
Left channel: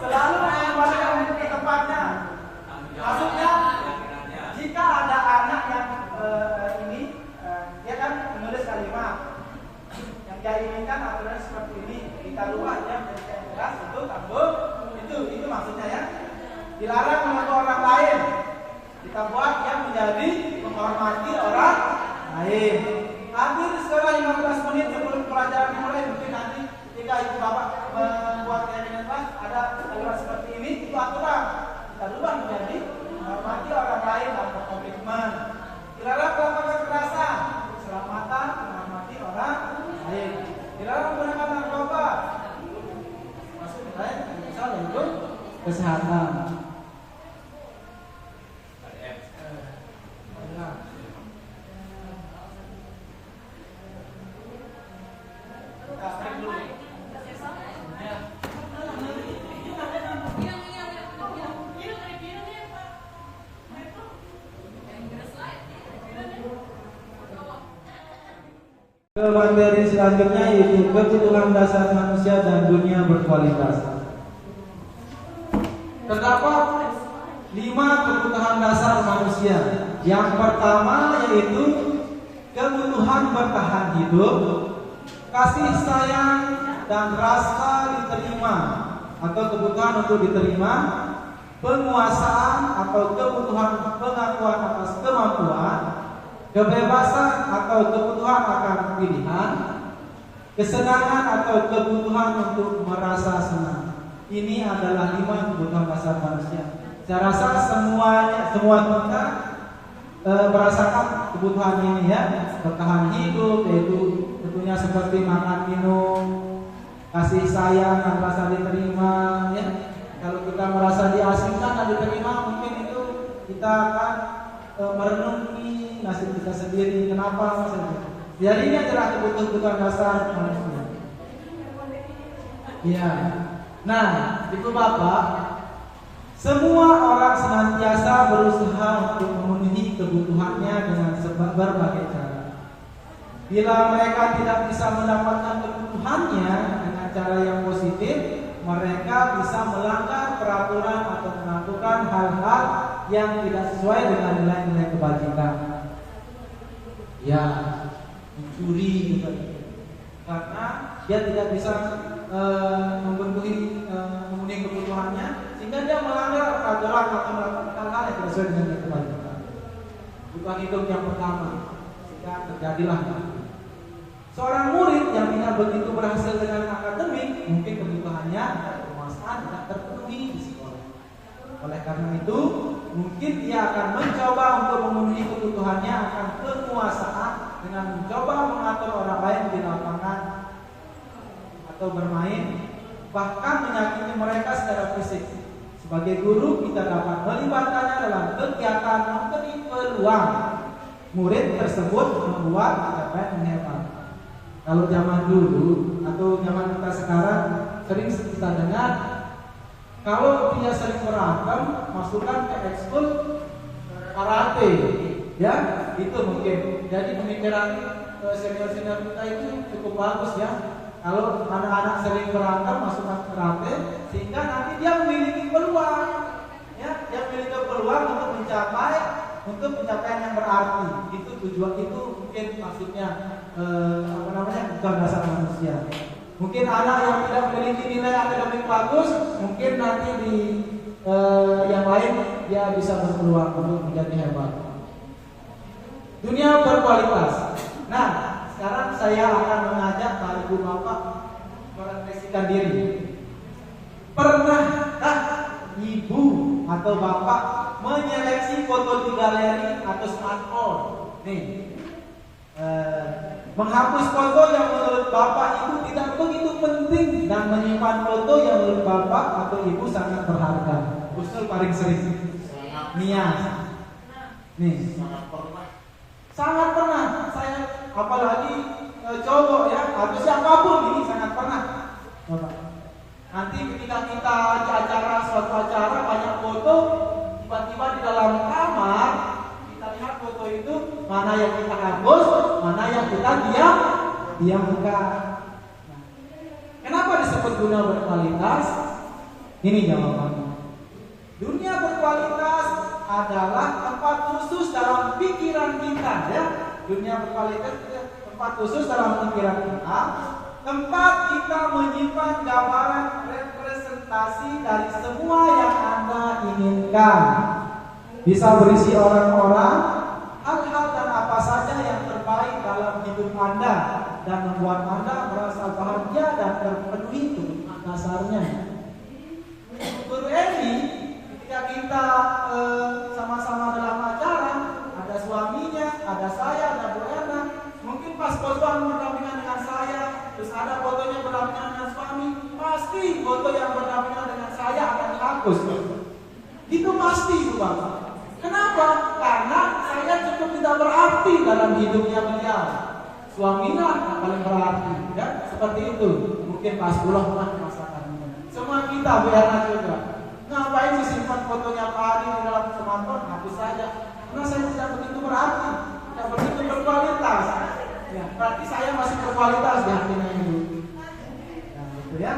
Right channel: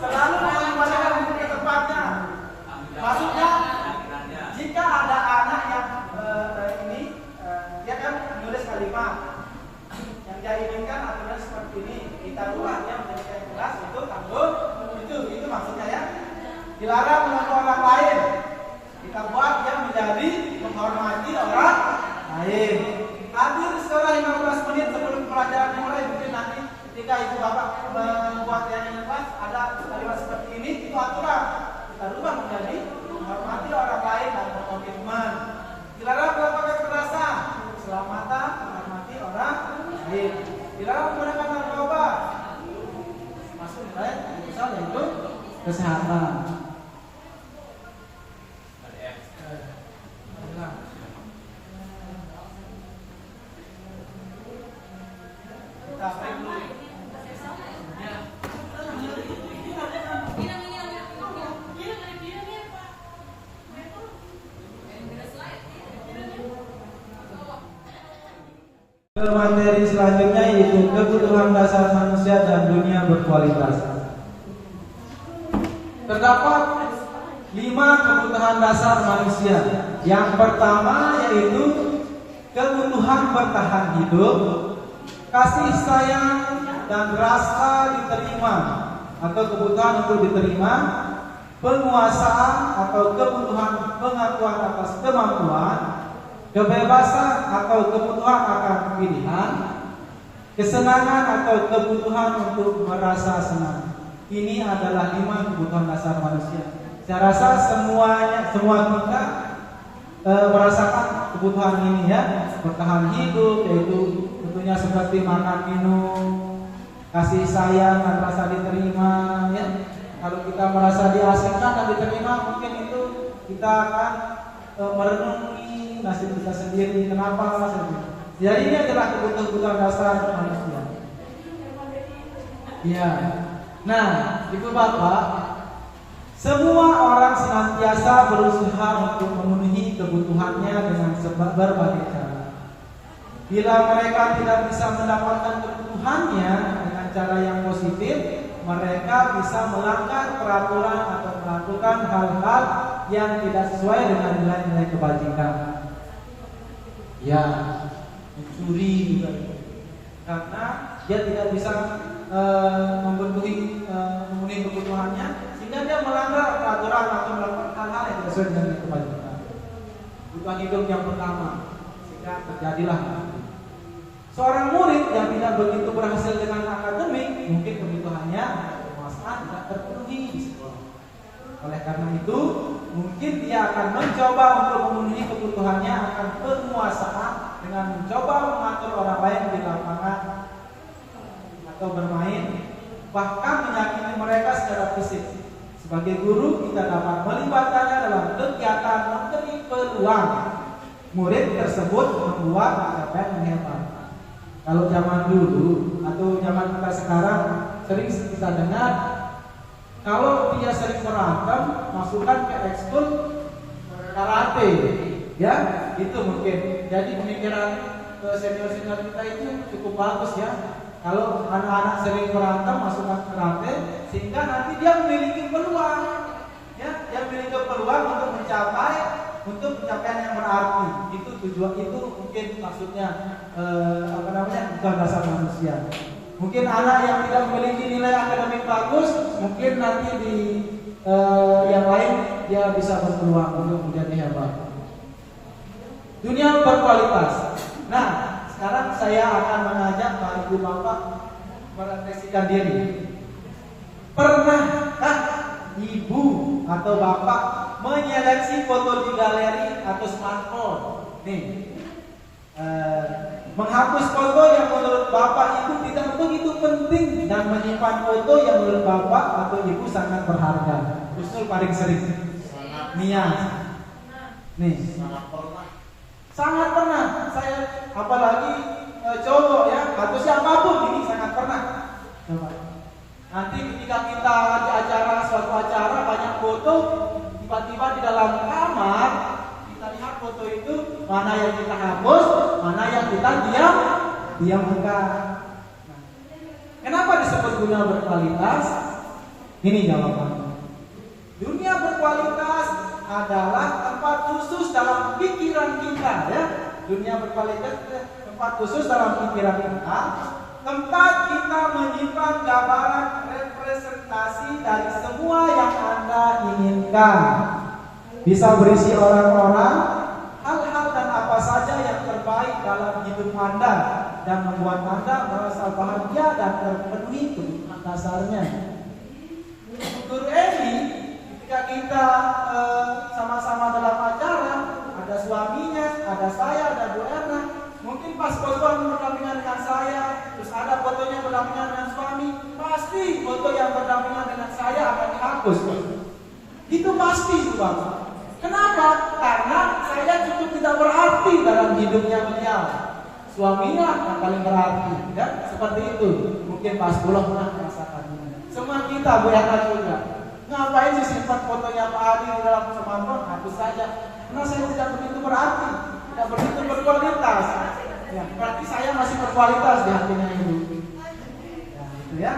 Selalu mengembalikan buku ke tempatnya. Maksudnya jika ada anak yang dia kan menulis kalimat yang dia inginkan aturan seperti ini, kita luar dia menjadi yang jelas untuk kampung itu maksudnya ya. Dilarang mengganggu orang lain, kita buat dia menjadi menghormati orang lain. Hadir sekarang 15 menit sebelum kedua menjadi menghormati orang lain dan berkomitmen. Dilarang melakukan kekerasan, keselamatan, menghormati orang lain. Dilarang menggunakan narkoba, masuk nilai misal yaitu kesehatan. Ke materi selanjutnya yaitu kebutuhan dasar manusia dan dunia berkualitas. Terdapat 5 kebutuhan dasar manusia. Yang pertama yaitu kebutuhan bertahan hidup, kasih sayang dan rasa diterima atau kebutuhan untuk diterima, penguasaan atau kebutuhan pengakuan atas kemampuan, kebebasan atau kebutuhan akan pilihan, kesenangan atau kebutuhan untuk merasa senang. Ini adalah 5 kebutuhan dasar manusia. Saya rasa semua kita merasakan kebutuhan ini ya. Bertahan hidup yaitu tentunya seperti makan minum, kasih sayang dan rasa diterima ya. Kalau kita merasa diasingkan dan diterima, mungkin itu kita akan merenungi nasib kita sendiri. Kenapa? Jadi ini adalah kebutuhan dasar manusia. Ya. Nah, Ibu Bapak, semua orang senantiasa berusaha untuk memenuhi kebutuhannya dengan berbagai cara. Bila mereka tidak bisa mendapatkan kebutuhannya dengan cara yang positif, mereka bisa melanggar peraturan atau melakukan hal-hal yang tidak sesuai dengan nilai-nilai kebajikan. Ya, mencuri juga, karena dia tidak bisa memenuhi kebutuhannya, sehingga dia melanggar peraturan atau melakukan hal-hal yang tidak sesuai dengan kebajikan. Kebutuhan hidup yang pertama, sehingga terjadilah seorang murid yang tidak begitu berhasil dengan akademik, mungkin kebutuhannya penguasaan tidak terpenuhi di sekolah. Oleh karena itu, mungkin dia akan mencoba untuk memenuhi kebutuhannya akan penguasaan dengan mencoba mengatur orang lain di lapangan atau bermain, bahkan menyakiti mereka secara fisik. Sebagai guru, kita dapat melibatkannya dalam kegiatan memberi peluang murid tersebut membuat capaian yang hebat. Kalau zaman dulu atau zaman kita sekarang sering kita dengar, kalau dia sering berantem, masukkan ke ekskul karate, ya itu mungkin. Jadi pemikiran senior-senior kita itu cukup bagus ya. Kalau anak-anak sering berantem, masukkan ke karate, sehingga nanti dia memiliki peluang, ya, dia memiliki peluang untuk mencapai pencapaian yang berarti. Itu tujuan, itu mungkin maksudnya kebutuhan dasar manusia. Mungkin anak yang tidak memiliki nilai akademik bagus, mungkin nanti di yang lain dia bisa berpeluang untuk menjadi hebat. Dunia berkualitas. Nah, sekarang saya akan mengajak Pak Ibu Bapak merefleksikan diri. Pernahkah Ibu atau Bapak menyeleksi foto di galeri atau smartphone? Nih, menghapus foto yang menurut Bapak Ibu tidak begitu penting dan menyimpan foto yang menurut Bapak atau Ibu sangat berharga. Usul paling sering. Mia. Nih, sangat pernah. Saya apalagi cowok ya, atau siapapun ini sangat pernah. Coba. Nanti ketika kita di acara, suatu acara banyak foto, tiba-tiba di dalam kamar kita lihat foto itu, mana yang kita hapus, mana yang kita diamkan. Nah, kenapa disebut dunia berkualitas? Ini jawabannya. Dunia berkualitas adalah tempat khusus dalam pikiran kita, ya. Dunia berkualitas tempat khusus dalam pikiran kita, tempat kita menyimpan gambaran representasi dari semua yang Anda inginkan. Bisa berisi orang-orang, hal-hal dan apa saja yang terbaik dalam hidup Anda dan membuat Anda merasa bahagia dan terpenuhi kebutuhan dasarnya. Guru Eni, ketika kita suaminya, ada saya, ada Bu Erna. Mungkin pas foto berdampingan dengan saya, terus ada fotonya berdampingan dengan suami, pasti foto yang berdampingan dengan saya akan dihapus. Itu pasti, Bang. Kenapa? Karena saya cukup tidak berarti dalam hidupnya beliau. Suaminya yang paling berarti, ya? Seperti itu. Mungkin pas pulang pernah merasakan ini. Semua kita Bu Erna juga. Ngapain sih simpan fotonya Pak Adi di dalam smartphone? Hapus saja. Karena saya tidak begitu berarti, tidak begitu berkualitas. Ya, berarti saya masih berkualitas di hatinya itu. Ya, gitu ya.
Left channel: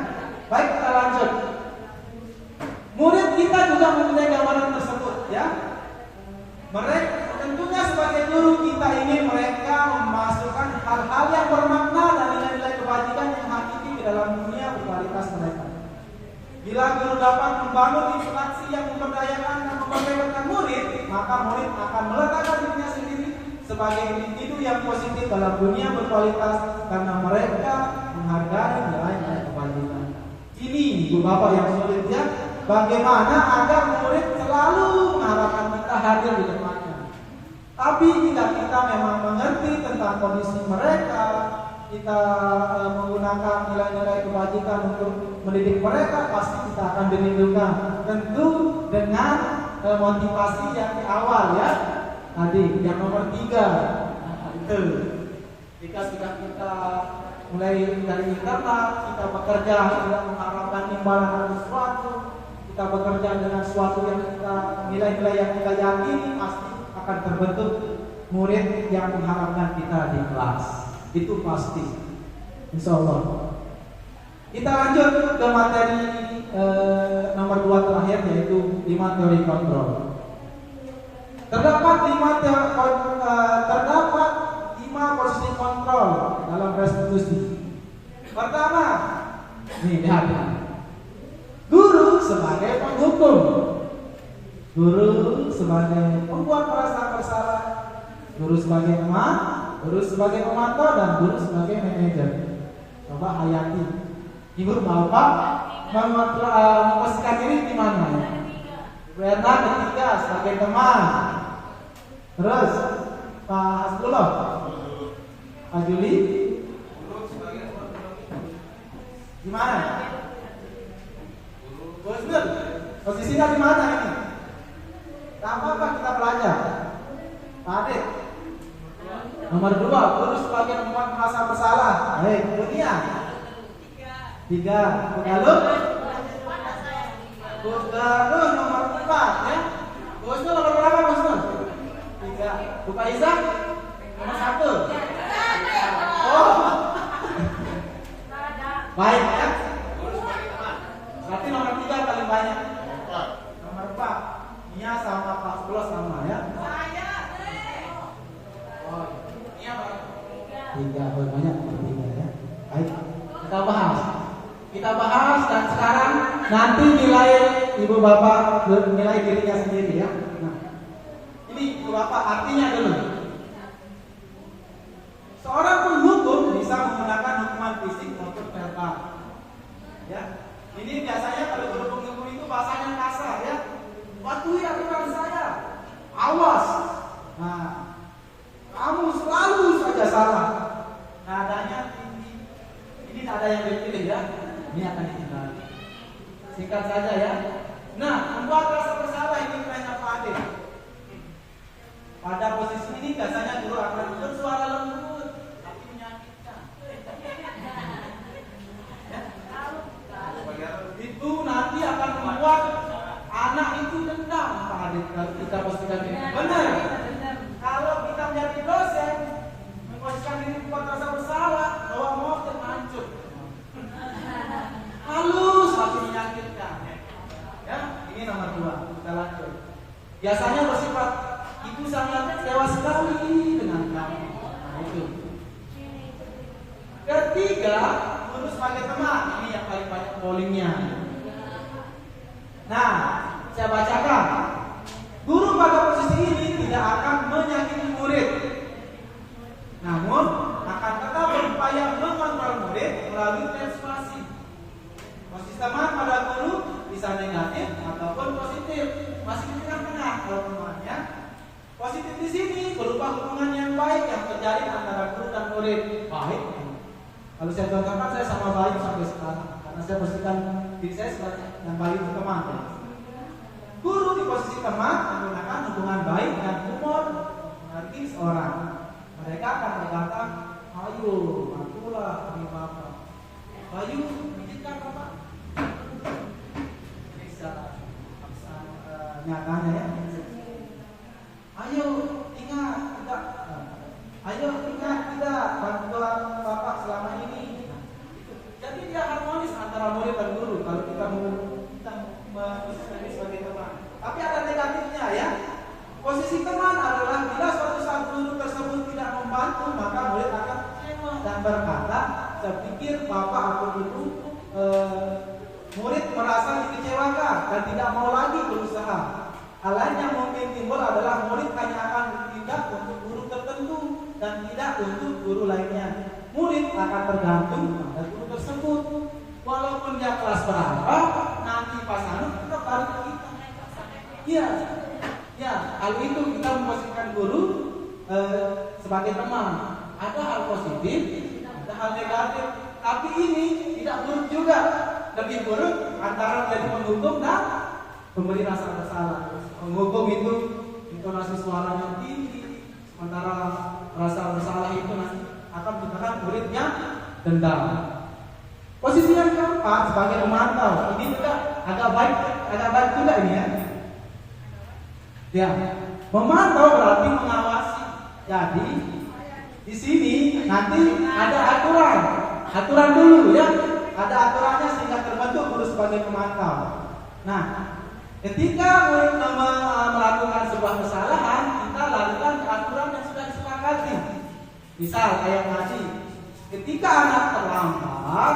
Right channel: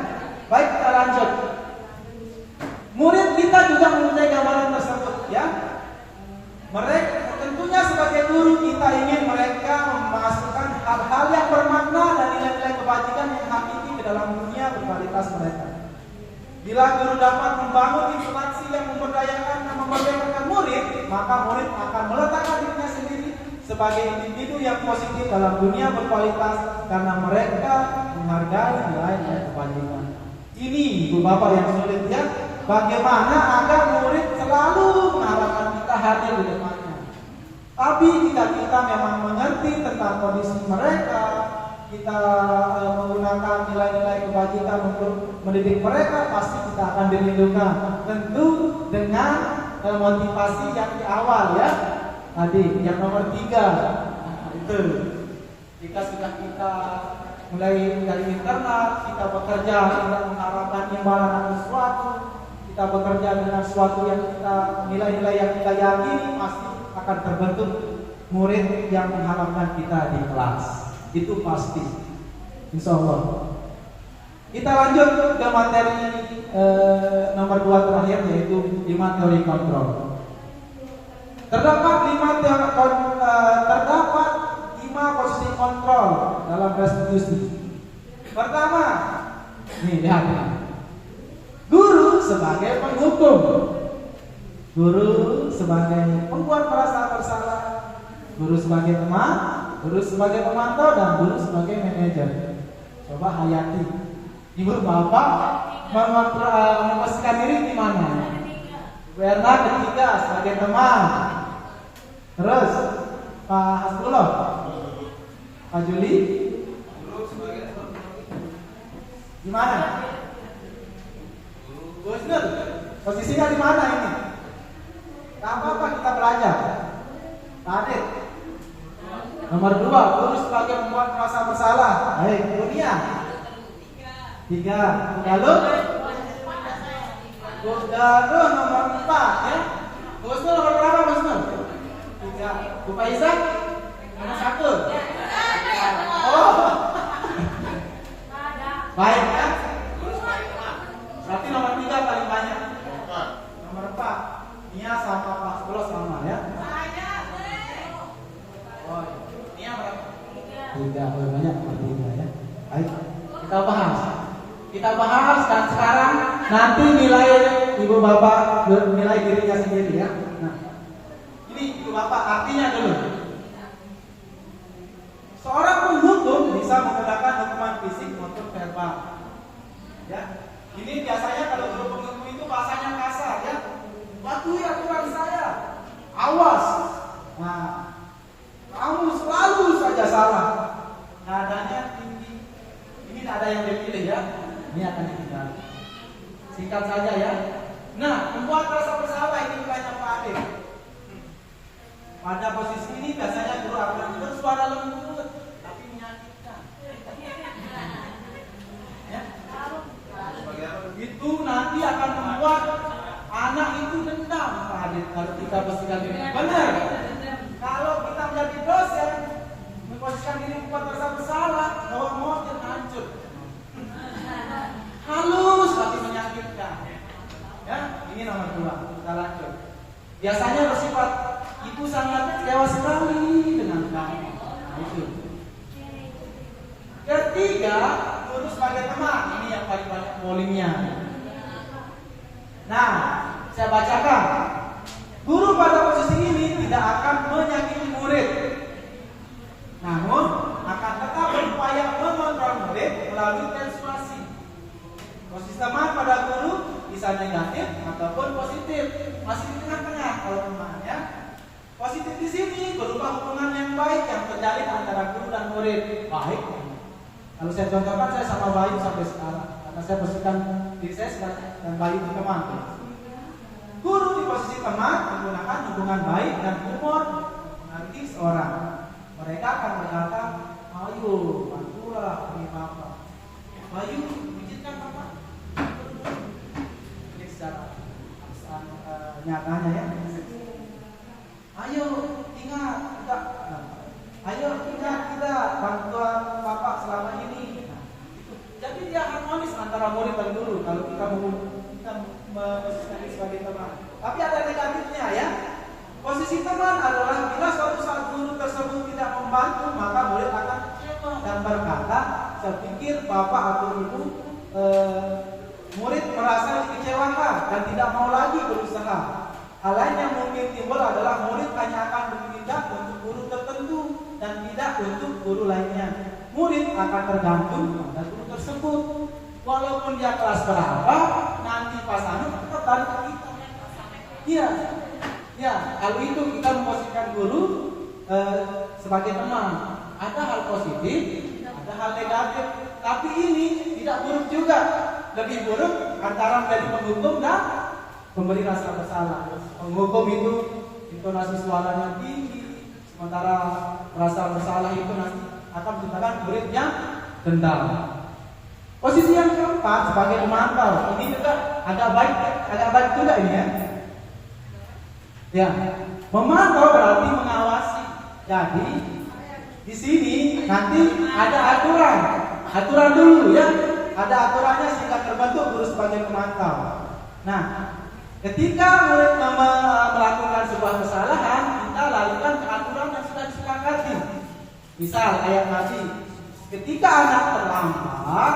Baik, kita lanjut. Murid kita juga mempunyai gambaran tersebut, ya. Mereka tentunya sebagai guru kita ingin mereka memasukkan hal-hal yang bermakna dan nilai-nilai kebajikan yang hakiki ke dalam dunia berkualitas mereka. Bila guru dapat membangun interaksi yang memberdayakan dan membanggakan murid, maka murid akan meletakkan dirinya sendiri sebagai individu yang positif dalam dunia berkualitas karena mereka menghargai nilai-nilai kebajikan. Ini Ibu Bapak yang sulit, ya. Bagaimana agar murid selalu mengharapkan kita hadir di depannya. Tapi jika kita memang mengerti tentang kondisi mereka, kita menggunakan nilai-nilai kebajikan untuk mendidik mereka, pasti kita akan dilindungi. Tentu dengan motivasi yang di awal, ya. Tadi yang nomor 3 itu jika sudah kita mulai dari internal, kita bekerja tidak mengharapkan imbalan sesuatu, kita bekerja dengan sesuatu yang kita nilai-nilai yang kita yakini, pasti akan terbentuk murid yang mengharapkan kita di kelas. Itu pasti, insya Allah. Kita lanjut ke materi nomor 2 terakhir, yaitu 5 teori kontrol. Terdapat 5 posisi kontrol dalam restitusi. Pertama, nih lihat ya. Guru sebagai penghukum, guru sebagai pembuat merasa bersalah, guru sebagai teman, guru sebagai pemantau, dan guru sebagai manajer. Coba hayati. Ibu Bapak memposisikan diri di mana? Bu Erna ketiga sebagai teman. Terus Pak Hasbullah, Pak Juli, di mana? Gus Nur, posisinya di mana ini? Apa kita belajar? Pak Adit. Nomor 2, guru sebagai pembuat merasa bersalah. Baik, dunia. 3, Galuh. Galuh nomor 4, ya. Gus Nur nomor berapa, Gus Nur? 3. Bu Faiza nomor 1. Oh. Baik, ya. Berarti nomor 3 paling banyak. Nomor 4. Nia sama Pak Sepuluh sama, ya. Oh, Nia berapa? 3. Oh, banyak nomor 3, ya. Baik, kita bahas. Dan sekarang nanti nilai Ibu Bapak nilai dirinya sendiri, ya. Nah, ini Ibu Bapak artinya dulu. Seorang penghukum bisa menggunakan hukuman fisik maupun verbal. Ya. Ini biasanya kalau guru penghukum itu bahasanya kasar, ya. Patuhi aturan saya. Awas. Nah, kamu selalu saja salah. Nadanya tinggi. Ini nada yang dipilih, ya. Ini akan kita singkat saja, ya. Nah, membuat rasa bersalah ini banyak Pak Ade. Pada posisi ini biasanya guru akan bersuara lembut tapi menyakitkan. Ya. Itu nanti akan membuat anak itu dendam, Pak Ade. Kalau kita posisikan ini benar. Kalau kita menjadi dosen, memposisikan diri membuat rasa bersalah, bahwa mobil hancur. Halus tapi menyakitkan. Ya, ini nomor 2. Kita lanjut. Biasanya bersifat ibu sangat kecewa sekali dengan kamu. Itu. Ketiga, guru sebagai teman. Ini yang paling banyak polemiknya. Nah, saya bacakan. Guru pada posisi ini tidak akan menyakiti murid, namun akan tetap berupaya mengontrol murid melalui persuasi. Posisi teman pada guru bisa negatif ataupun positif, masih di tengah-tengah kalau temannya. Positif di sini, guru baik yang terjalin antara guru dan murid. Baik. Kalau saya contohkan, saya sama Bayu sampai sekarang, karena saya posisikan diri saya sebagai dan Bayu itu teman. Guru di posisi teman menggunakan hubungan baik dan humor mengerti seorang. Mereka akan berkata, ayo bantulah beri maaf. Bayu, pijitkan Bapak. Ini secara nyatanya ya. Ayo ingat kita bantuan Bapak selama ini. Nah, itu. Jadi dia harmonis antara murid dan guru kalau kita memposisikan sebagai teman. Tapi ada negatifnya ya. Posisi teman adalah bila suatu saat guru tersebut tidak membantu, maka murid akan kecewa dan berkata, saya pikir Bapak atau Ibu murid merasa dikecewakan dan tidak mau lagi berusaha. Hal lain yang mungkin timbul adalah murid hanya akan bertindak untuk guru tertentu dan tidak untuk guru lainnya. Murid akan tergantung pada guru tersebut. Walaupun dia kelas berapa, nanti pas tetap balik ke kita. Iya, ya. Hal itu kita memposisikan guru sebagai teman. Ada hal positif, ada hal negatif. Tapi ini tidak buruk juga. Lebih buruk antara menjadi penghukum dan memberi rasa bersalah. Penghukum itu intonasi suaranya tinggi, sementara rasa bersalah itu nanti akan menciptakan muridnya dendam. Posisi yang keempat sebagai pemantau, ini juga agak baik juga ini ya. Ya, memantau berarti mengawasi. Jadi di sini nanti ada aturan dulu ya. Ada aturannya sehingga terbentuk guru sebagai pemantau. Nah, ketika murid melakukan sebuah kesalahan, kita lakukan aturan yang sudah disepakati. Misal ayat tadi, ketika anak terlambat,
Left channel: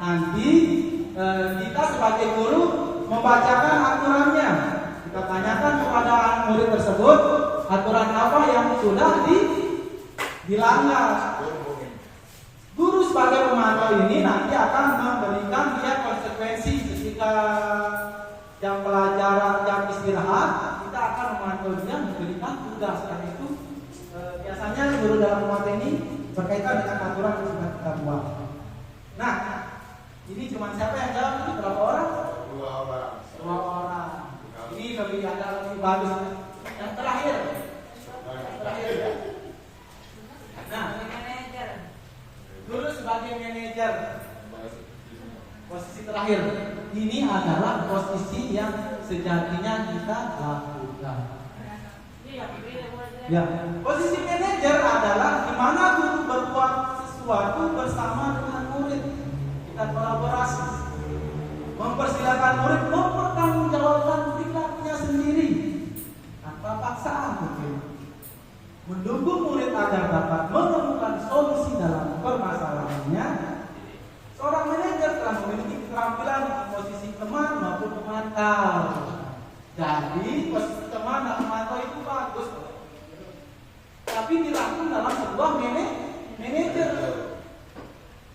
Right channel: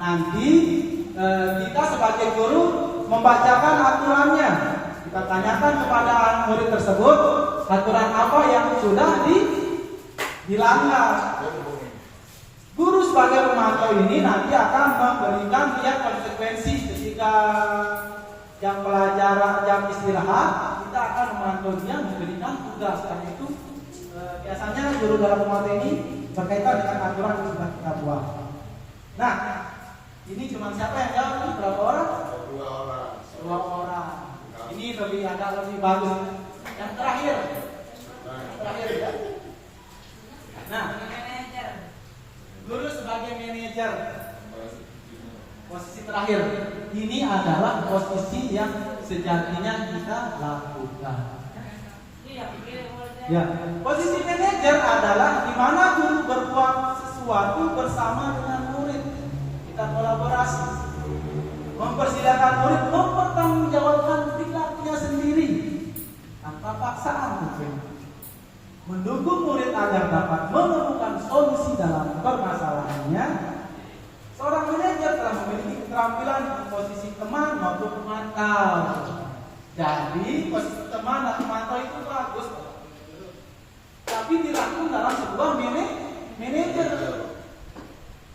nanti kita sebagai guru membacakan aturannya. Kita tanyakan kepada murid tersebut aturan apa yang sudah dilanggar. Guru sebagai pemantau ini nanti akan memberikan dia konsekuensi ketika jam pelajaran, jam istirahat, kita akan memantau dia memberikan tugas. Karena itu biasanya guru dalam pemantau ini berkaitan dengan aturan yang sudah kita buat. Nah, ini cuma siapa yang jawab? Ini berapa orang? Dua orang. Ini agak lebih bagus. Yang terakhir ya. Nah, guru sebagai manajer, posisi terakhir. Ini adalah posisi yang sejatinya kita lakukan. Ya, posisi manajer adalah di mana guru berbuat sesuatu bersama dengan murid. Kita kolaborasi, mempersilakan murid mempertanggungjawabkan perilakunya sendiri tanpa paksaan mungkin. Mendukung murid agar dapat menemukan solusi dalam permasalahannya. Seorang manajer telah memiliki keterampilan di posisi teman maupun pemantau. Jadi posisi teman dan pemantau itu bagus, tapi dilakukan dalam sebuah manajer.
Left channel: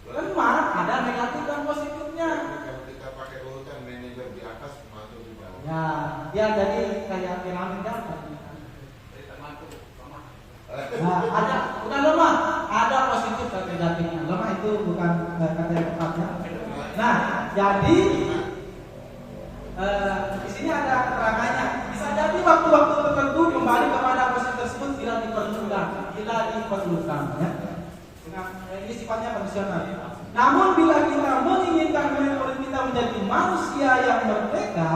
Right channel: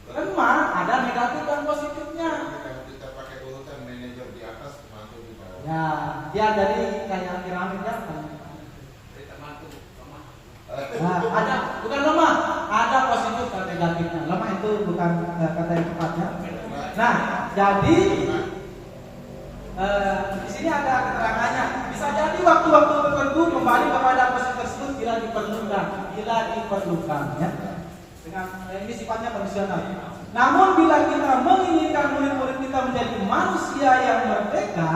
Lemah, ada negatif dan positifnya. Kalau kita pakai urutan manajer di atas, pemantau di bawah. Ya, dia dari kayak piramid kan. Nah, ada bukan lemah, ada positif dan negatifnya. Lemah itu bukan kata yang tepat ya. Nah, jadi di sini ada keterangannya. Bisa jadi waktu-waktu tertentu kembali kepada posisi tersebut bila diperlukan, ya. Dengan ini sifatnya kondisional. Namun bila kita menginginkan murid-murid kita menjadi manusia yang merdeka,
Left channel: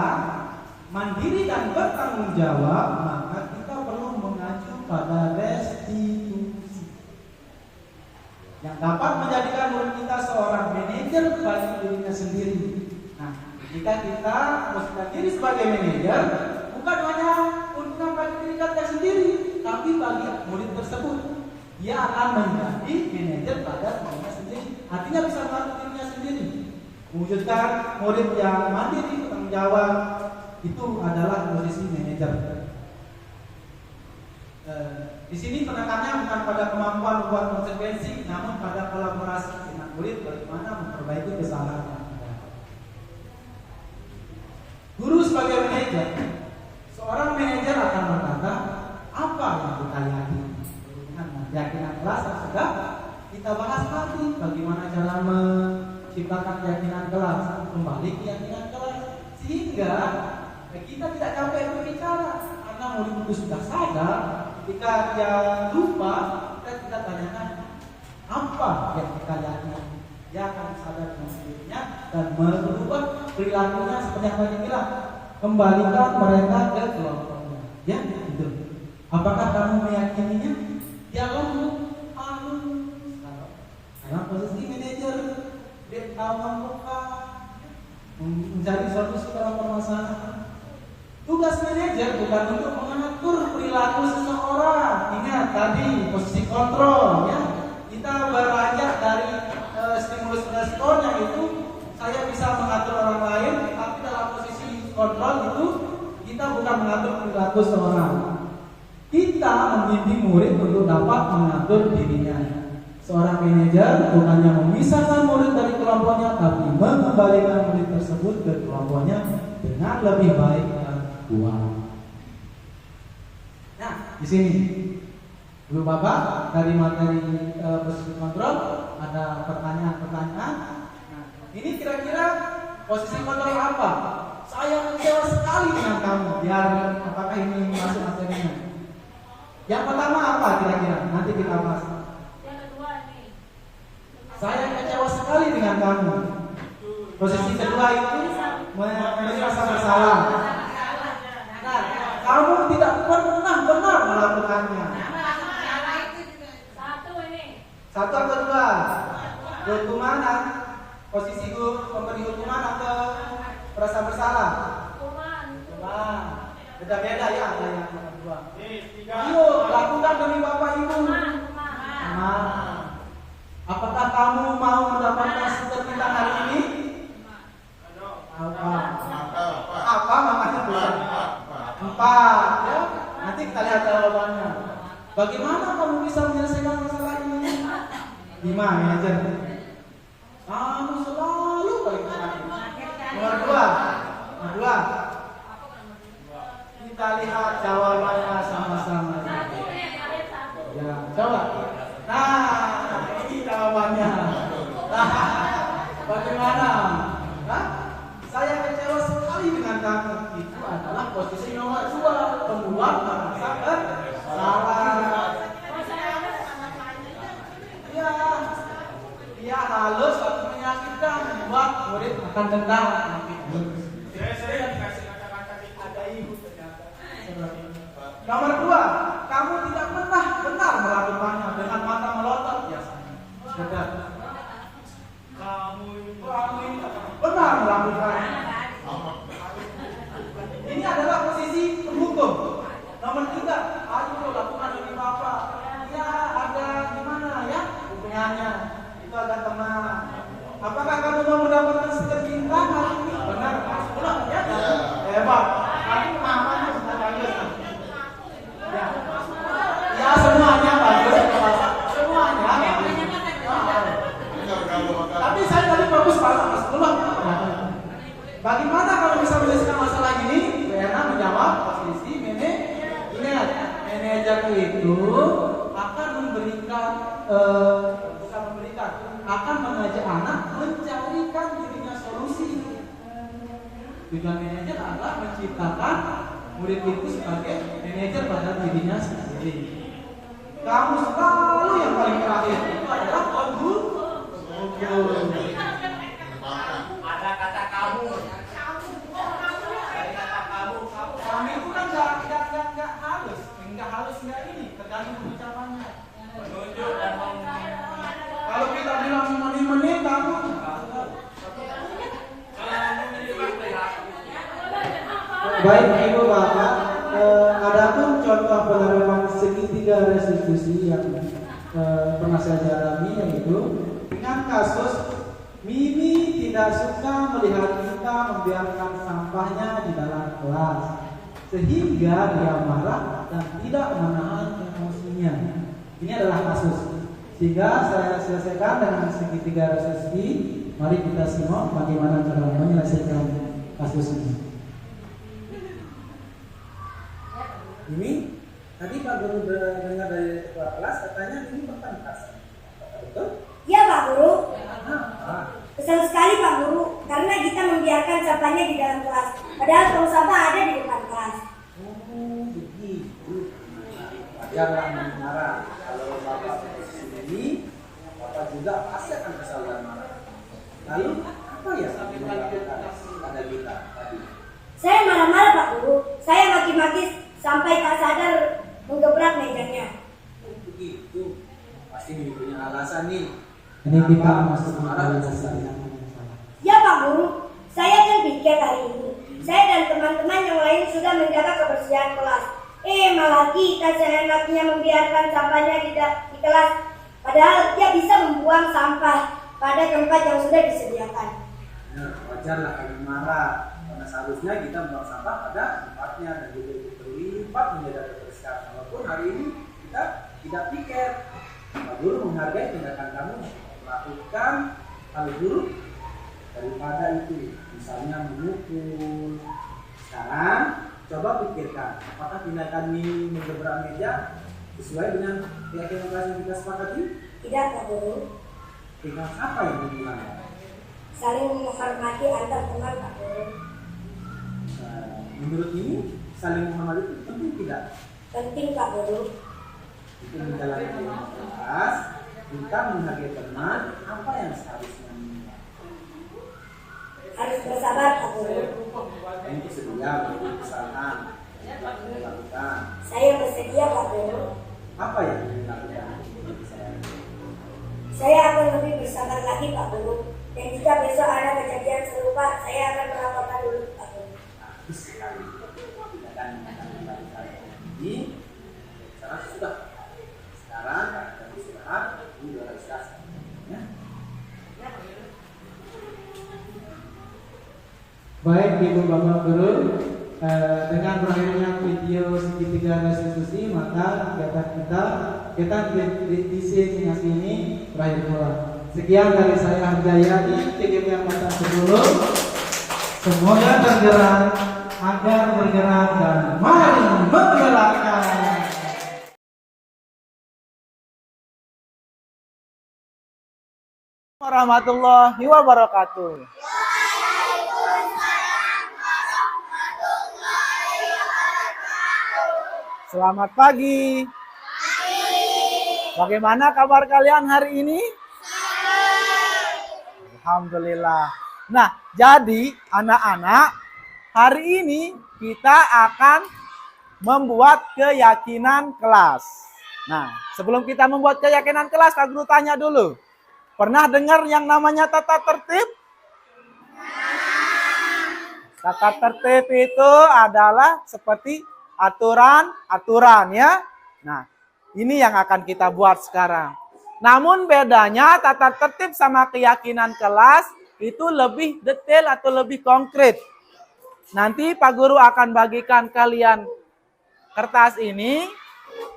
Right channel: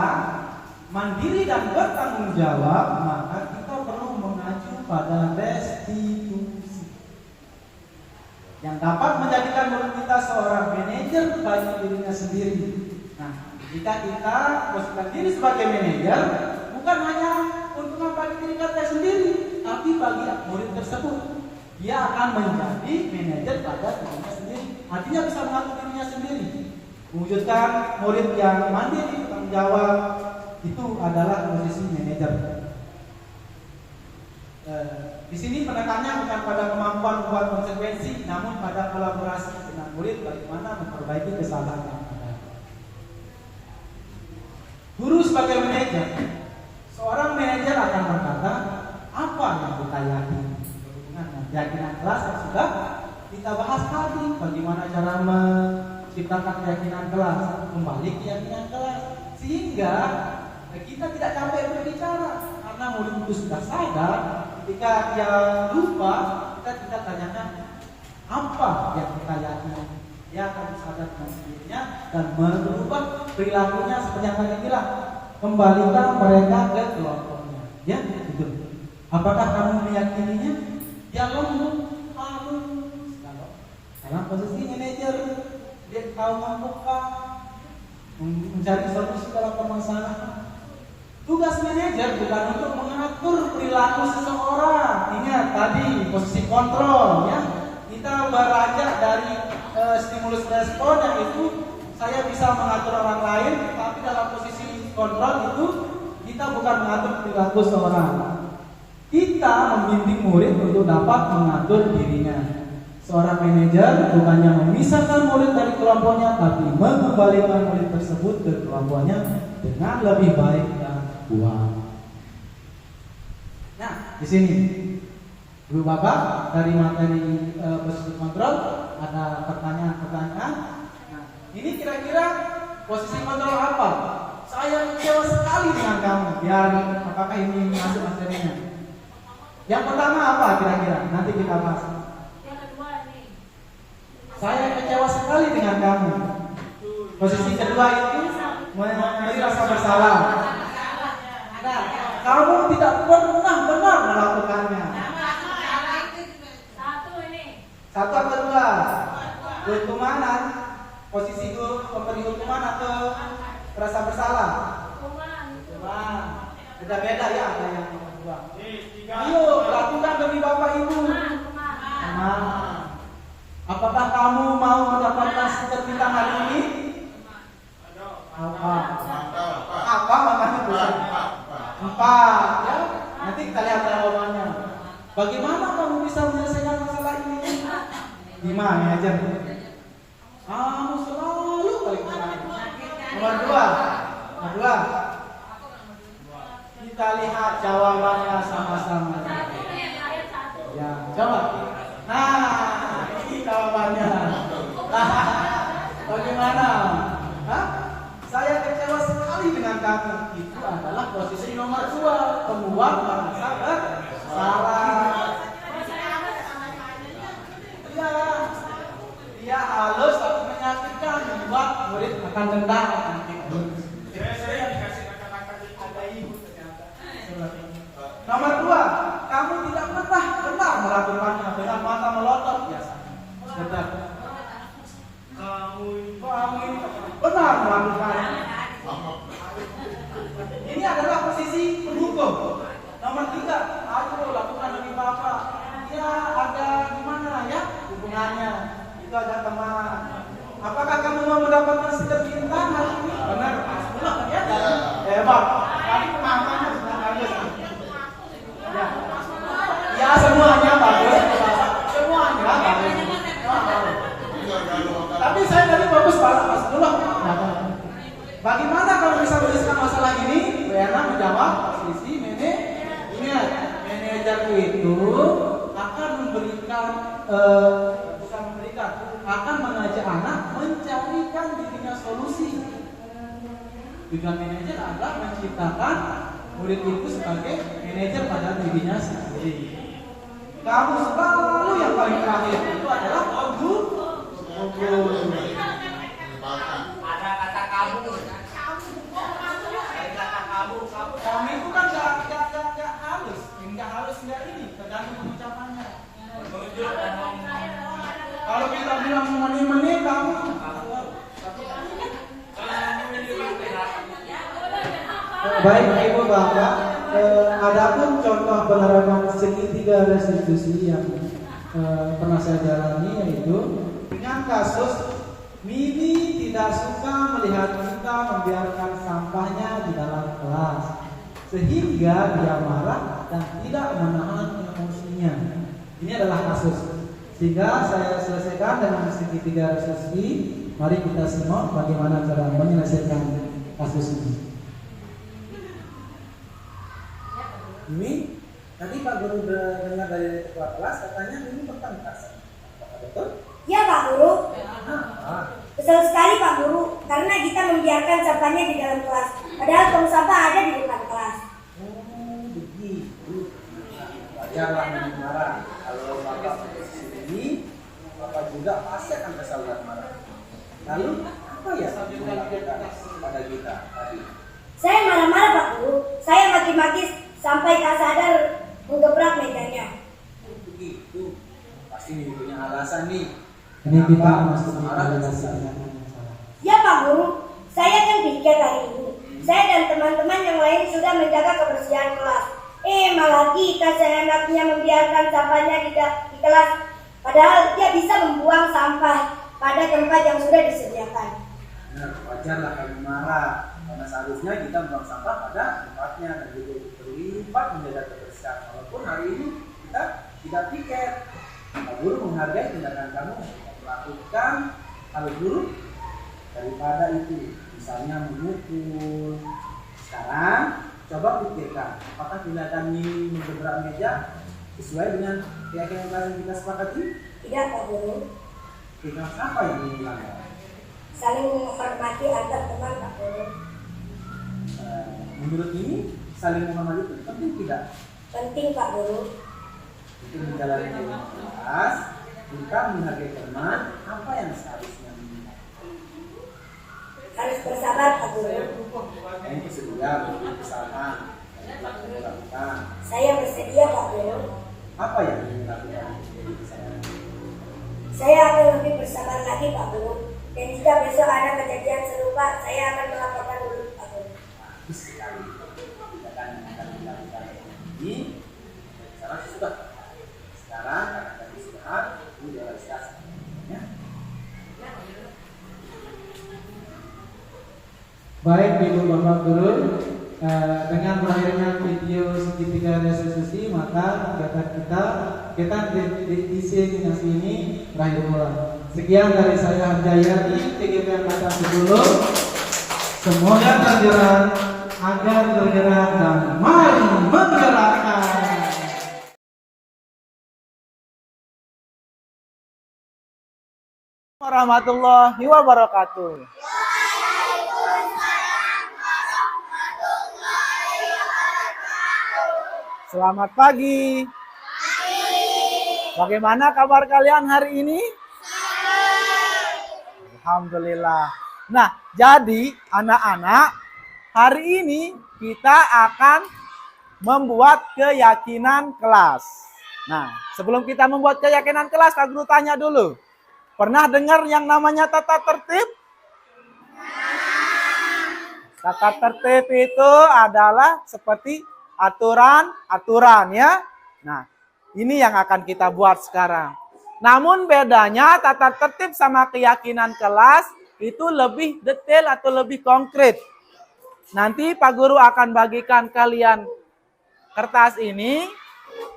mandiri dan bertanggung jawab, maka kita perlu mengacu pada restitusi yang dapat menjadikan murid kita seorang manajer bagi dirinya sendiri. Nah, jika kita posisikan diri sebagai manajer, bukan hanya keuntungan bagi diri kita sendiri, tapi bagi murid tersebut. Dia akan menjadi manajer pada dirinya sendiri. Artinya bisa mengatur dirinya sendiri, mewujudkan murid yang mandiri, bertanggung jawab. Itu adalah posisi manajer. Di sini penekanannya bukan pada kemampuan membuat konsekuensi, namun pada kolaborasi dengan murid bagaimana memperbaiki kesalahan yang ada. Guru sebagai manajer, seorang manajer akan berkata apa yang kita yakini berhubungan dengan keyakinan kelas yang sudah kita bahas tadi. Bagaimana cara menciptakan keyakinan kelas, kembali keyakinan kelas, sehingga kita tidak capek berbicara karena murid itu sudah sadar. Ketika dia lupa, kita tanyakan apa yang kita yakini, dia akan sadar dengan sendirinya dan merubah perilakunya. Seperti yang tadi bilang, kembalikan mereka ke kelompoknya. Ya, gitu. Apakah kamu meyakininya? Ya lembut, halus. Dalam posisi manajer, dia tahu membuka, mencari solusi dalam permasalahan. Tugas manajer bukan untuk mengatur perilaku seseorang. Ingat tadi posisi kontrol, ya. Kita beranjak dari stimulus respon yang itu saya bisa mengatur orang lain, tapi dalam posisi kontrol itu kita bukan mengatur perilaku seseorang. Kita membimbing murid untuk dapat mengatur dirinya. Seorang manajer bukannya memisahkan murid dari kelompoknya, tapi mengembalikan murid tersebut ke kelompoknya dengan lebih baik dan kuat. Nah, di sini Ibu Bapak dari materi posisi kontrol ada pertanyaan-pertanyaan. Nah, ini kira-kira posisi kontrol apa? Saya kecewa sekali dengan kamu. Biar apakah ini masuk materinya? Yang pertama apa kira-kira? Nanti kita bahas. Yang kedua nih. Saya kecewa sekali dengan kamu. Posisi kedua itu memberi rasa bersalah. Nah, kamu tidak pernah benar melakukannya. Satu ini. Satu atau dua? Hukuman. Posisi memberi hukuman atau rasa bersalah? Hukuman. Beda-beda ya, ada yang kedua. Ayo lakukan demi Bapak Ibu. Apakah kamu mau mendapatkan sertifikat hari ini? Apa makanya bukan? 4 ya. Nanti kita lihat jawabannya. Bagaimana kamu bisa menyelesaikan masalah ini? 5 manajer. Kamu selalu paling terakhir. Nomor 2. Kita lihat jawabannya sama-sama. Ya, coba. Nah, ini jawabannya. Bagaimana? Saya kecewa sekali dengan kamu. Itu adalah posisi nomor 2, pembuat merasa bersalah. Dia halus atau menyakitkan, membuat murid akan dendam. Saya dikasih kata-kata ada ibu ternyata. Nomor 2, kamu tidak pernah benar melakukannya dengan mata melotot biasanya. Benar. Kamu ini benar melakukannya. Ini adalah posisi pendukung. Nomor 3, ayo lakukan demi Bapak. Ya ada gimana ya hubungannya? Itu ada teman. Apakah kamu mau mendapatkan sertifikat hari ini? Benar. Benar ya? Hebat. Tadi mamanya sudah bagus. Ya. Ya semuanya bagus. Semuanya bagus. Tapi saya tadi bagus Mas. Belum. Bagaimana kalau bisa menyelesaikan masalah ini? Wena menjawab posisi manajer itu akan akan mengajak anak mencarikan dirinya solusi. Tujuan manajer adalah menciptakan murid itu sebagai manajer pada dirinya sendiri. Kamu selalu yang paling terakhir itu adalah ogut. Ada kata kamu. Kamu itu kan nggak halus, nggak ini, tergantung pengucapannya. Kalau kita bilang menit kamu. Baik Ibu Bapak, adapun contoh penerapan segitiga restitusi yang pernah saya jalani yaitu dengan kasus Mimi tidak suka melihat kita membiarkan sampahnya di dalam kelas, sehingga dia marah dan tidak menahan emosinya. Ini adalah kasus. Sehingga saya selesaikan dengan segitiga restitusi. Mari kita simak bagaimana cara menyelesaikan kasus ini. Ini Tadi Pak Guru dengar dari ketua kelas katanya ini pertentasan. Apakah betul? Iya Pak Guru. Ah, Kesal sekali Pak Guru, karena kita membiarkan sampahnya di dalam kelas. Padahal tong sampah ada di depan kelas. oh begitu. Wajarlah marah. Kalau Bapak sini, Bapak juga pasti akan kesal dan marah. Lalu apa ya yang dilakukan pada kita tadi? Saya marah-marah Pak Guru. Saya maki-maki sampai tak sadar menggebrak mejanya. Oh, begitu. Pasti ini punya alasan nih. Ini kita masuk marah dan selesai. Ya Pak Guru, saya kan piket hari ini. Saya dan teman-teman yang lain sudah menjaga kebersihan kelas. Malah kita seenaknya membiarkan sampahnya di kelas. Padahal dia bisa membuang sampah pada tempat yang sudah disediakan. Nah, wajarlah kami marah. Karena seharusnya kita membuang sampah pada tempatnya dan juga terlibat menjaga kebersihan. Walaupun hari ini kita tidak piket. Pak Guru menghargai tindakan kamu melakukan hal buruk daripada itu, misalnya memukul. Sekarang coba pikirkan, apakah tindakan ini menggebrak meja sesuai dengan keyakinan yang kita sepakati? Tidak Pak Guru. Tinggal apa yang dilanggar? Saling menghormati antar teman Pak Guru. Menurut ini saling menghormati itu penting tidak? Penting Pak Guru. Itu menjalani kelas, kita menghargai teman, apa yang seharusnya Harus bersabar Pak Guru. yang bersedia beri kesalahan yang telah dilakukan. Saya bersedia Pak Guru. Apa yang dilakukan? Saya akan lebih bersabar lagi Pak Guru. Dan jika besok ada kejadian serupa, saya akan melaporkan dulu Pak Guru. Bagus sekali. Tindakan yang akan dilakukan ini sekarang sudah. Sekarang kita istirahat, ini realisasi. Ya. Baik Ibu Bapak Guru, dengan berakhirnya video segitiga restitusi, maka kita disinasi ini berakhir pula. Sekian dari saya Harjayati, TGP Angkatan 10. Semoga tergerak, agar bergerak dan mari menggerakkan. Warahmatullahi wabarakatuh. Selamat pagi. Bagaimana kabar kalian hari ini? Alhamdulillah. Nah, jadi anak-anak, hari ini kita akan membuat keyakinan kelas. Nah, sebelum kita membuat keyakinan kelas, Kak Guru tanya dulu. Pernah dengar yang namanya tata tertib? Tata tertib itu adalah seperti aturan-aturan ya. Nah, ini yang akan kita buat sekarang. Namun bedanya tata tertib sama keyakinan kelas itu lebih detail atau lebih konkret. Nanti Pak Guru akan bagikan kalian kertas ini.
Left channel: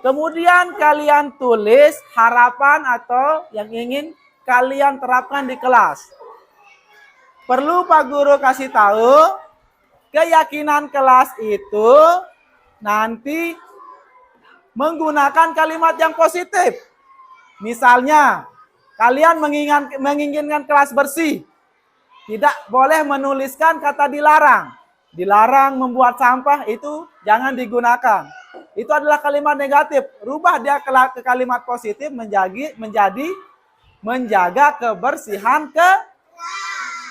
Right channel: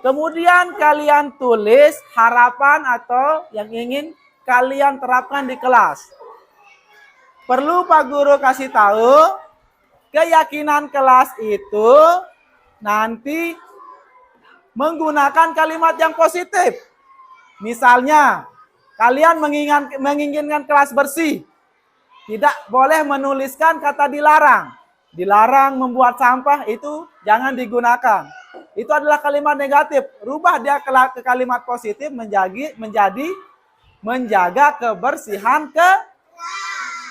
Kemudian kalian tulis harapan atau yang ingin kalian terapkan di kelas. Perlu Pak Guru kasih tahu, keyakinan kelas itu nanti menggunakan kalimat yang positif. Misalnya, kalian menginginkan kelas bersih. Tidak boleh menuliskan kata dilarang. Dilarang membuat sampah itu jangan digunakan. Itu adalah kalimat negatif. Rubah dia ke kalimat positif menjadi menjaga kebersihan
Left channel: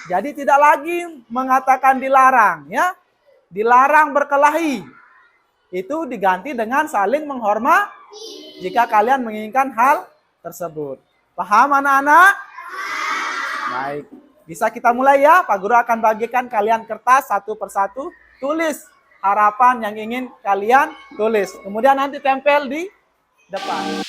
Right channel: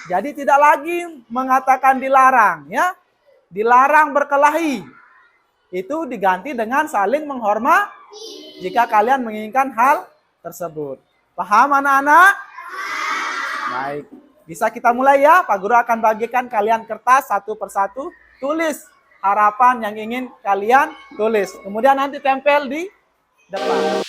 jadi tidak lagi mengatakan dilarang ya. Dilarang berkelahi. Itu diganti dengan saling menghormati jika kalian menginginkan hal tersebut. Paham anak-anak? Baik. Bisa kita mulai ya. Pak Guru akan bagikan kalian kertas satu persatu. Tulis harapan yang ingin kalian tulis. Kemudian nanti tempel di depan.